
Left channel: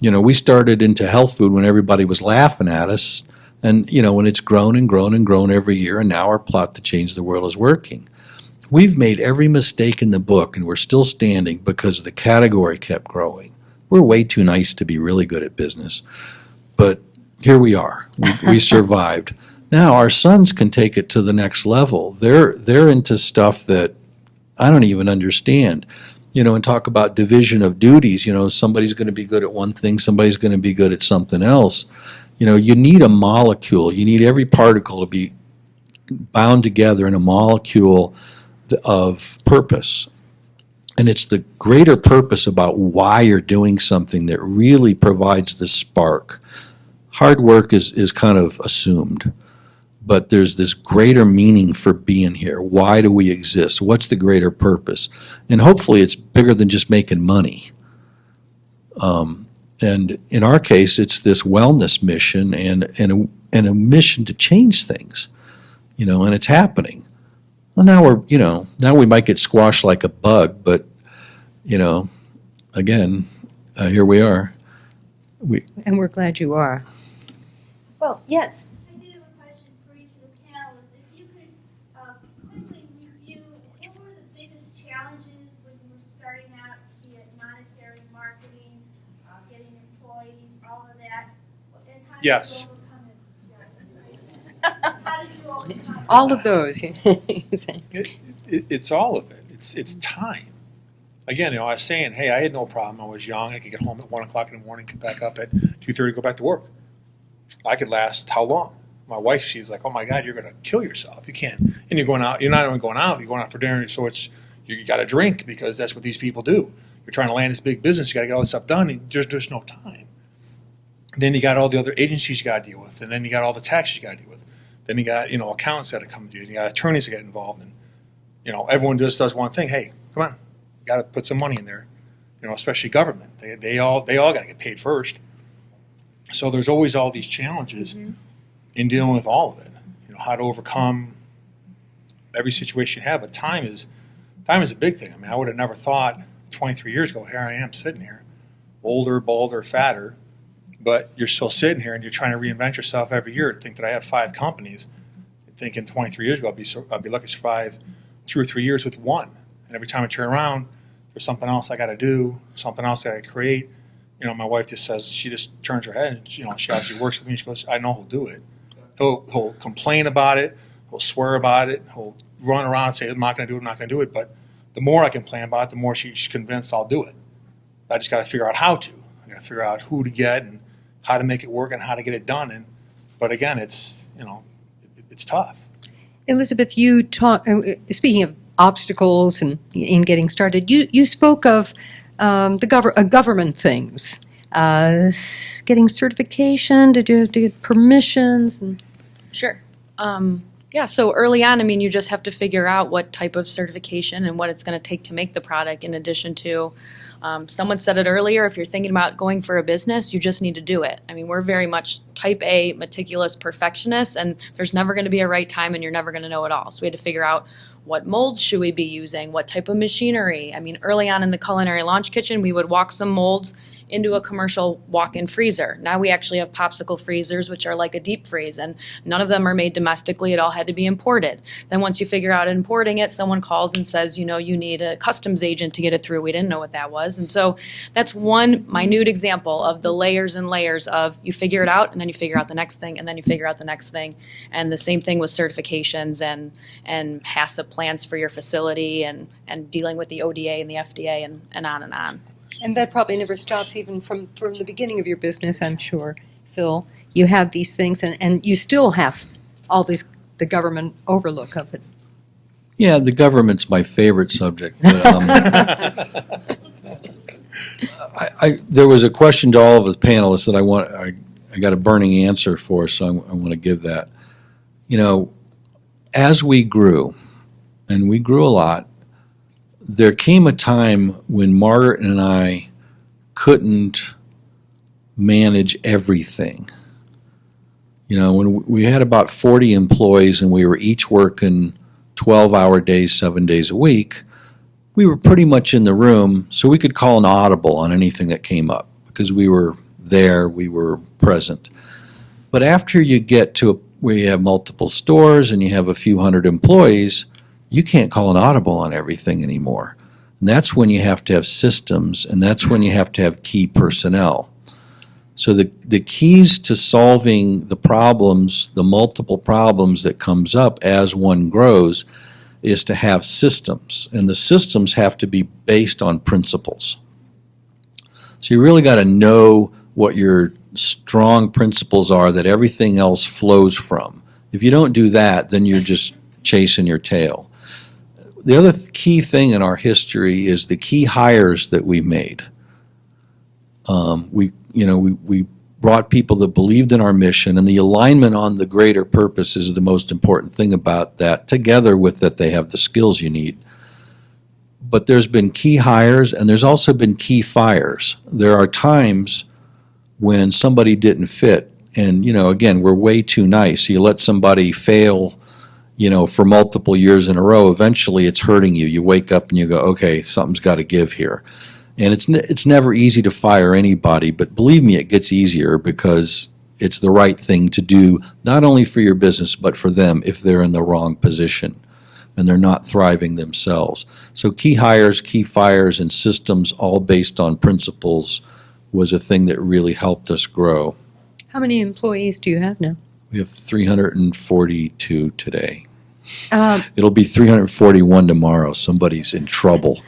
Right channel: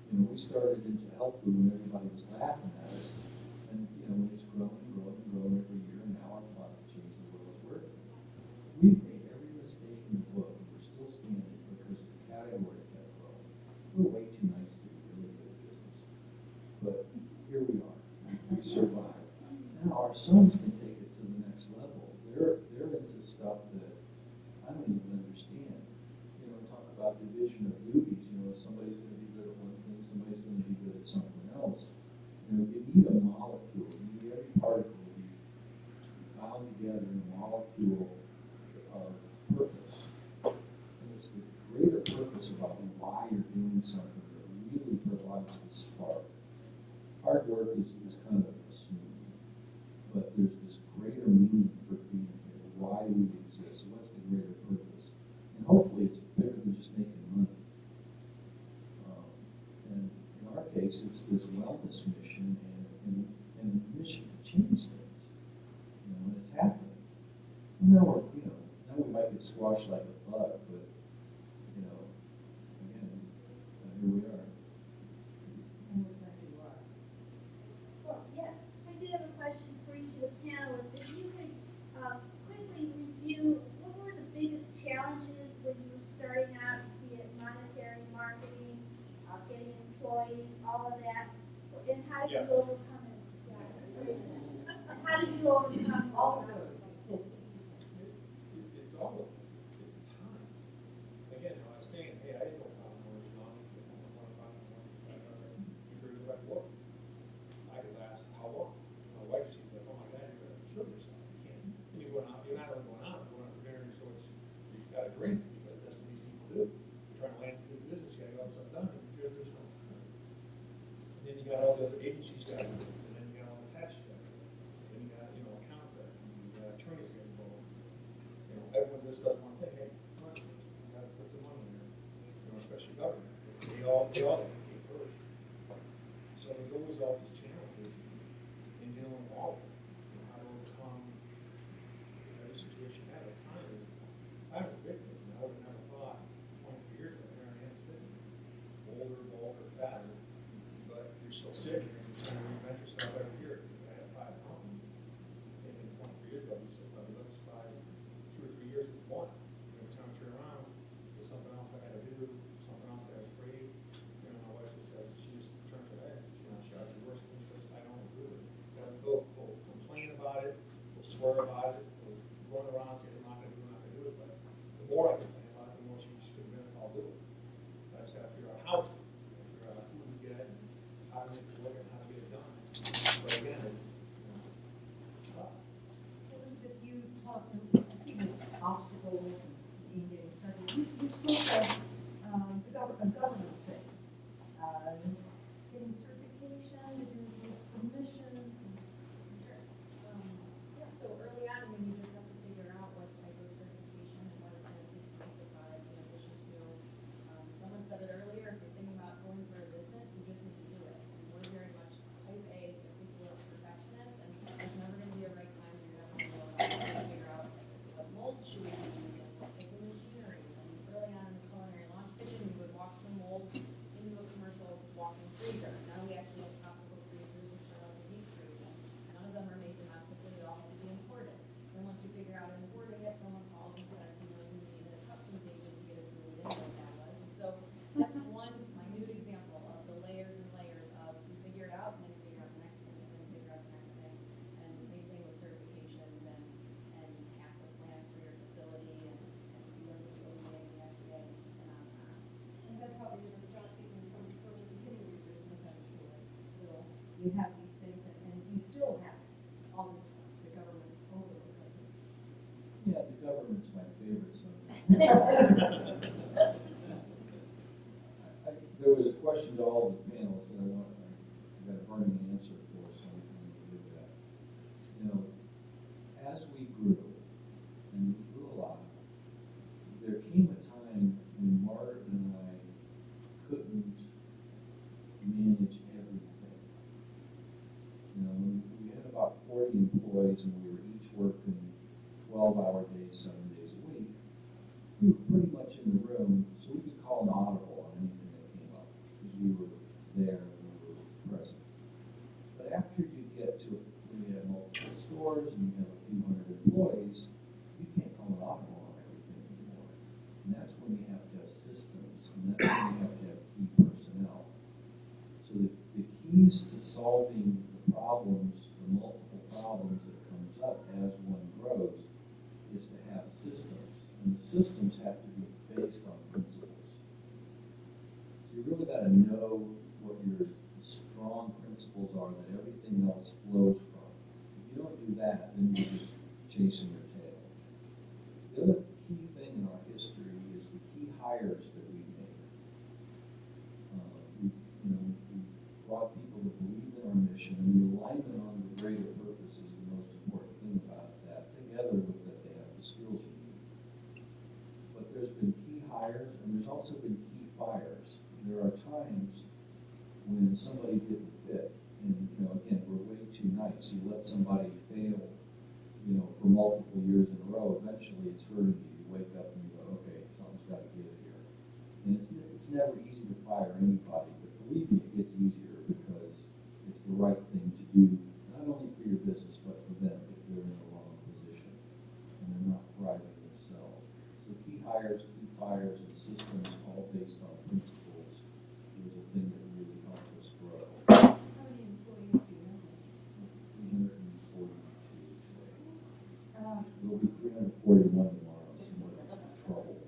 You know, we started into health food when everybody was laughing at us, and, you know, when it's grown and grown and grown every year, and now our plot to change the world is working. We've made every mistake in the book, and we're still standing because the category kept growing. We're way too nice to be really good at business, but here we are. We survived. Now our sons can take it to the next level. They're into stuff that I don't even understand. You know, and talk about division of duties. You know, somebody's going to be good at one thing, somebody's going to be good at something else. You know, you need a molecule. You need every particle to be bound together in a molecule of purpose. And it's the greater purpose about why you're doing something that really provides the spark. Hard work is kind of assumed, but there's this greater meaning for being here. Why do we exist? What's the greater purpose? And hopefully it's bigger than just making money. And in our case, it's this wellness mission and a mission to change things, you know, and it's happening. Well, now we might get squashed like a bug, but, you know, again, here we are. And we're glad you are. Well, yes. I do have a question for each of the panelists. If you could quickly review, what were the biggest challenges when you were starting out, be it monetary, marketing, getting employees, all of that? And how did Yes. you overcome it? Yeah. How did you overcome it? All of those. It's all of it. It's time. Again, you know, I was saying, hey, I had no problem. I was young. I could get home at 1 o'clock in the morning, get back up at 2:30, go back to work. I could last how long? My wife, she's like, oh my God, you're going to kill yourself. You can't. And you're going out. You're not only going out. You're going out for dinner. So you got to drink because that's what these people do. You're trying to land this big business. You got to get all this stuff done. And there's no time. Then you got all the other agencies you got to deal with, and then you got all the taxes you got to deal with. Then you got accountants got to come to you. And you got attorneys that get involved. And everyone just does one thing. Hey, come on, you got to put some money in there. Especially government. They all got to get paid first. So there's always all these challenges in dealing with all of it. How to overcome every situation you have. But time is a big thing. I mean, I would have never thought 23 years ago, here I am sitting here, older, balder, fatter, but you're still sitting here and you're trying to reinvent yourself every year. Think that I had 5 companies. Thinking 23 years ago, I'd be lucky to survive 2 or 3 years with one. And every time I turn around, there's something else I got to do, something else I got to create. My wife just says, she just turns her head and, she obviously works with me. She goes, I know he'll do it. He'll complain about it. He'll swear about it. He'll run around and say, I'm not going to do it, I'm not going to do it. But the more I complain about it, the more she's convinced I'll do it. I just got to figure out how to. I got to figure out who to get and how to make it work and how to get it done. But again, it's tough. Elizabeth, you speaking of obstacles and in getting started, you spoke of government things, getting certification, to get permissions. Sure. Yeah, so early on, I mean, you just have to figure out what type of certification and what it's going to take to make the product, in addition to, someone said it earlier, if you're thinking about going for a business, you just need to do it. I mean, we're very much type A, meticulous perfectionists, and there's never going to be a right time, and you're never going to know it all. So we had to figure out what molds should we be using, what type of machinery. I mean, early on in the culinary launch kitchen, we would walk some molds into a commercial walk-in freezer. Now we actually have popsicle freezers, which are like a deep freeze, and none of them are made domestically. It all had to be imported. Then once you figure out importing it, someone calls and says, you know, you need a customs agent to get it through. We didn't know what that was. And so that's one minute example of the layers and layers of you figure it out, and then you figure out the next thing, and then you figure out the next thing. And the same thing with certifications and HACCP plans for your facility, and dealing with the ODA and the FDA, and on and on. And that probably never stops even from the beginning of your business, I'm sure, Phil. You have these things, and you still have all this, the government overlook of it. Yeah, the government's my favorite subject. But, there was a question to all of the panelists that I got a burning answer for, so I want to give that. You know, as we grew, and we grew a lot, there came a time when Margaret and I couldn't manage everything. You know, when we had about 40 employees and we were each working 12-hour days, 7 days a week, we were pretty much in the room, so we could call an audible on anything that came up because we were there, we were present. But after you get to where you have multiple stores and you have a few hundred employees, you can't call an audible on everything anymore. And that's when you have to have systems, and that's when you have to have key personnel. So the keys to solving the problems, the multiple problems that comes up as one grows, is to have systems. And the systems have to be based on principles. So you really got to know what your strong principles are that everything else flows from. If you don't do that, then you're just chasing your tail. The other key thing in our history is the key hires that we made. We brought people that believed in our mission, and the alignment on the greater purpose is the most important thing about that, together with that they have the skills you need. But there's been key hires, and there's also been key fires. There are times when somebody didn't fit, and, you know, again, we're way too nice. You let somebody fail, you know, for multiple years in a row, eventually it's hurting you. You wake up and you go, okay, something's got to give here. And it's never easy to fire anybody, but believe me, it gets easier because it's the right thing to do, not only for your business, but for them if they're in the wrong position and they're not thriving themselves. So key hires, key fires, and systems all based on principles was a thing that really helped us grow. How many employees do you have now? We have 342 today. It'll be 341 tomorrow. Somebody's in trouble.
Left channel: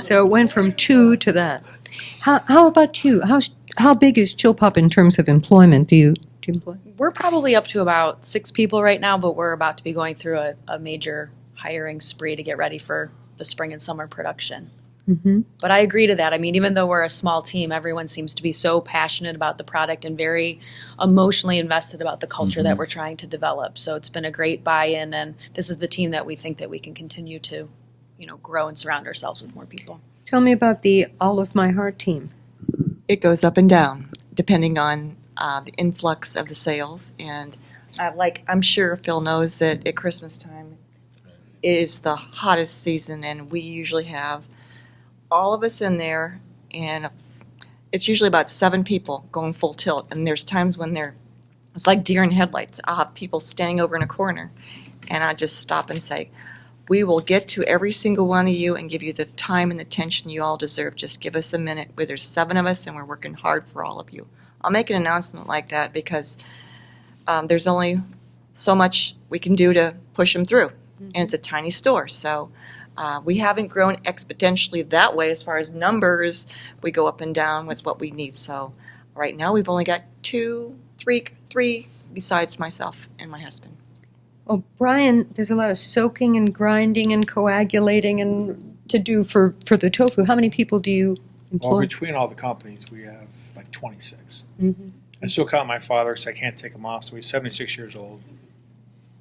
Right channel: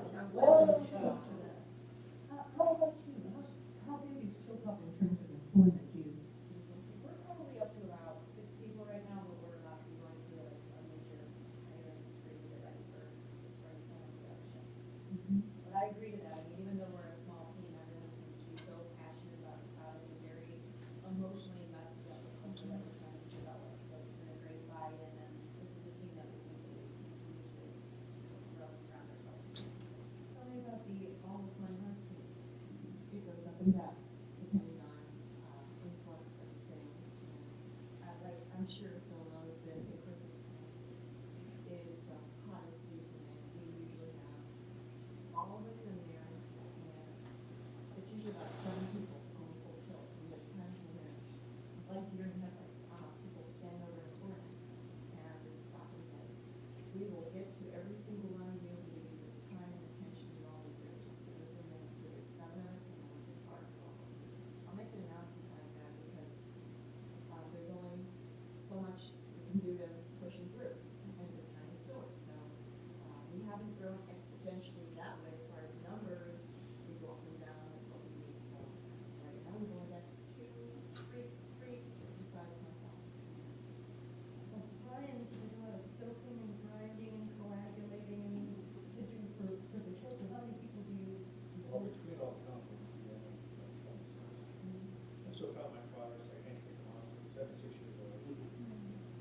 So it went from 2 to that. How about you? How big is Chill Pop in terms of employment? Do you employ? We're probably up to about 6 people right now, but we're about to be going through a major hiring spree to get ready for the spring and summer production. Mm-hmm. But I agree to that. I mean, even though we're a small team, everyone seems to be so passionate about the product and very emotionally invested about the culture that we're trying to develop. So it's been a great buy-in, and this is the team that we think that we can continue to, you know, grow and surround ourselves with more people. Tell me about the All of My Heart team. It goes up and down depending on the influx of the sales. And like I'm sure Phil knows that at Christmas time is the hottest season, and we usually have all of us in there, and it's usually about 7 people going full tilt. And there's times when it's like deer in headlights. I'll have people standing over in a corner, and I just stop and say, we will get to every single one of you and give you the time and the attention you all deserve. Just give us a minute. Where there's 7 of us, and we're working hard for all of you. I'll make an announcement like that because there's only so much we can do to push them through, and it's a tiny store. So we haven't grown exponentially that way as far as numbers. We go up and down with what we need. So right now we've only got 3 besides myself and my husband. Well, Brian, there's a lot of soaking and grinding and coagulating and to do for the tofu. How many people do you employ? Well, between all the companies, we have like 26. Mm-hmm. I still count my father because I can't take him off, so he's 76 years old.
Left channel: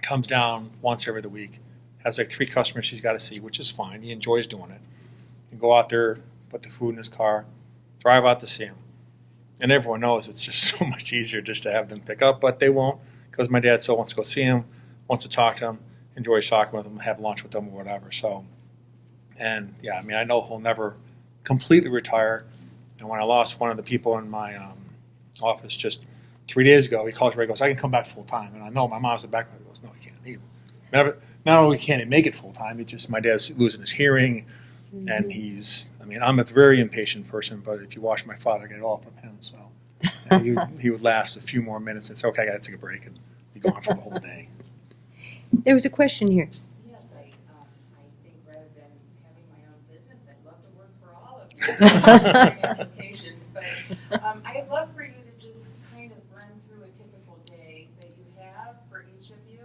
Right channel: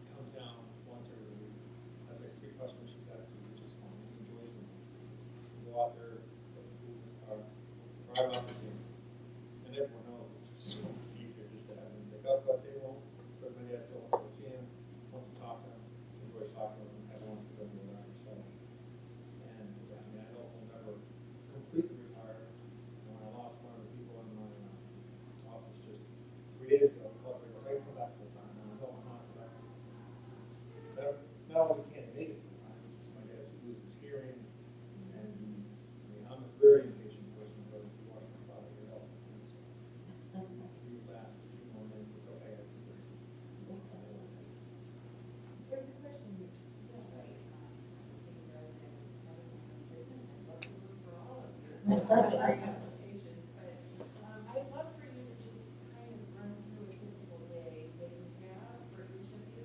comes down once every other week, has like 3 customers she's got to see, which is fine. He enjoys doing it. You go out there, put the food in his car, drive out to see him. And everyone knows it's just so much easier just to have them pick up, but they won't, because my dad still wants to go see him, wants to talk to him, enjoys talking with him, have lunch with them or whatever. So, and yeah, I mean, I know he'll never completely retire. And when I lost one of the people in my office just 3 days ago, he calls Ray and goes, I can come back full time. And I know my mom's in the back of me goes, no, you can't either. Not only can he make it full time, it's just my dad's losing his hearing. And I'm a very impatient person, but if you watch my father, I get it all from him. So he would last a few more minutes and say, okay, I got to take a break, and be gone for the whole day. There was a question here. Yes, I think rather than having my own business, I'd love to work for all of them. Applications, but I'd love for you to just kind of run through a typical day that you have for each of you,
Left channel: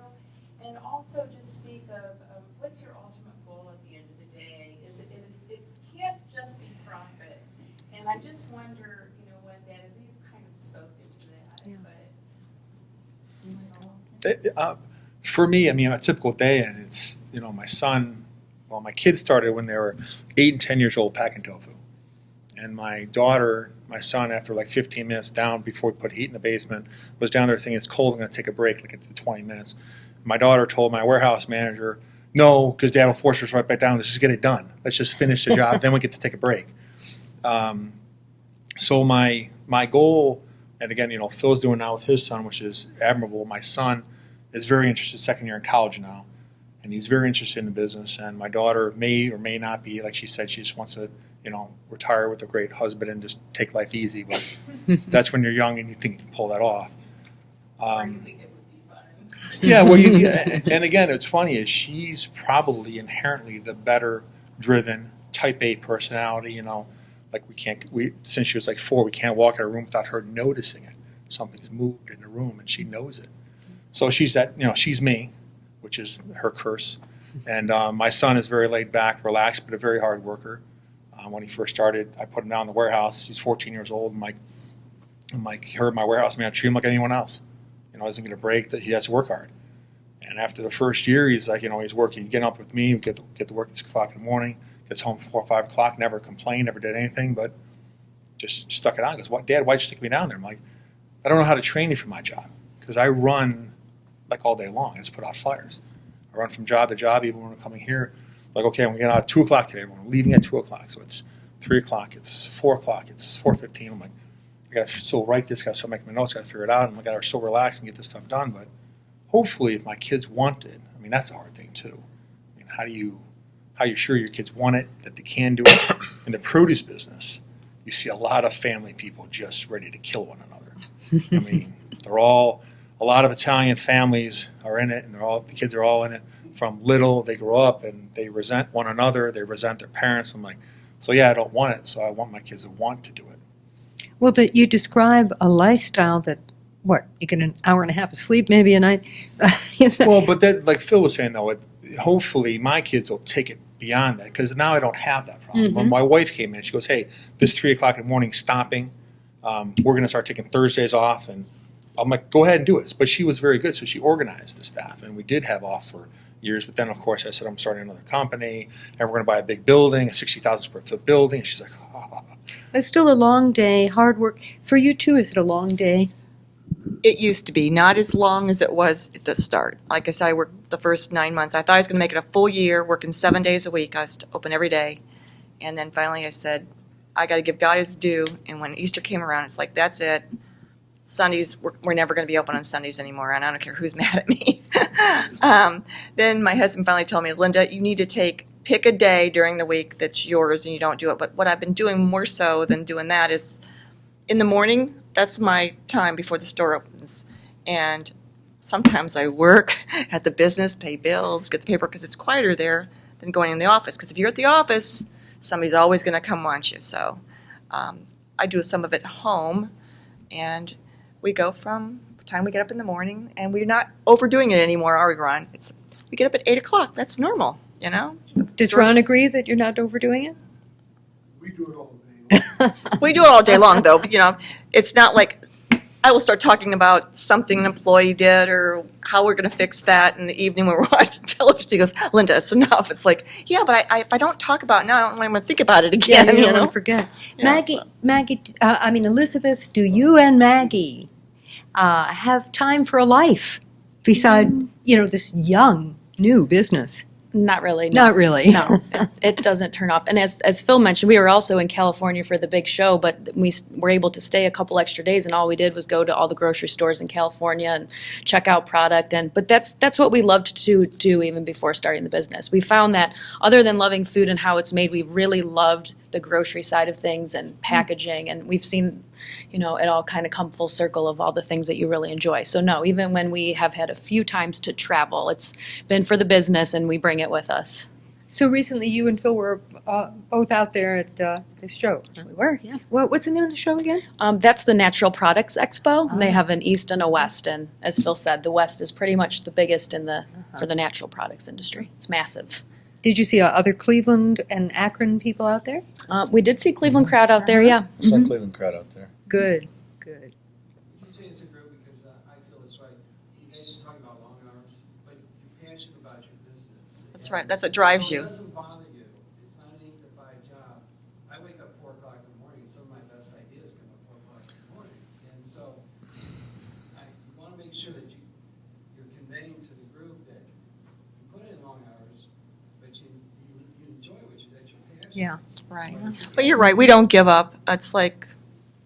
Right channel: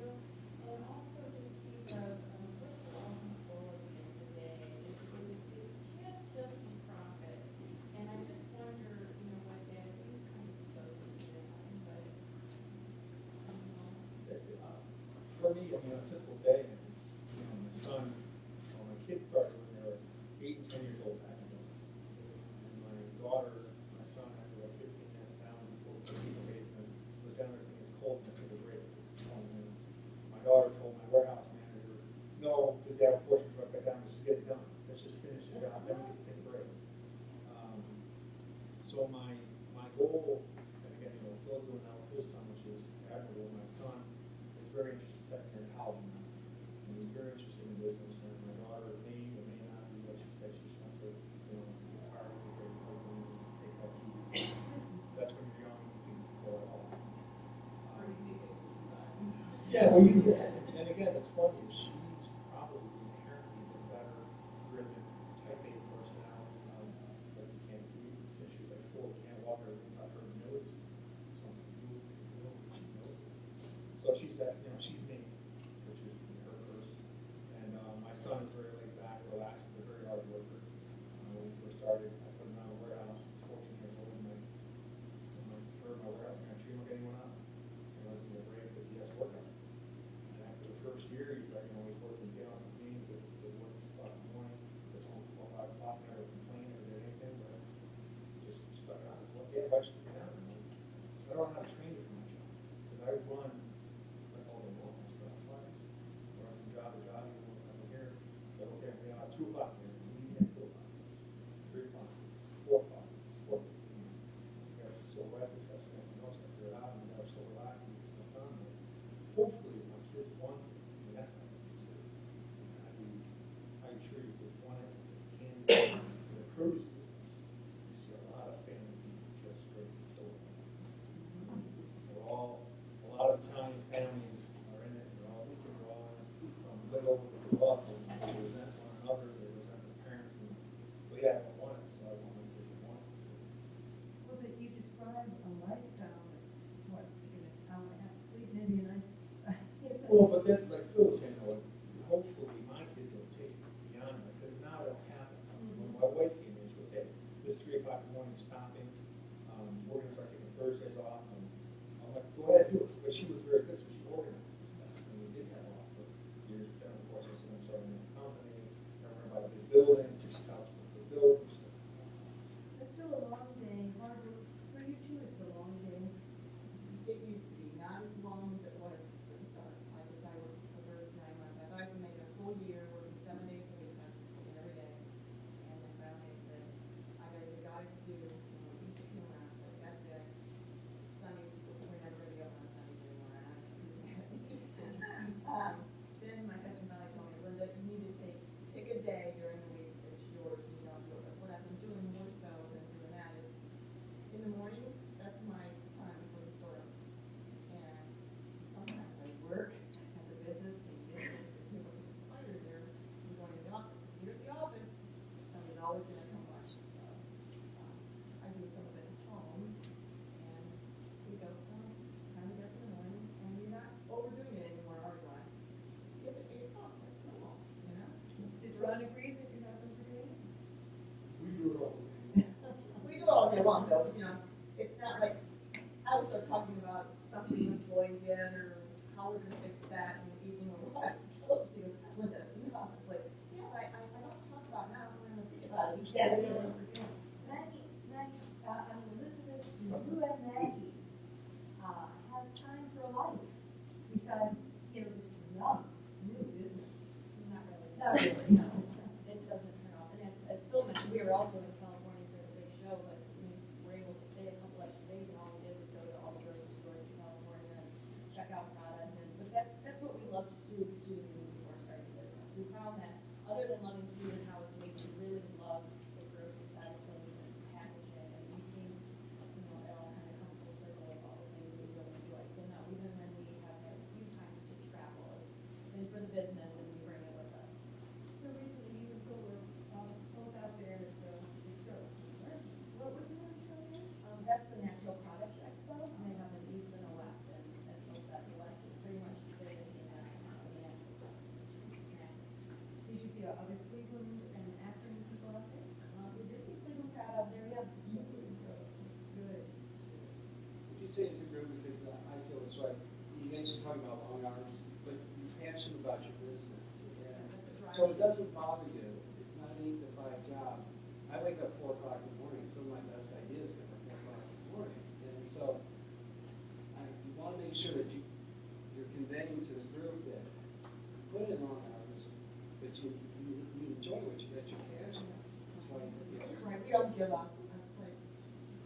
and also just speak of what's your ultimate goal at the end of the day. It can't just be profit, and I just wonder, what that is. You've kind of spoken to that, but. For me, I mean, a typical day, and it's, my kids started when they were 8 and 10 years old packing tofu. And my son, after like 15 minutes down before we put heat in the basement, was down there thinking it's cold, I'm going to take a break, like it's 20 minutes. My daughter told my warehouse manager, no, because Dad will force us right back down, let's just get it done. Let's just finish the job, then we get to take a break. So my goal, and again, Phil's doing now with his son, which is admirable. My son is very interested, second year in college now, and he's very interested in the business. And my daughter may or may not be, like she said, she just wants to, retire with a great husband and just take life easy. But that's when you're young and you think you can pull that off. Yeah, well, and again, it's funny is she's probably inherently the better driven Type A personality. Like since she was like 4, we can't walk in a room without her noticing it. Something's moved in the room, and she knows it. So she's she's me, which is her curse. And my son is very laid back, relaxed, but a very hard worker. When he first started, I put him down in the warehouse. He's 14 years old. He heard my warehouse man treat him like anyone else. Isn't going to break, that he has to work hard. And after the first year, he's like, he's working, getting up with me, get to work at 6 o'clock in the morning, gets home 4 or 5 o'clock, never complained, never did anything, but just stuck it on. He goes, Dad, why'd you stick me down there? I'm like, I don't know how to train you for my job, because I run like all day long. I just put out fires. I run from job to job, even when we're coming here. Like, okay, I'm getting out at 2 o'clock today. We're leaving at 2 o'clock. So it's 3 o'clock, it's 4 o'clock, it's 4:15. I'm like, I got to still write this, got to still make my notes, got to figure it out, and I got to still relax and get this stuff done. But hopefully, if my kids want it, I mean, that's a hard thing too. I mean, how you sure your kids want it, that they can do it? In the produce business, you see a lot of family people just ready to kill one another. I mean, a lot of Italian families are in it, and the kids are all in it. From little, they grow up and they resent one another, they resent their parents. I'm like, so yeah, I don't want it, so I want my kids to want to do it. Well, you describe a lifestyle that, you get an hour and a half of sleep maybe a night? Well, but that, like Phil was saying, though, hopefully my kids will take it beyond that, because now I don't have that problem. Mm-hmm. When my wife came in, she goes, hey, this 3 o'clock in the morning stopping, we're going to start taking Thursdays off, and I'm like, go ahead and do it. But she was very good, so she organized the staff, and we did have off for years. But then, of course, I said, I'm starting another company, and we're going to buy a big building, a 60,000 square foot building. And she's like, oh. It's still a long day, hard work. For you too, is it a long day? It used to be, not as long as it was at the start. Like I said, I worked the first 9 months. I thought I was going to make it a full year, working 7 days a week. I was open every day. And then finally I said, I got to give God his due. And when Easter came around, it's like, that's it. Sundays, we're never going to be open on Sundays anymore, and I don't care who's mad at me. Then my husband finally told me, Linda, you need to pick a day during the week that's yours, and you don't do it. But what I've been doing more so than doing that is in the morning, that's my time before the store opens. And sometimes I work at the business, pay bills, get the paper, because it's quieter there than going in the office. Because if you're at the office, somebody's always going to come want you. So I do some of it home, and we go from the time we get up in the morning, and we're not overdoing it anymore, are we, Ron? We get up at 8 o'clock. That's normal, Does Ron agree that you're not overdoing it? We do it all day. We do it all day long, though. But, it's not like I will start talking about something an employee did or how we're going to fix that in the evening when we're watching television. He goes, Linda, it's enough. It's like, yeah, but if I don't talk about it now, I don't want to think about it Yeah, again. you don't know? want to forget. Yeah, Maggie, Elizabeth, do you and Maggie have time for a life beside, this young, new business? Not really. No. Not really. No, it doesn't turn off. And as Phil mentioned, we were also in California for the big show, but we were able to stay a couple extra days, and all we did was go to all the grocery stores in California and check out product. But that's what we loved to do even before starting the business. We found that other than loving food and how it's made, we really loved the grocery side of things and packaging, and we've seen, it all kind of come full circle of all the things that you really enjoy. So no, even when we have had a few times to travel, it's been for the business, and we bring it with us. So recently you and Phil were both out there at this show. We were, yeah. What's the name of the show again? That's the Natural Products Expo. And they have an East and a West, and as Phil said, the West is pretty much the biggest for the natural products industry. It's massive. Did you see other Cleveland and Akron people out there? We did see Cleveland crowd out there, yeah. Saw Mhm. Cleveland crowd out there. Good. You say it's a group because I feel it's right. You guys are talking about long hours, but you're passionate about your business. That's right. That's what drives So you. it doesn't bother you. It's not an 8 to 5 job. I wake up 4 o'clock in the morning. Some of my best ideas come from 4 o'clock in the morning. And so you want to make sure that you're conveying to the group that you put in long hours, but you enjoy that you're passionate. Yeah. Right. But you're right. We don't give up. It's like,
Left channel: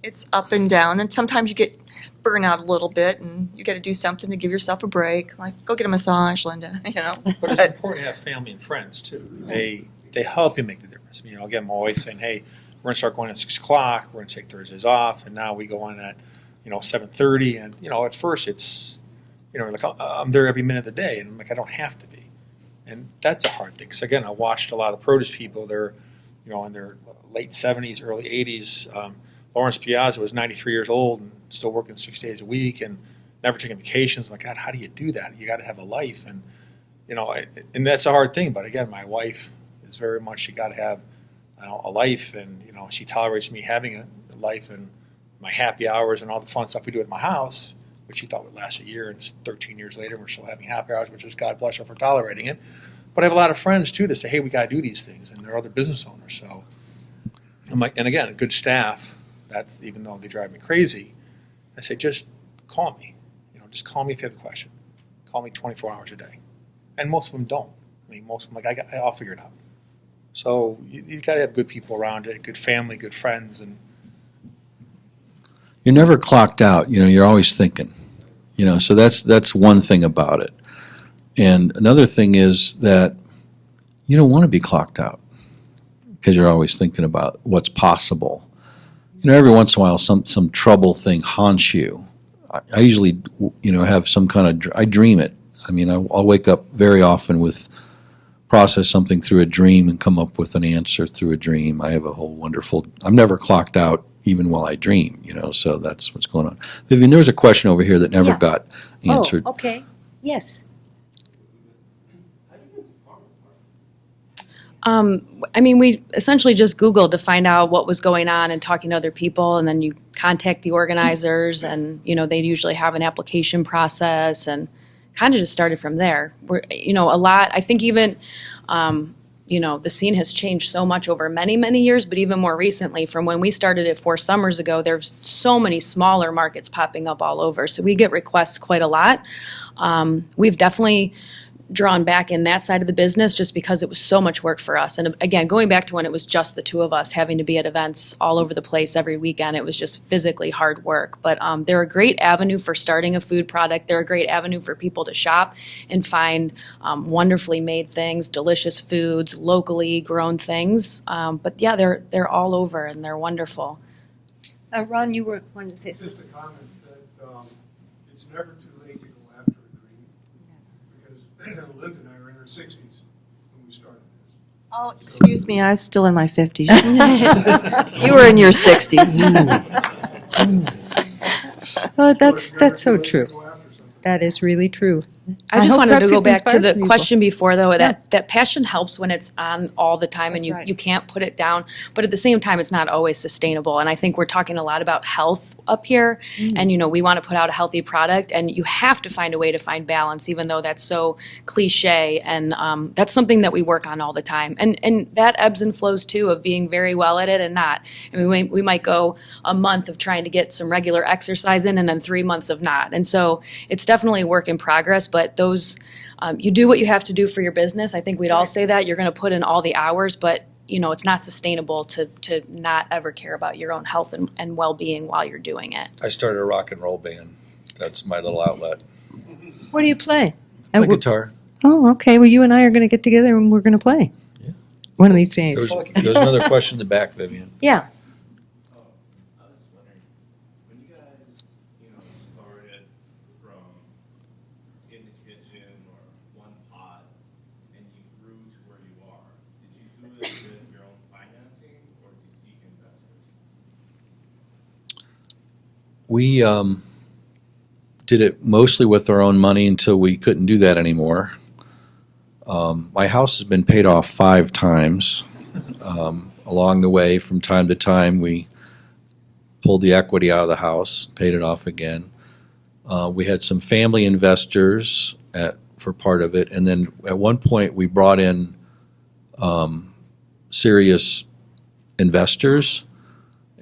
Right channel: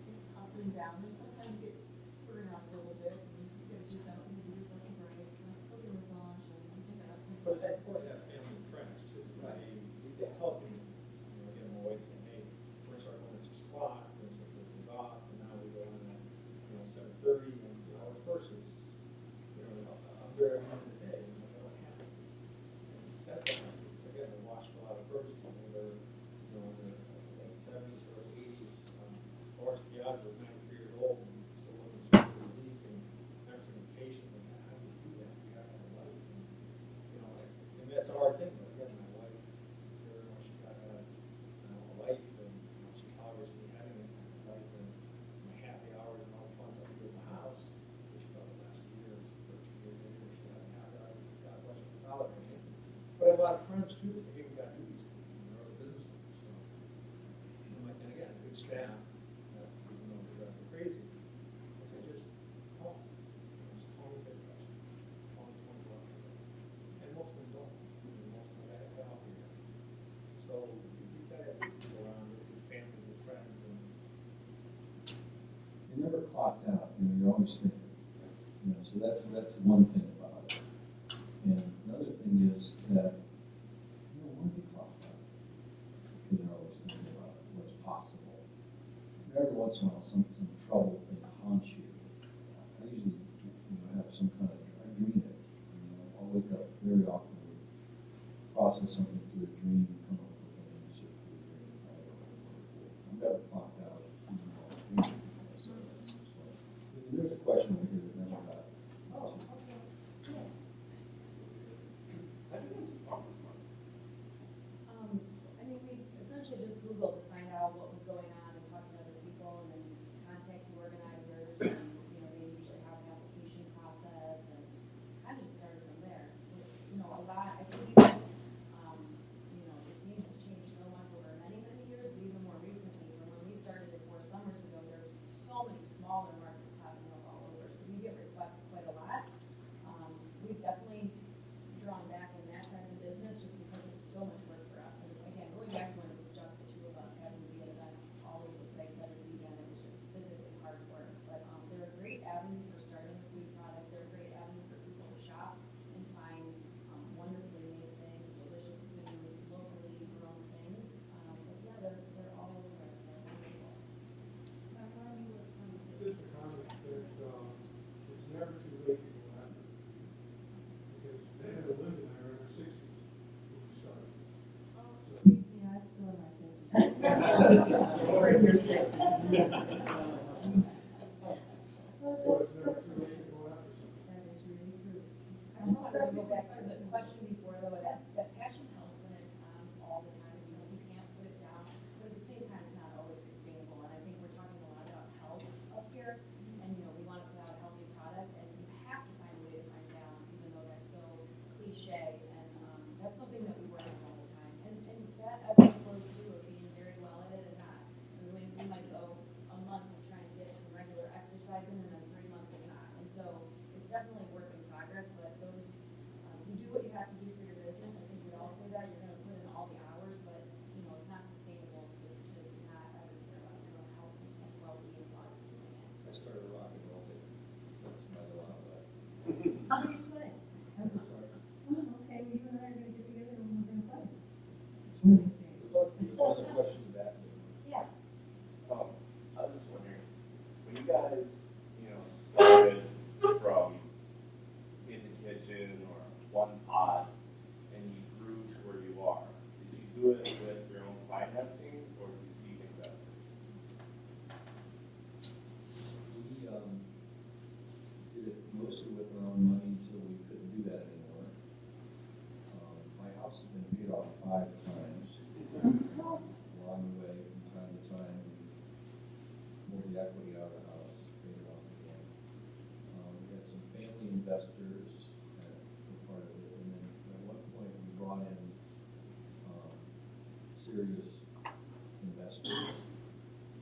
it's up and down. And sometimes you get burnt out a little bit and you got to do something to give yourself a break. Like, go get a massage, Linda, But it's important to have family and friends too. They help you make the difference. Again, I'm always saying, hey, we're gonna start going at 6 o'clock. We're gonna take Thursdays off, and now we go on at 7:30. And at first it's like I'm there every minute of the day, and I'm like I don't have to be, and that's a hard thing. So again, I watched a lot of produce people. They're in their late 70s, early 80s. Lawrence Piazza was 93 years old and still working 6 days a week and never taking vacations. I'm like, God, how do you do that? You got to have a life, and and that's a hard thing. But again, my wife is very much, you got to have a life, and she tolerates me having a life and my happy hours and all the fun stuff we do at my house, which she thought would last a year, and it's 13 years later we're still having happy hours, which is God bless her for tolerating it. But I have a lot of friends too that say, hey, we got to do these things, and they're other business owners. So I'm like, and again, good staff. That's even though they drive me crazy. I say, just call me. Just call me if you have a question. Call me 24 hours a day. And most of them don't. Most of them I'll figure it out. So you got to have good people around you, good family, good friends, and You're never clocked out. You're always thinking. So that's one thing about it. And another thing is that you don't want to be clocked out because you're always thinking about what's possible. Every once in a while, some trouble thing haunts you. I usually, have some kind of, I dream it. I'll wake up very often process something through a dream and come up with an answer through a dream. I have a whole wonderful, I'm never clocked out even while I dream, so that's what's going on. Vivian, there was a question over here that never Yeah. got answered. Oh, okay. Yes. We essentially just Googled to find out what was going on and talking to other people, and then you contact the organizers, and they usually have an application process, and kind of just started from there. We're a lot. I think even the scene has changed so much over many, many years, but even more recently, from when we started it 4 summers ago, there's so many smaller markets popping up all over. So we get requests quite a lot. We've definitely drawn back in that side of the business just because it was so much work for us. And again, going back to when it was just the two of us having to be at events all over the place every weekend, it was just physically hard work. But they're a great avenue for starting a food product. They're a great avenue for people to shop and find wonderfully made things, delicious foods, locally grown things. But yeah, they're all over and they're wonderful. Ron, you were wanting to say something. Just a comment that it's never too late to go after a dream, because Linda and I are in our 60s when we started this. Oh, excuse me, I was still in my 50s. You were in your 60s. Well, that's so Never too late to true. go after something. That is really true. I just hope wanted to perhaps go you've back to inspired the some people. question before, though, that passion helps when it's on all the time and That's right. you can't put it down. But at the same time, it's not always sustainable. And I think we're talking a lot about health up here. And, we want to put out a healthy product. And you have to find a way to find balance, even though that's so cliche. And that's something that we work on all the time. And that ebbs and flows, too, of being very well at it and not. I mean, we might go a month of trying to get some regular exercise in and then 3 months of not. And so it's definitely a work in progress. But those, you do what you have to do for your business. I think we'd all say that. You're going to put in all the hours, but it's not sustainable to not ever care about your own health and well-being while you're doing it. I started a rock and roll band. That's my little outlet. What do you play? My guitar. Oh, okay. Well, you and I are going to get together and we're going to play. Yeah. One of these days. There was another question in the back, Vivian. Yeah. I was just wondering, when you guys, started from in the kitchen or one pot and you grew to where you are, did you do it with your own financing or did you seek investors? We did it mostly with our own money until we couldn't do that anymore. My house has been paid off 5 times. Along the way, from time to time, we pulled the equity out of the house, paid it off again. We had some family investors for part of it, and then at one point we brought in serious investors,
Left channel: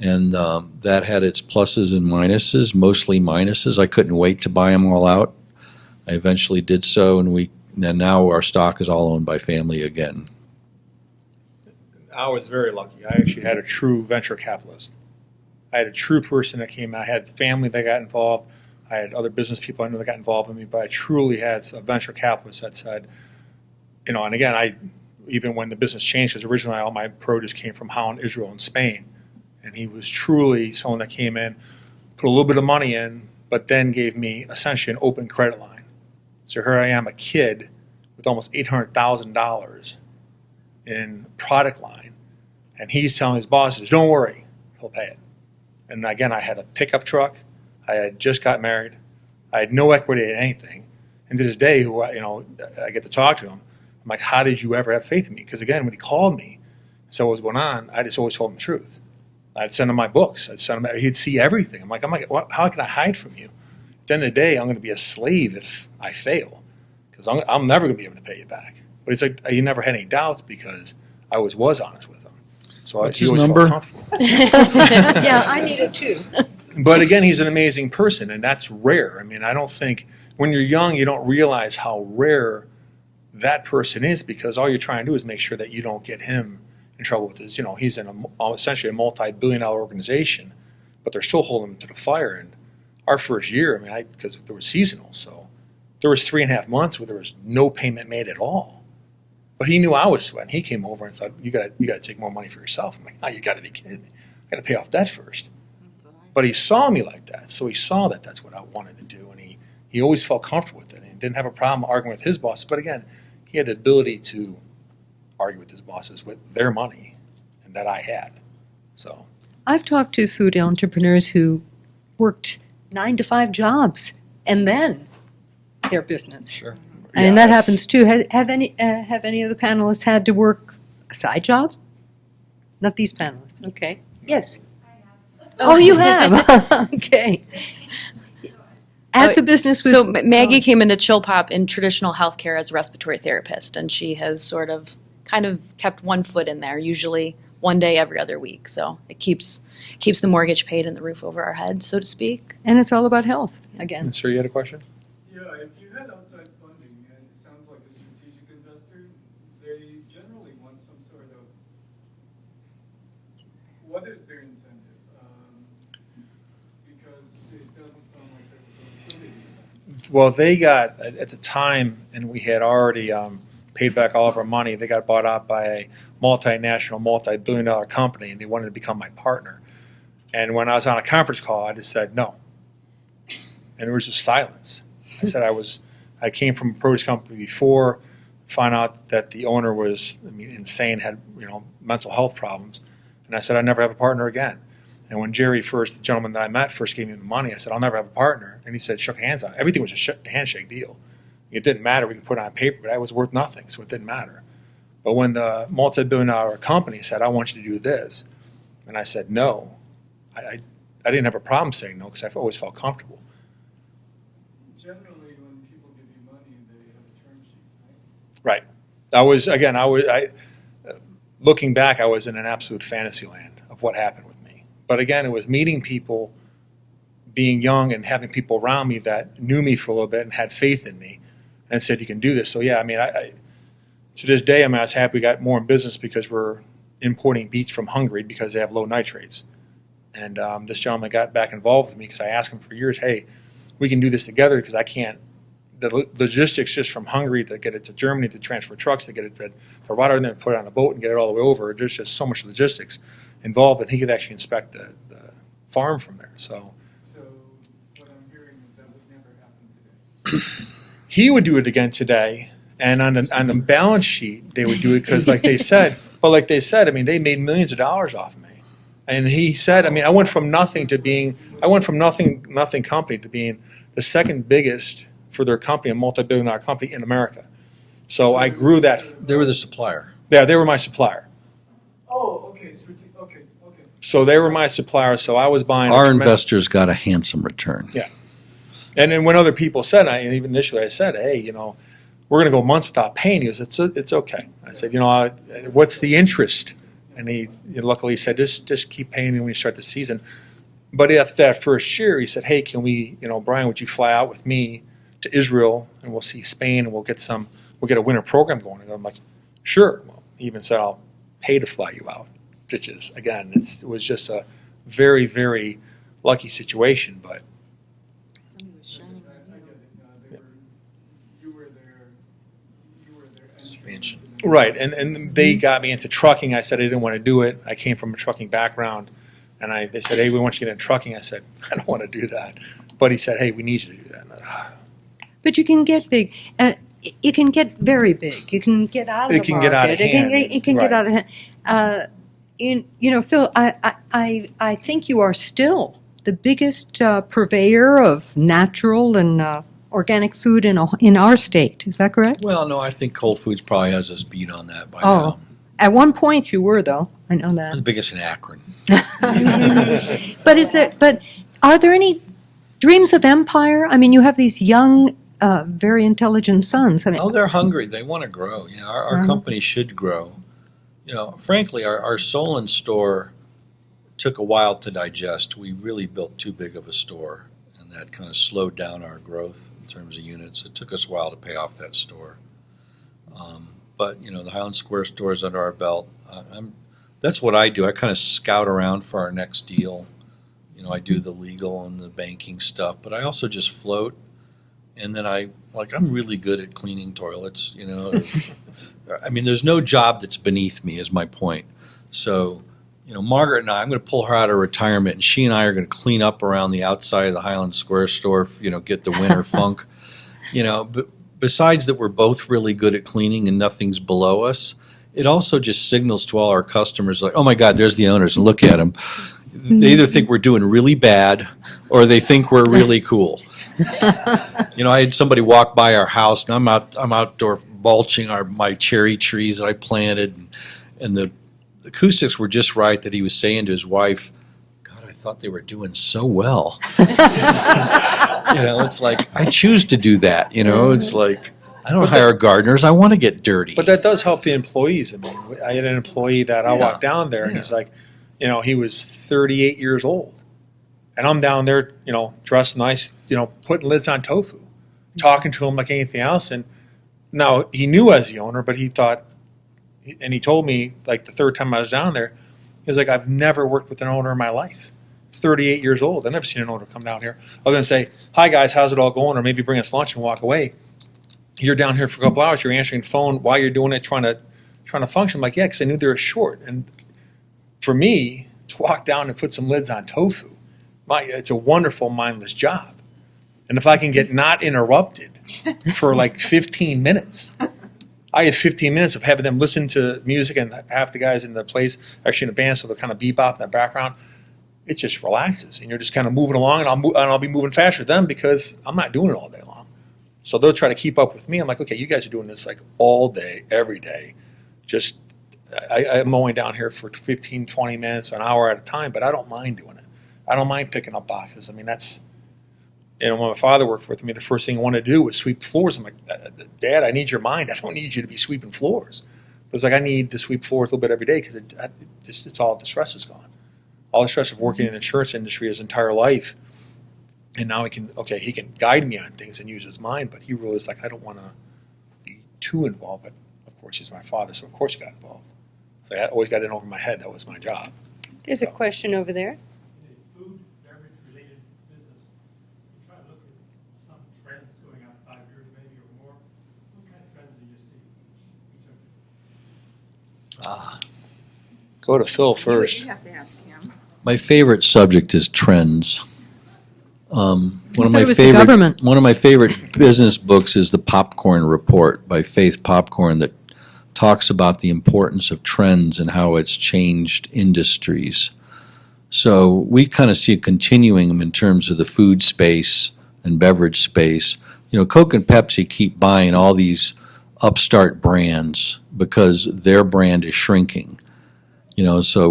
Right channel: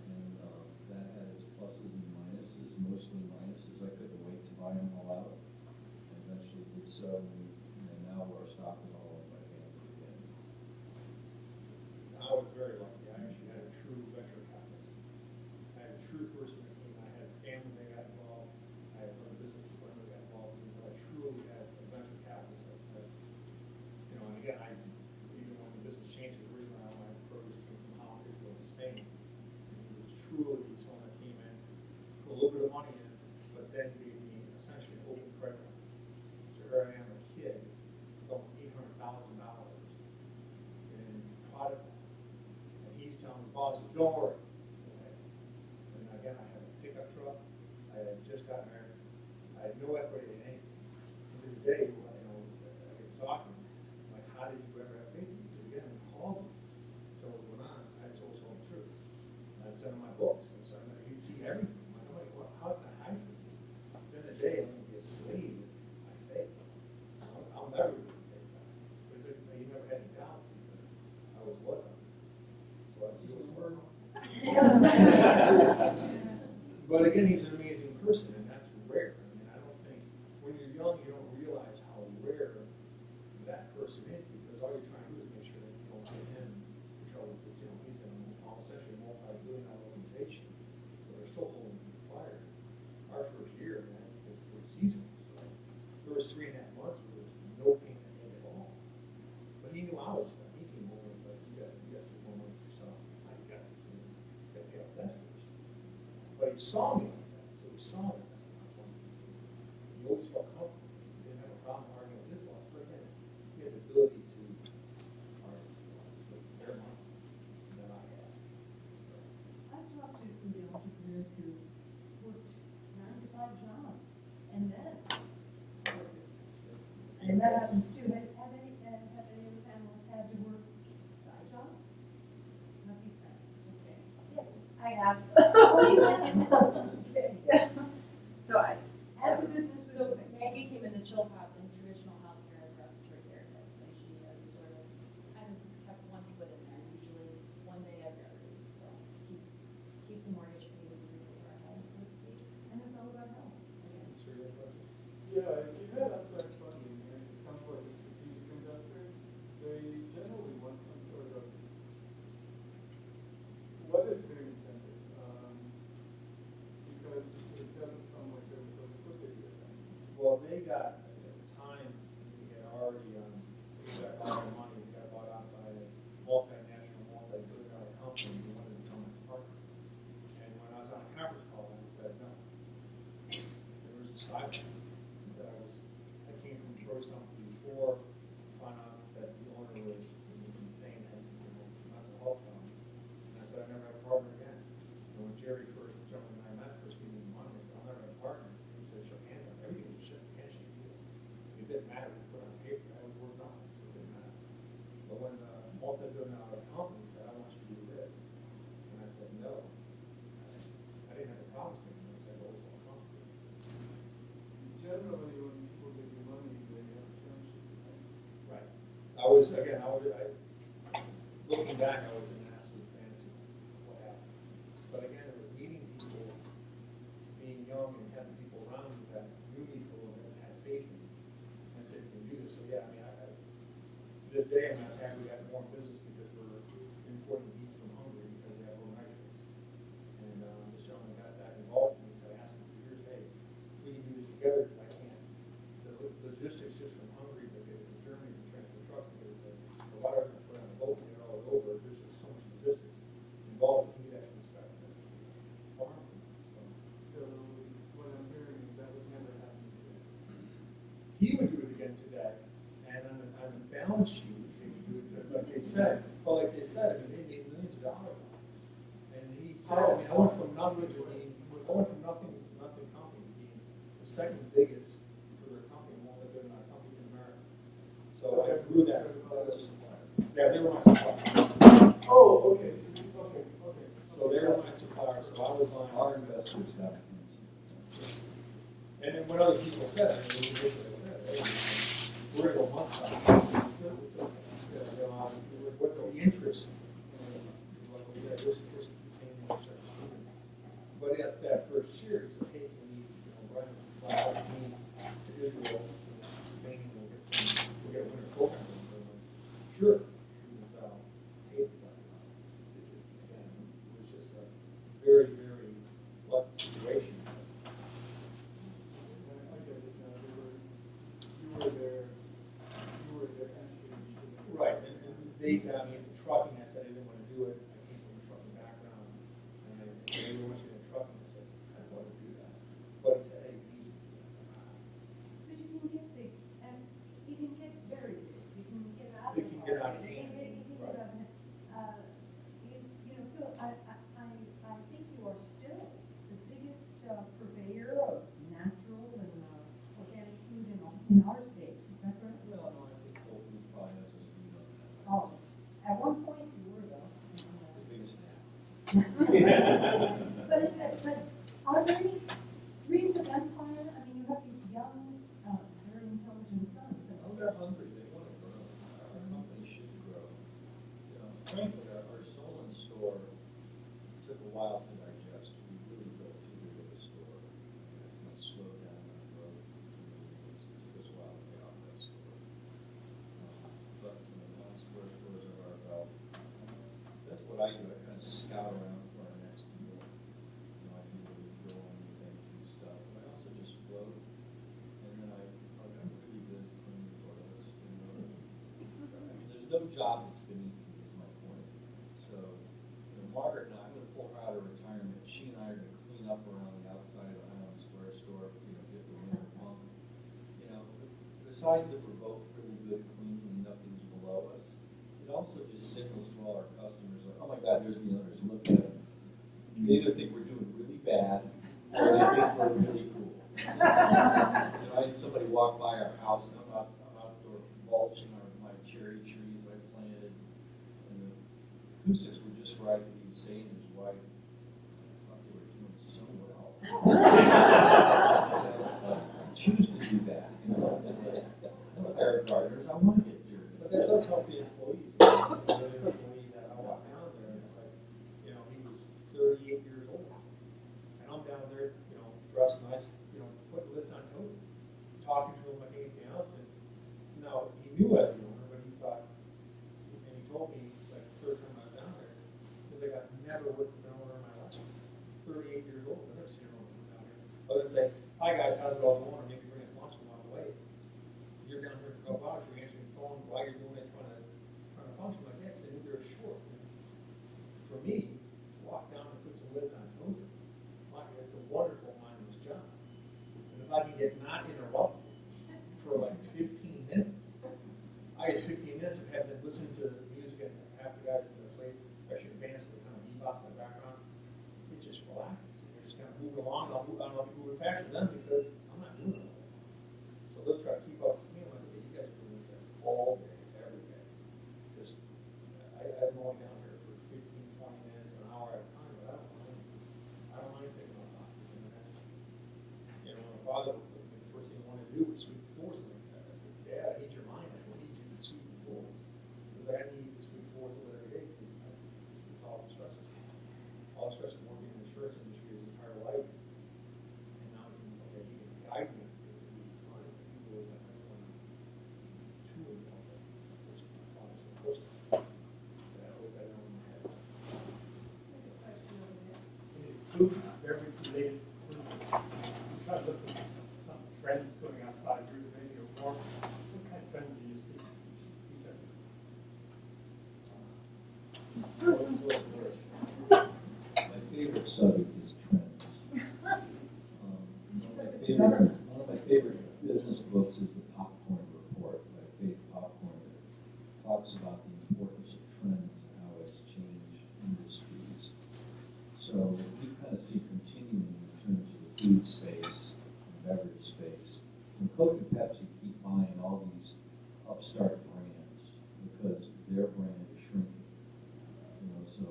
and that had its pluses and minuses, mostly minuses. I couldn't wait to buy them all out. I eventually did so, and now our stock is all owned by family again. I was very lucky. I actually had a true venture capitalist. I had a true person that came in. I had family that got involved. I had other business people I knew that got involved with me, but I truly had a venture capitalist that said, and again, even when the business changed, because originally all my produce came from Holland, Israel, and Spain, and he was truly someone that came in, put a little bit of money in, but then gave me essentially an open credit line. So here I am, a kid with almost $800,000 in product line. And he's telling his bosses, don't worry, he'll pay it. And again, I had a pickup truck. I had just got married. I had no equity in anything. And to this day, I get to talk to him. I'm like, how did you ever have faith in me? Because again, when he called me, said what was going on, I just always told him the truth. I'd send him my books. He'd see everything. I'm like, how can I hide from you? At the end of the day, I'm going to be a slave if I fail. Because I'm never going to be able to pay you back. But it's like, you never had any doubts because I was honest with him. So What's he his always number? felt comfortable. Yeah, I need it too. But again, he's an amazing person, and that's rare. I mean, I don't think when you're young, you don't realize how rare that person is because all you're trying to do is make sure that you don't get him in trouble with his, he's in essentially a multi-billion-dollar organization, but they're still holding him to the fire. And our first year, because there was seasonal, so there was 3.5 months where there was no payment made at all. But he knew I was sweating. He came over and thought, you got to take more money for yourself. I'm like, you got to be kidding me. I got to pay off debt first. But he saw me like that, so he saw that that's what I wanted to do, and he always felt comfortable with it. And didn't have a problem arguing with his bosses. But again, he had the ability to argue with his bosses with their money that I had. So I've talked to food entrepreneurs who worked 9 to 5 jobs and then their business. Sure. And Yeah, that that's- happens too. Have any of the panelists had to work a side job? Not these panelists. Okay. Yes. I have. Oh, you have. Okay. So I- As the business was. So Maggie came into Chill Pop in traditional healthcare as a respiratory therapist, and she has kind of kept one foot in there, usually one day every other week. So it keeps the mortgage paid and the roof over our heads, so to speak. And it's all about health again. Sir, you had a question? Yeah, if you had outside funding, and it sounds like a strategic investor, they generally want some sort of, what is their incentive? Because it doesn't sound like there's a liquidity in that. Well, they got, at the time, and we had already paid back all of our money, they got bought out by a multinational, multi-billion-dollar company, and they wanted to become my partner. And when I was on a conference call, I just said no. And there was just silence. I said I came from a produce company before, found out that the owner was insane, had mental health problems, and I said I'd never have a partner again. And when Jerry first, the gentleman that I met, first gave me the money, I said I'll never have a partner, and he said shook hands on it. Everything was a handshake deal. It didn't matter. We could put it on paper, but that was worth nothing, so it didn't matter. But when the multi-billion-dollar company said, I want you to do this, and I said no, I didn't have a problem saying no because I've always felt comfortable. Generally, when people give you money, they have a term sheet, Right. Looking back, I was in an absolute fantasy land of what happened with me. But again, it was meeting people, being young and having people around me that knew me for a little bit and had faith in me and said, you can do this. So yeah, I mean, to this day, I was happy we got more in business because we're importing beets from Hungary because they have low nitrates. And this gentleman got back involved with me because I asked him for years, hey, we can do this together because I can't, the logistics just from Hungary to get it to Germany, to transfer trucks, to get it to Rotterdam, and then put it on a boat and get it all the way over. There's just so much logistics involved, and he could actually inspect the farm from there. So what I'm hearing is that would never happen today. he would do it again today, and on the balance sheet they would do it because, like they said, I mean, they made millions of dollars off of me. And he said, I mean, I went from nothing company to being the second biggest for their company, a multi-billion-dollar company in America. So I grew that. They were the supplier. Yeah, they were my supplier. Oh, okay, okay. So they were my supplier, so I was buying. Our investors got a handsome return. Yeah. And then when other people said, and even initially I said, hey, we're going to go months without paying you. He said, it's okay. I said, what's the interest? And he luckily said, just keep paying me when you start the season. But after that first year, he said, hey, can we, Brian, would you fly out with me to Israel and we'll see Spain and we'll get a winter program going. And I'm like, sure. Well, he even said, I'll pay to fly you out. Which is, again, it was just a very, very lucky situation. But Expansion. right, and they got me into trucking. I said I didn't want to do it. I came from a trucking background, and they said, hey, we want you to get into trucking. I said, I don't want to do that. But he said, hey, we need you to do that. But you can get big. You can get very big. You can get out of the market. It can get out of hand. It can get out of hand. Phil, I think you are still the biggest purveyor of natural and organic food in our state. Is that correct? Well, no, I think Whole Foods probably has us beat on that by now. At one point you were, though. I know We're the that. biggest in Akron. But are there any dreams of empire? I mean, you have these young, very intelligent sons. I mean, Oh, they're hungry. They want to grow. Our company should grow. Frankly, our Solon store took a while to digest. We really built too big of a store, and that kind of slowed down our growth in terms of units. It took us a while to pay off that store. But the Highland Square store is under our belt. That's what I do. I kind of scout around for our next deal. I do the legal and the banking stuff, but I also just float. And then I'm really good at cleaning toilets, I mean, there's no job that's beneath me is my point. So, Margaret and I'm going to pull her out of retirement, and she and I are going to clean up around the outside of the Highland Square store, get the winter funk. But besides that we're both really good at cleaning and nothing's below us, it also just signals to all our customers like, oh my God, there's the owners, and look at them. They either think we're doing really bad or they think we're really cool. I had somebody walk by our house, and I'm outdoor mulching my cherry trees that I planted, and the acoustics were just right that he was saying to his wife, God, I thought they were doing so well. It's like, I choose to do that, it's like, I don't hire gardeners, I want to get dirty. But that does help the employees. I had an employee that I walked down there, and he's like, he was 38 years old. And I'm down there, dressed nice, putting lids on tofu, talking to him like anything else. And now he knew as the owner, but he thought, and he told me like the third time I was down there, he was like, I've never worked with an owner in my life. 38 years old. I've never seen an owner come down here. Other than say, hi guys, how's it all going? Or maybe bring us lunch and walk away. You're down here for a couple hours, you're answering the phone while you're doing it, trying to function. I'm like, yeah, because I knew they were short. And for me, to walk down and put some lids on tofu, it's a wonderful, mindless job. And if I can get not interrupted for like 15 minutes, I have 15 minutes of having them listen to music, and half the guys in the place actually in the band, so they're kind of bebop in the background. It just relaxes, and you're just kind of moving along, and I'll be moving faster than them because I'm not doing it all day long. So they'll try to keep up with me. I'm like, okay, you guys are doing this like all day, every day. Just, I'm mowing down here for 15, 20 minutes, an hour at a time, but I don't mind doing it. I don't mind picking up boxes. I mean, that's, when my father worked with me, the first thing he wanted to do was sweep floors. I'm like, Dad, I need your mind. I don't need you to be sweeping floors. But it's like, I need to sweep floors a little bit every day because it's all the stress is gone. All the stress of working in the insurance industry his entire life. And now he can guide me on things and use his mind, but he really is like, I don't want to be too involved. But of course, he's my father, so of course he got involved. So I always got in over my head. That was my job. There's a question over there. Food, beverage related business. I'm trying to look at some trends going on 5 years, maybe or more. What kind of trends do you see? Go to Phil first. You have to ask him. My favorite subject is trends. One of thought it was the government. my favorite business books is the Popcorn Report by Faith Popcorn that talks about the importance of trends and how it's changed industries. So we kind of see a continuing in terms of the food space and beverage space. Coke and Pepsi keep buying all these upstart brands because their brand is shrinking. So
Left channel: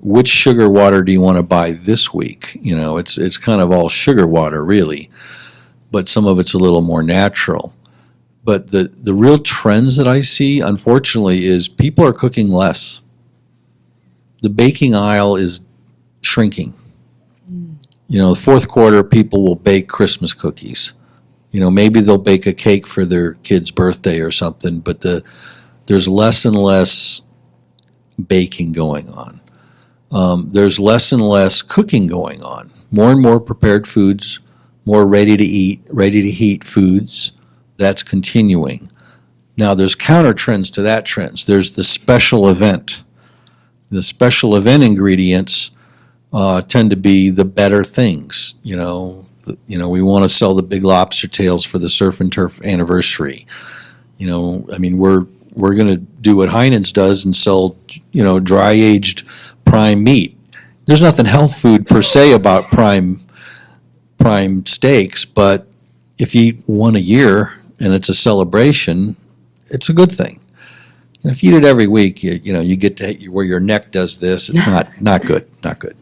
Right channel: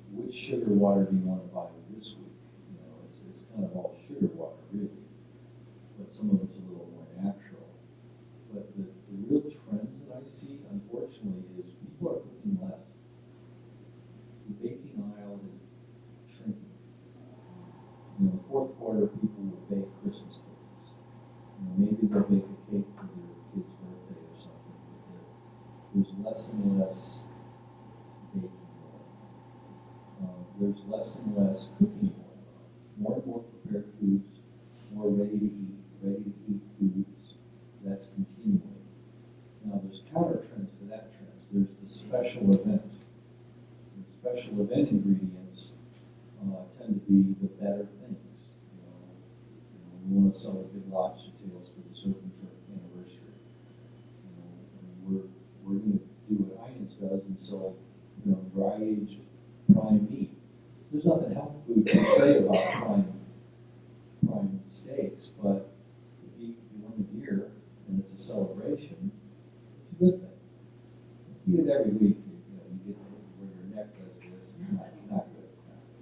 which sugar water do you want to buy this week? It's kind of all sugar water, really, but some of it's a little more natural. But the real trends that I see, unfortunately, is people are cooking less. The baking aisle is shrinking. The fourth quarter, people will bake Christmas cookies. Maybe they'll bake a cake for their kid's birthday or something, but there's less and less baking going on. There's less and less cooking going on. More and more prepared foods, more ready to eat, ready to heat foods. That's continuing. Now there's counter trends to that trends. There's the special event. The special event ingredients tend to be the better things. We want to sell the Big Lobster tails for the Surf and Turf anniversary. We're going to do what Heinen's does and sell, dry aged prime meat. There's nothing health food per se about prime steaks, but if you eat one a year and it's a celebration, it's a good thing. And if you eat it every week, you get to where your neck does this. It's not good, not good.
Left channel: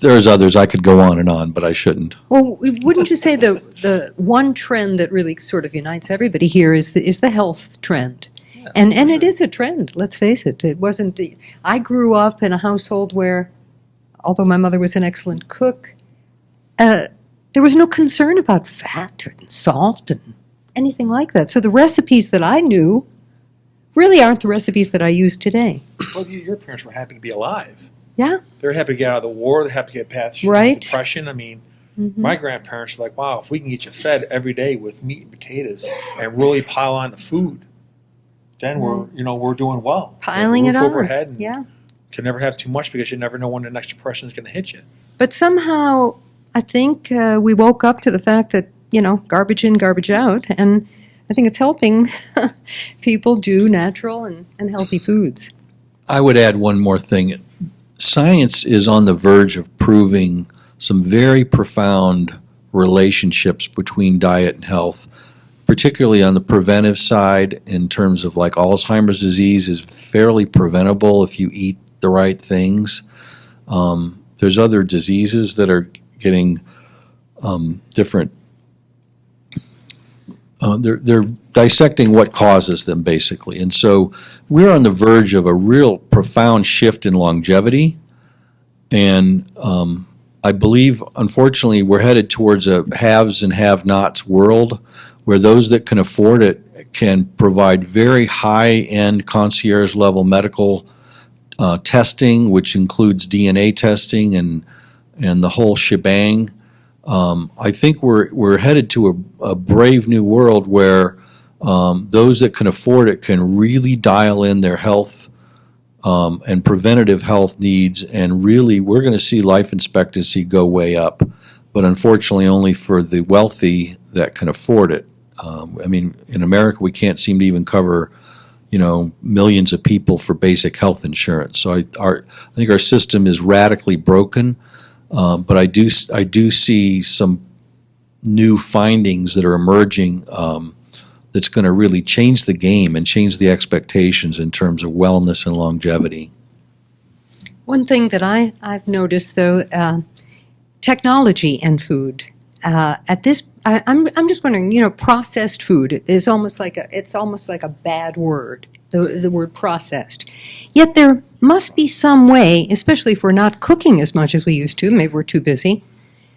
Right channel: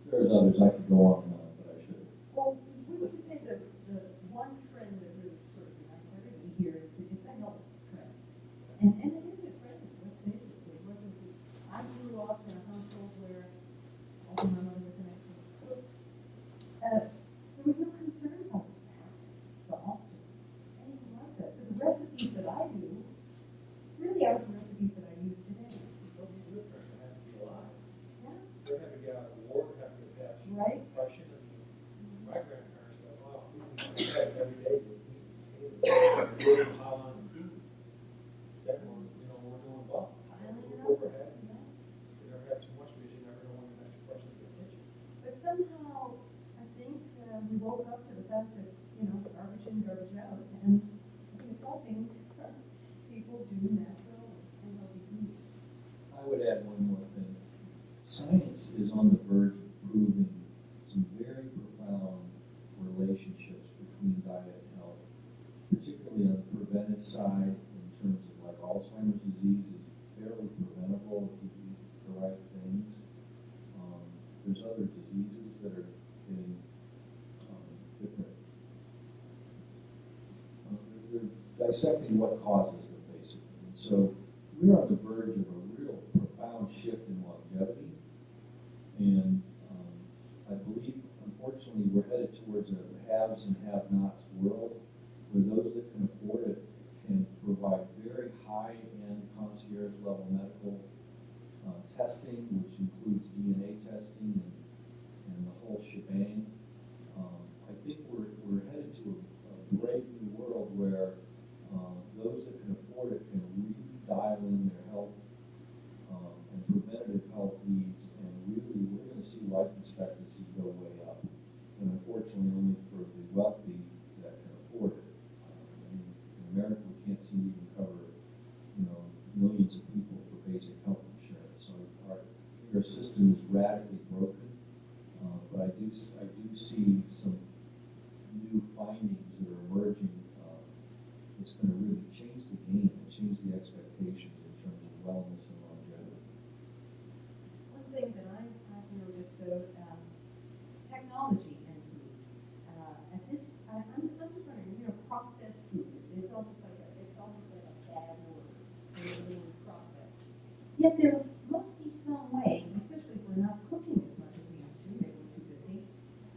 There's others I could go on and on, but I shouldn't. Well, wouldn't you say the one trend that really sort of unites everybody here is the health trend? Yeah, And it is a trend, let's face it. It wasn't, I grew up in a household where, although my mother was an excellent cook, there was no concern about fat and salt and anything like that. So the recipes that I knew really aren't the recipes that I use today. Well, your parents were happy to be alive. Yeah. They're happy to get out of the war. They're happy to get past Right. depression. My grandparents were like, wow, if we can get you fed every day with meat and potatoes and really pile on the food, then we're doing well. Piling it Roof on. overhead and Yeah. can never have too much because you never know when the next depression is going to hit you. But somehow, I think we woke up to the fact that, garbage in, garbage out. And I think it's helping people do natural and healthy foods. I would add one more thing. Science is on the verge of proving some very profound relationships between diet and health, particularly on the preventive side in terms of like Alzheimer's disease is fairly preventable if you eat the right things. There's other diseases that are getting different. They're dissecting what causes them, basically. And so we're on the verge of a real profound shift in longevity. And I believe, unfortunately, we're headed towards a haves and have-nots world where those that can afford it can provide very high-end concierge-level medical testing, which includes DNA testing and the whole shebang. I think we're headed to a brave new world where those that can afford it can really dial in their health and preventative health needs, and really we're going to see life expectancy go way up, but unfortunately only for the wealthy that can afford it. In America we can't seem to even cover millions of people for basic health insurance. So I think our system is radically broken. But I do see some new findings that are emerging that's going to really change the game and change the expectations in terms of wellness and longevity. One thing that I've noticed, though, technology and food. I'm just wondering, processed food is almost like a bad word, the word processed. Yet there must be some way, especially if we're not cooking as much as we used to, maybe we're too busy,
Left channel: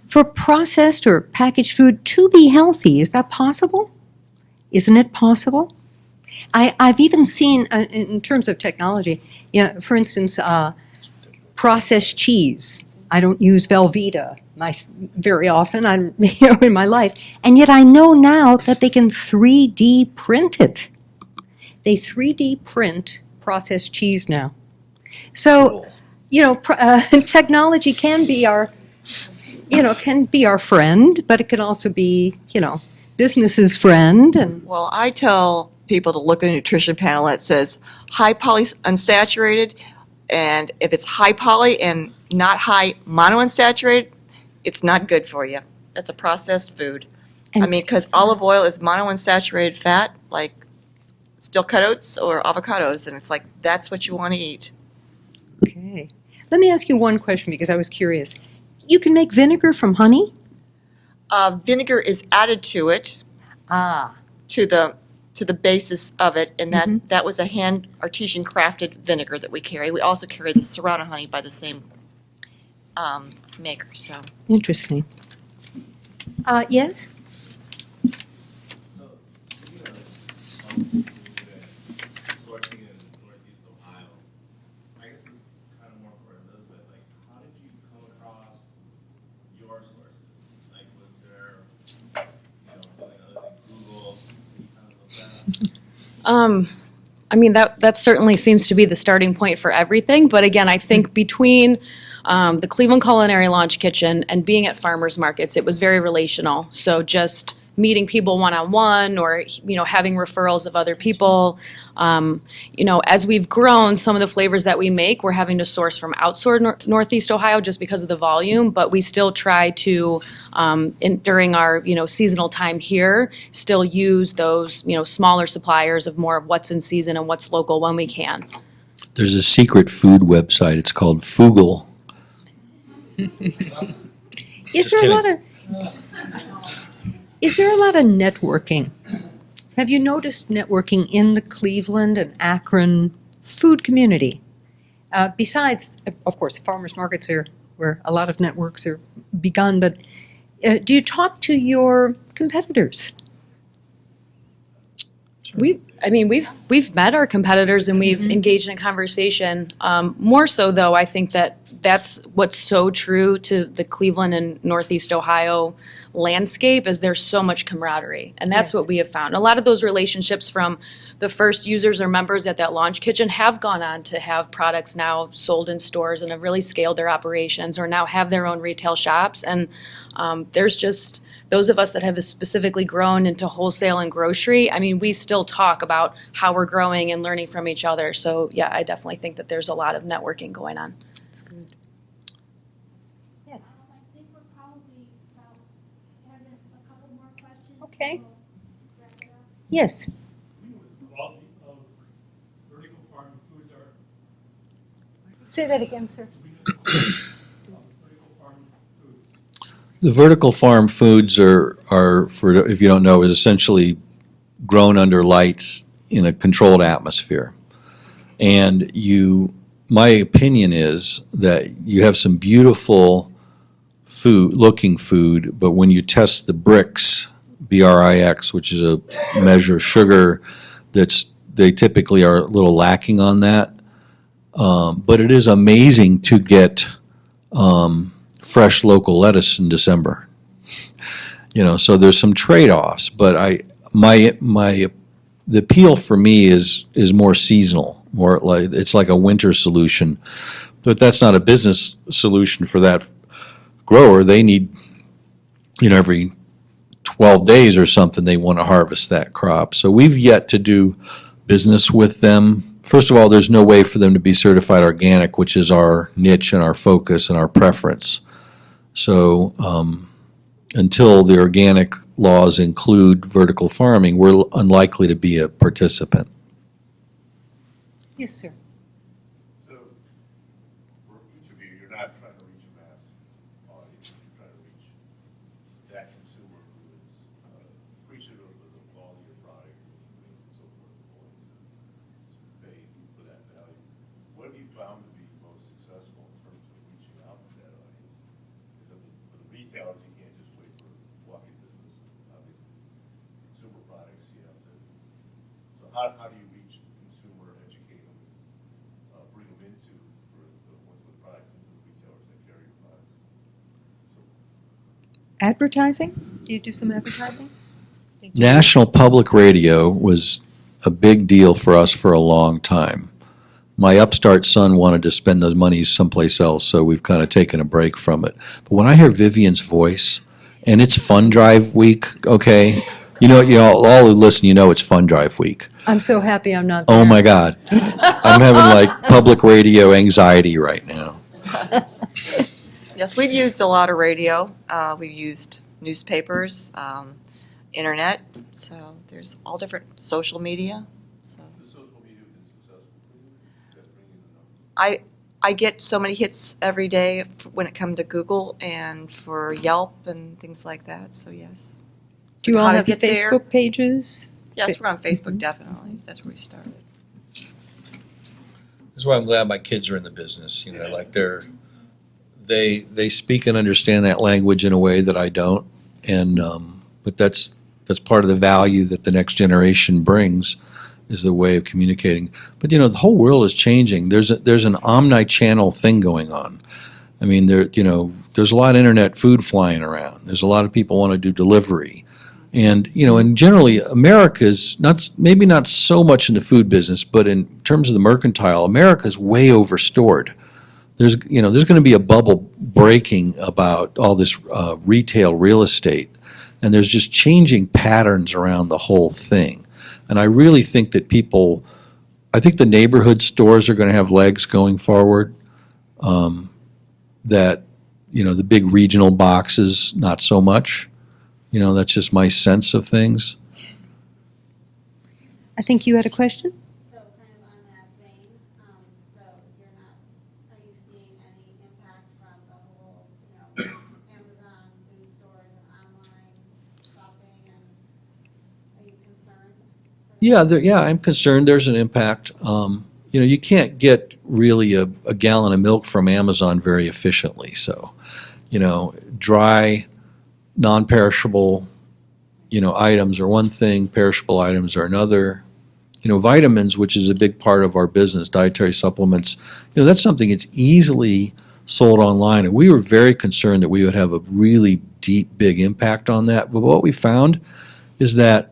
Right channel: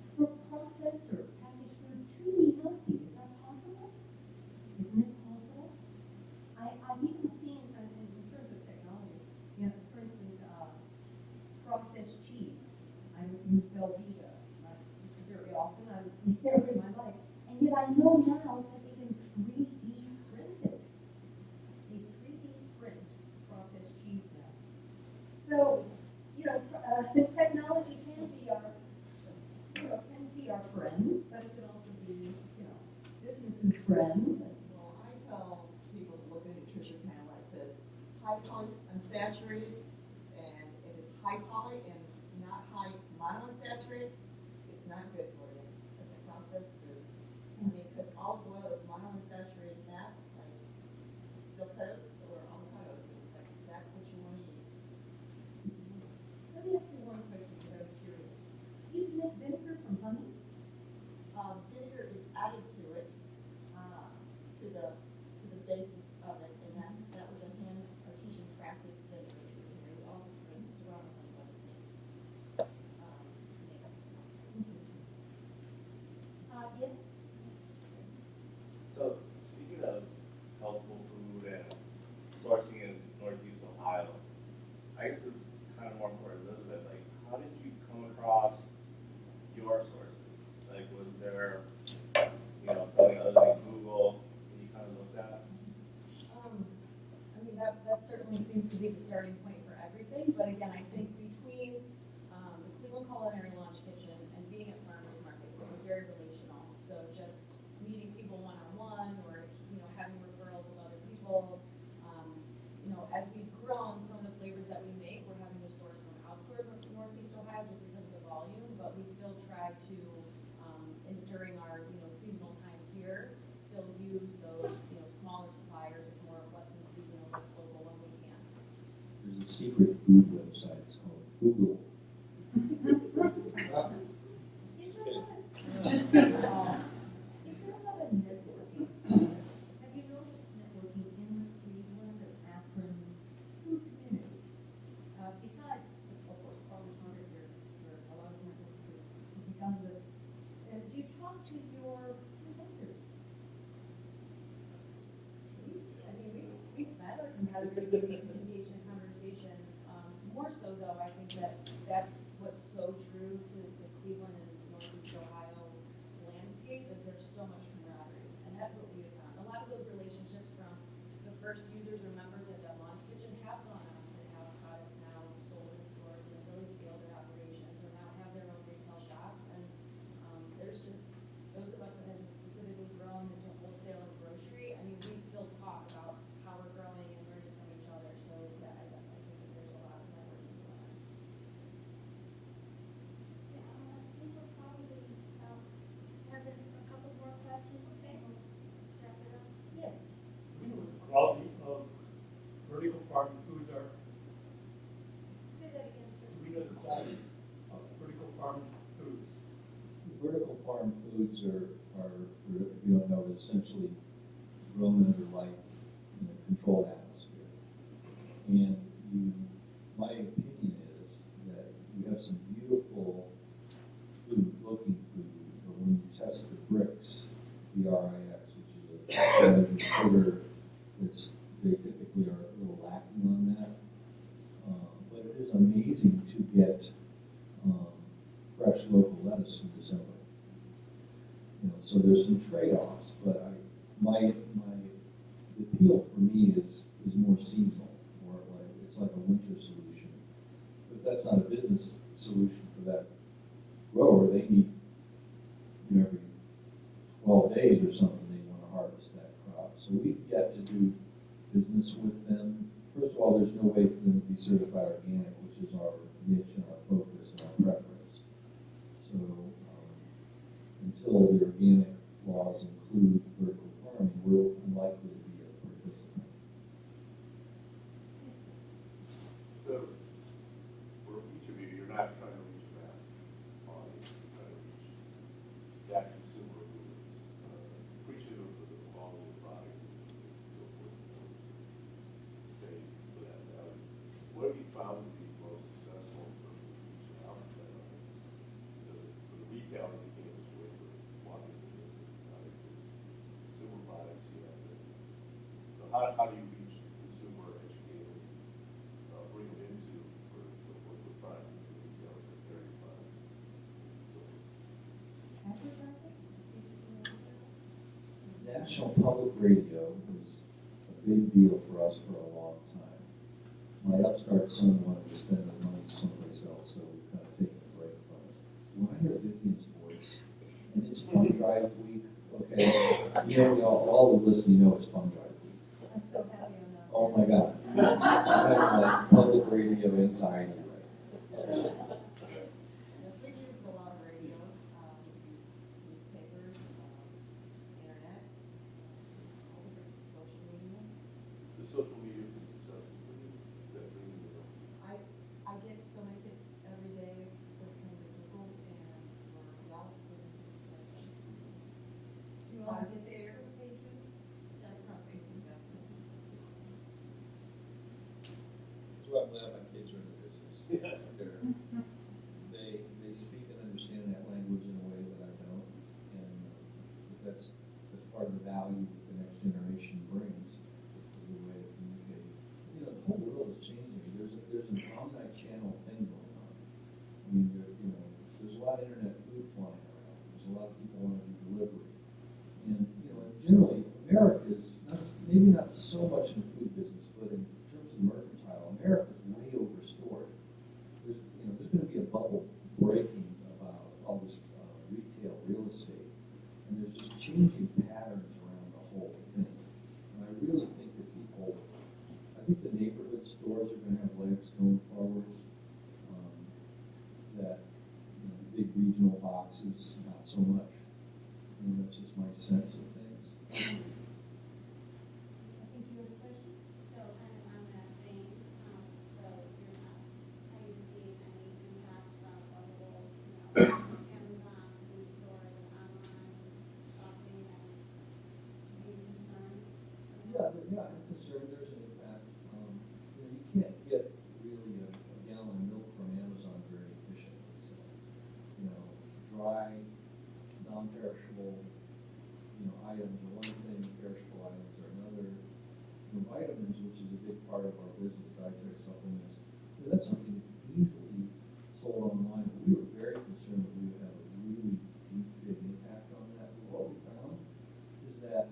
for processed or packaged food to be healthy. Is that possible? Isn't it possible? I've even seen, in terms of technology, for instance, processed cheese. I don't use Velveeta very often in my life, and yet I know now that they can 3D print it. They 3D print processed cheese now. So, technology can be our friend, but it can also be, business's friend. And Well, I tell people to look at a nutrition panel that says high poly unsaturated, and if it's high poly and not high monounsaturated, it's not good for you. That's a processed food. Because olive oil is monounsaturated fat, like steel cut oats or avocados, and it's like, that's what you want to eat. Okay. Let me ask you one question because I was curious. You can make vinegar from honey? Vinegar is added to it, to the basis of it, and that was a hand artesian crafted vinegar that we carry. We also carry the Serrano honey by the same maker. So Interesting. Yes? So, speaking of healthful food and sourcing in Northeast Ohio, I guess it's kind of more for Elizabeth. Like, how did you come across your sources? Like, was there, something other than Google that you kind of looked at? That certainly seems to be the starting point for everything. But again, I think between the Cleveland Culinary Launch Kitchen and being at farmers markets, it was very relational. So just meeting people one-on-one or, having referrals of other people. As we've grown, some of the flavors that we make, we're having to source from outside Northeast Ohio just because of the volume, but we still try to, during our, seasonal time here, still use those, smaller suppliers of more of what's in season and what's local when we can. There's a secret food website. It's called Fugle. Is there a lot of networking? Have you noticed networking in the Cleveland and Akron food community? Besides, of course, farmers markets are where a lot of networks are begun, but do you talk to your competitors? We've met our competitors and we've engaged in a conversation. More so, though, I think that's what's so true to the Cleveland and Northeast Ohio landscape is there's so much camaraderie, and that's what we have found. A lot of those relationships from the first users or members at that launch kitchen have gone on to have products now sold in stores and have really scaled their operations or now have their own retail shops. And there's just those of us that have specifically grown into wholesale and grocery, we still talk about how we're growing and learning from each other. So yeah, I definitely think that there's a lot of networking going on. That's good. Yes. I think we're probably have a couple more questions. Okay. Yes. We know what the quality of vertical farm foods are. Say that again, sir. We know the quality of vertical farm foods. The vertical farm foods are for, if you don't know, is essentially grown under lights in a controlled atmosphere. And my opinion is that you have some beautiful looking food, but when you test the BRICS, B-R-I-X, which is a measure of sugar, they typically are a little lacking on that. But it is amazing to get fresh local lettuce in December. So there's some trade-offs, but the appeal for me is more seasonal, more like it's like a winter solution. But that's not a business solution for that grower. They need, every 12 days or something, they want to harvest that crop. So we've yet to do business with them. First of all, there's no way for them to be certified organic, which is our niche and our focus and our preference. So until the organic laws include vertical farming, we're unlikely to be a participant. Yes, sir. So, for each of you, you're not trying to reach mass audience, you're trying to reach that consumer who is appreciative of the quality of the product and so forth, pay for that value. What have you found to be most successful in terms of reaching out to that audience? So for the retailers, you can't just wait for walk-in business, obviously. Consumer products, you have to. So how do you reach the consumer, educate them, bring them into, or work with products into the retailers that carry your product? So Advertising? Do you do some advertising? National Public Radio was a big deal for us for a long time. My upstart son wanted to spend those monies someplace else, so we've kind of taken a break from it. But when I hear Vivian's voice, and it's Fund Drive Week, okay? You know, all who listen, you know it's Fund Drive Week. I'm so happy I'm not there. Oh my God. I'm having like public radio anxiety right now. Yes, we've used a lot of radio. We've used newspapers, internet. So there's all different social media. So the social media been successful for you? Is that bringing the numbers? I get so many hits every day when it comes to Google and for Yelp and things like that. So yes. Do you all How to have get there? Facebook pages? Yes, we're on Facebook definitely. That's where we started. That's why I'm glad my kids are in the business. You know, like they speak and understand that language in a way that I don't, and but that's part of the value that the next generation brings, is the way of communicating. But you know, the whole world is changing. There's an omni-channel thing going on. I mean, there's a lot of internet food flying around. There's a lot of people want to do delivery. And, you know, and generally America's maybe not so much in the food business, but in terms of the mercantile, America's way overstored. There's going to be a bubble breaking about all this retail real estate, and there's just changing patterns around the whole thing. And I really think that I think the neighborhood stores are going to have legs going forward. That, you know, the big regional boxes, not so much. You know, that's just my sense of things. I think you had a question? So kind of on that vein, so are you seeing any impact from the whole, Amazon food stores and online shopping, and are you concerned? Yeah, I'm concerned there's an impact. You know, you can't get really a gallon of milk from Amazon very efficiently. So, you know, dry, non-perishable, you know, items are one thing, perishable items are another. You know, vitamins, which is a big part of our business, dietary supplements, you know, that's something that's easily sold online. And we were very concerned that we would have a really deep, big impact on that. But what we found is that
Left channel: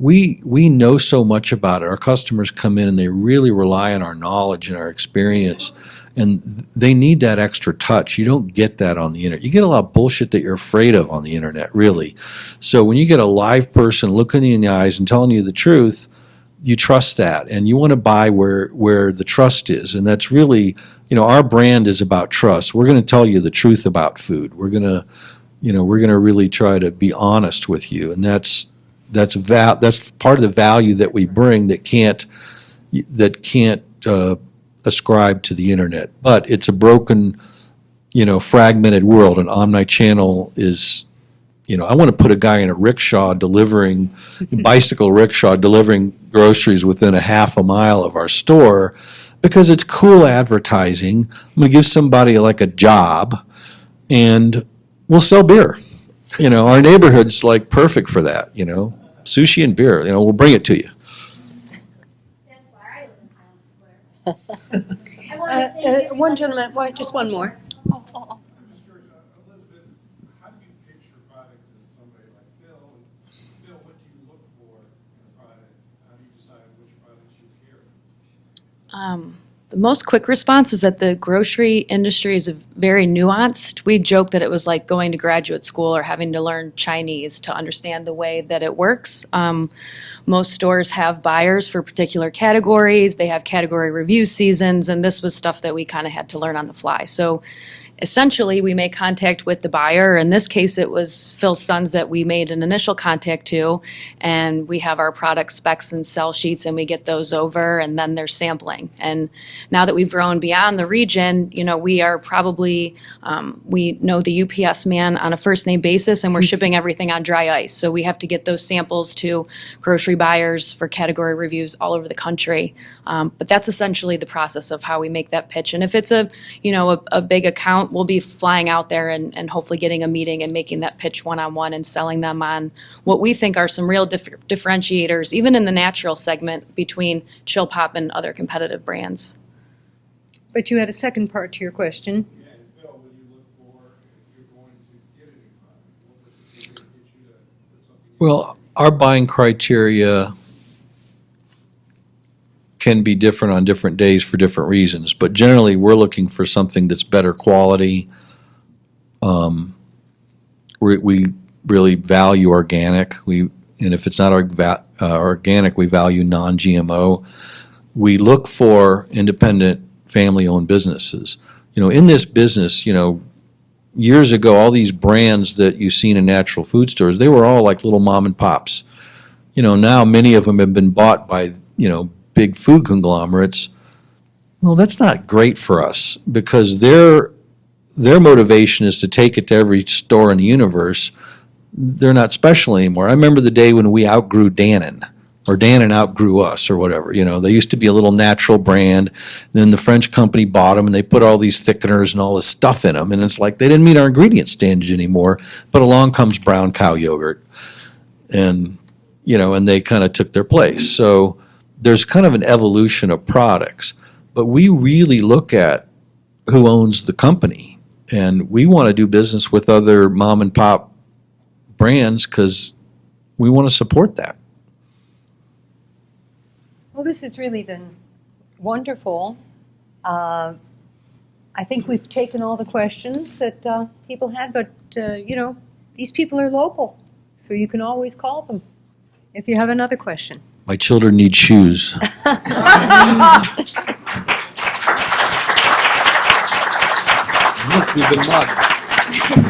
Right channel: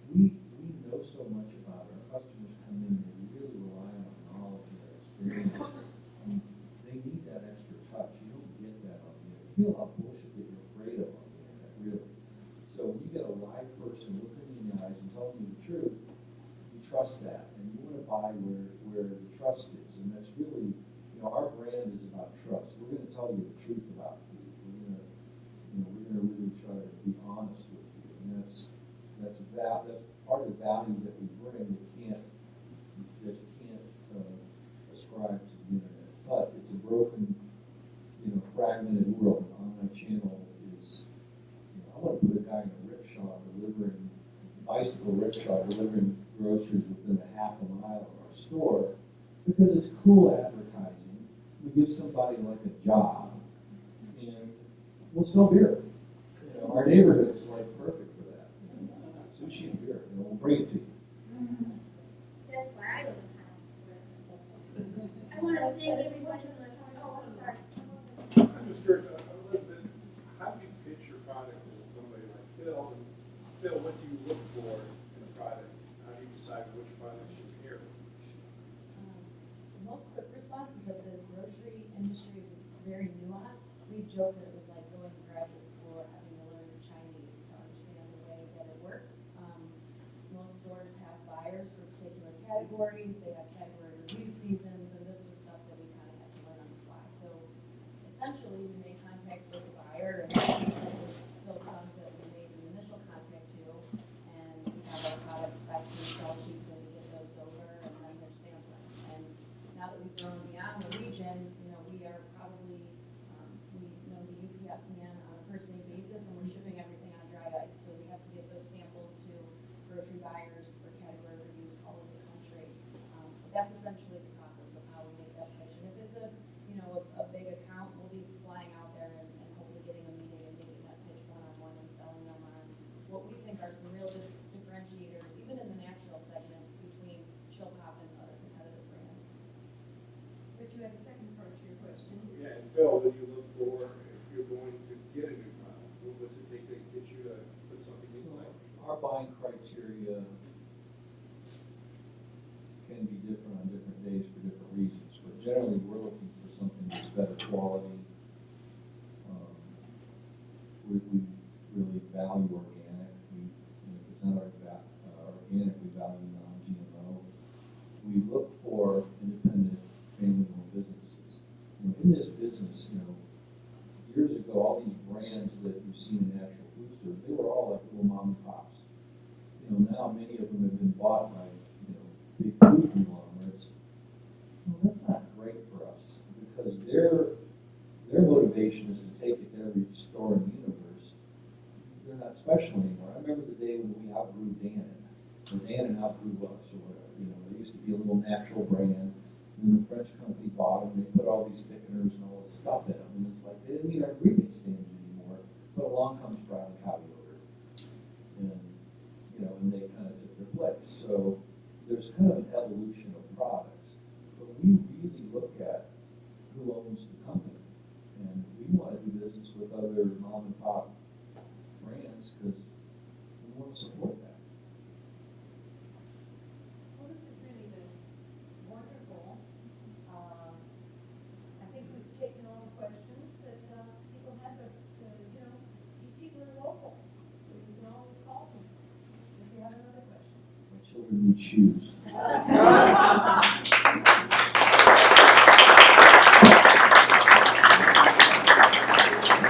we know so much about it. Our customers come in and they really rely on our knowledge and our experience. And they need that extra touch. You don't get that on the internet. You get a lot of bullshit that you're afraid of on the internet, really. So when you get a live person looking you in the eyes and telling you the truth, you trust that. And you want to buy where the trust is. And that's really, you know, our brand is about trust. We're going to tell you the truth about food. We're going to really try to be honest with you. And that's part of the value that we bring that can't ascribe to the internet. But it's a broken, you know, fragmented world. And omni-channel is, you know, I want to put a guy in a bicycle rickshaw delivering groceries within a half a mile of our store because it's cool advertising. I'm going to give somebody like a job and we'll sell beer. You know, our neighborhood's like perfect for that, you know, sushi and beer, you know, we'll bring it to you. That's why I live in Highland Square. I wanna thank everybody. One gentleman, just one more. I'm just curious, Elizabeth, how do you pitch your product to somebody like Phil? And Phil, what do you look for in a product? How do you decide which products you carry? The most quick response is that the grocery industry is very nuanced. We joke that it was like going to graduate school or having to learn Chinese to understand the way that it works. Most stores have buyers for particular categories. They have category review seasons, and this was stuff that we kind of had to learn on the fly. So essentially, we make contact with the buyer. In this case, it was Phil's Sons that we made an initial contact to, and we have our product specs and sell sheets, and we get those over, and then there's sampling. And now that we've grown beyond the region, we are probably, we know the UPS man on a first-name basis, and we're shipping everything on dry ice. So we have to get those samples to grocery buyers for category reviews all over the country. But that's essentially the process of how we make that pitch. And if it's a big account, we'll be flying out there and hopefully getting a meeting and making that pitch one-on-one and selling them on what we think are some real differentiators, even in the natural segment, between Chill Pop and other competitive brands. But you had a second part to your question. Yeah, and Phil, what do you look for if you're going to get a new product? What was it that could get you to put something in? Well, our buying criteria can be different on different days for different reasons, but generally we're looking for something that's better quality. We really value organic. And if it's not organic, we value non-GMO. We look for independent, family-owned businesses. In this business, years ago, all these brands that you've seen in natural food stores, they were all like little mom and pops. Now many of them have been bought by, big food conglomerates. Well, that's not great for us because their motivation is to take it to every store in the universe. They're not special anymore. I remember the day when we outgrew Dannon, or Dannon outgrew us, or whatever. They used to be a little natural brand. Then the French company bought them, and they put all these thickeners and all this stuff in them. And it's like they didn't meet our ingredient standards anymore. But along comes brown cow yogurt, and and they kind of took their place. So there's kind of an evolution of products. But we really look at who owns the company, and we want to do business with other mom and pop brands because we want to support that. Well, this has really been wonderful. I think we've taken all the questions that people had, but these people are local, so you can always call them if you have another question. My children need shoes. You've been lucky.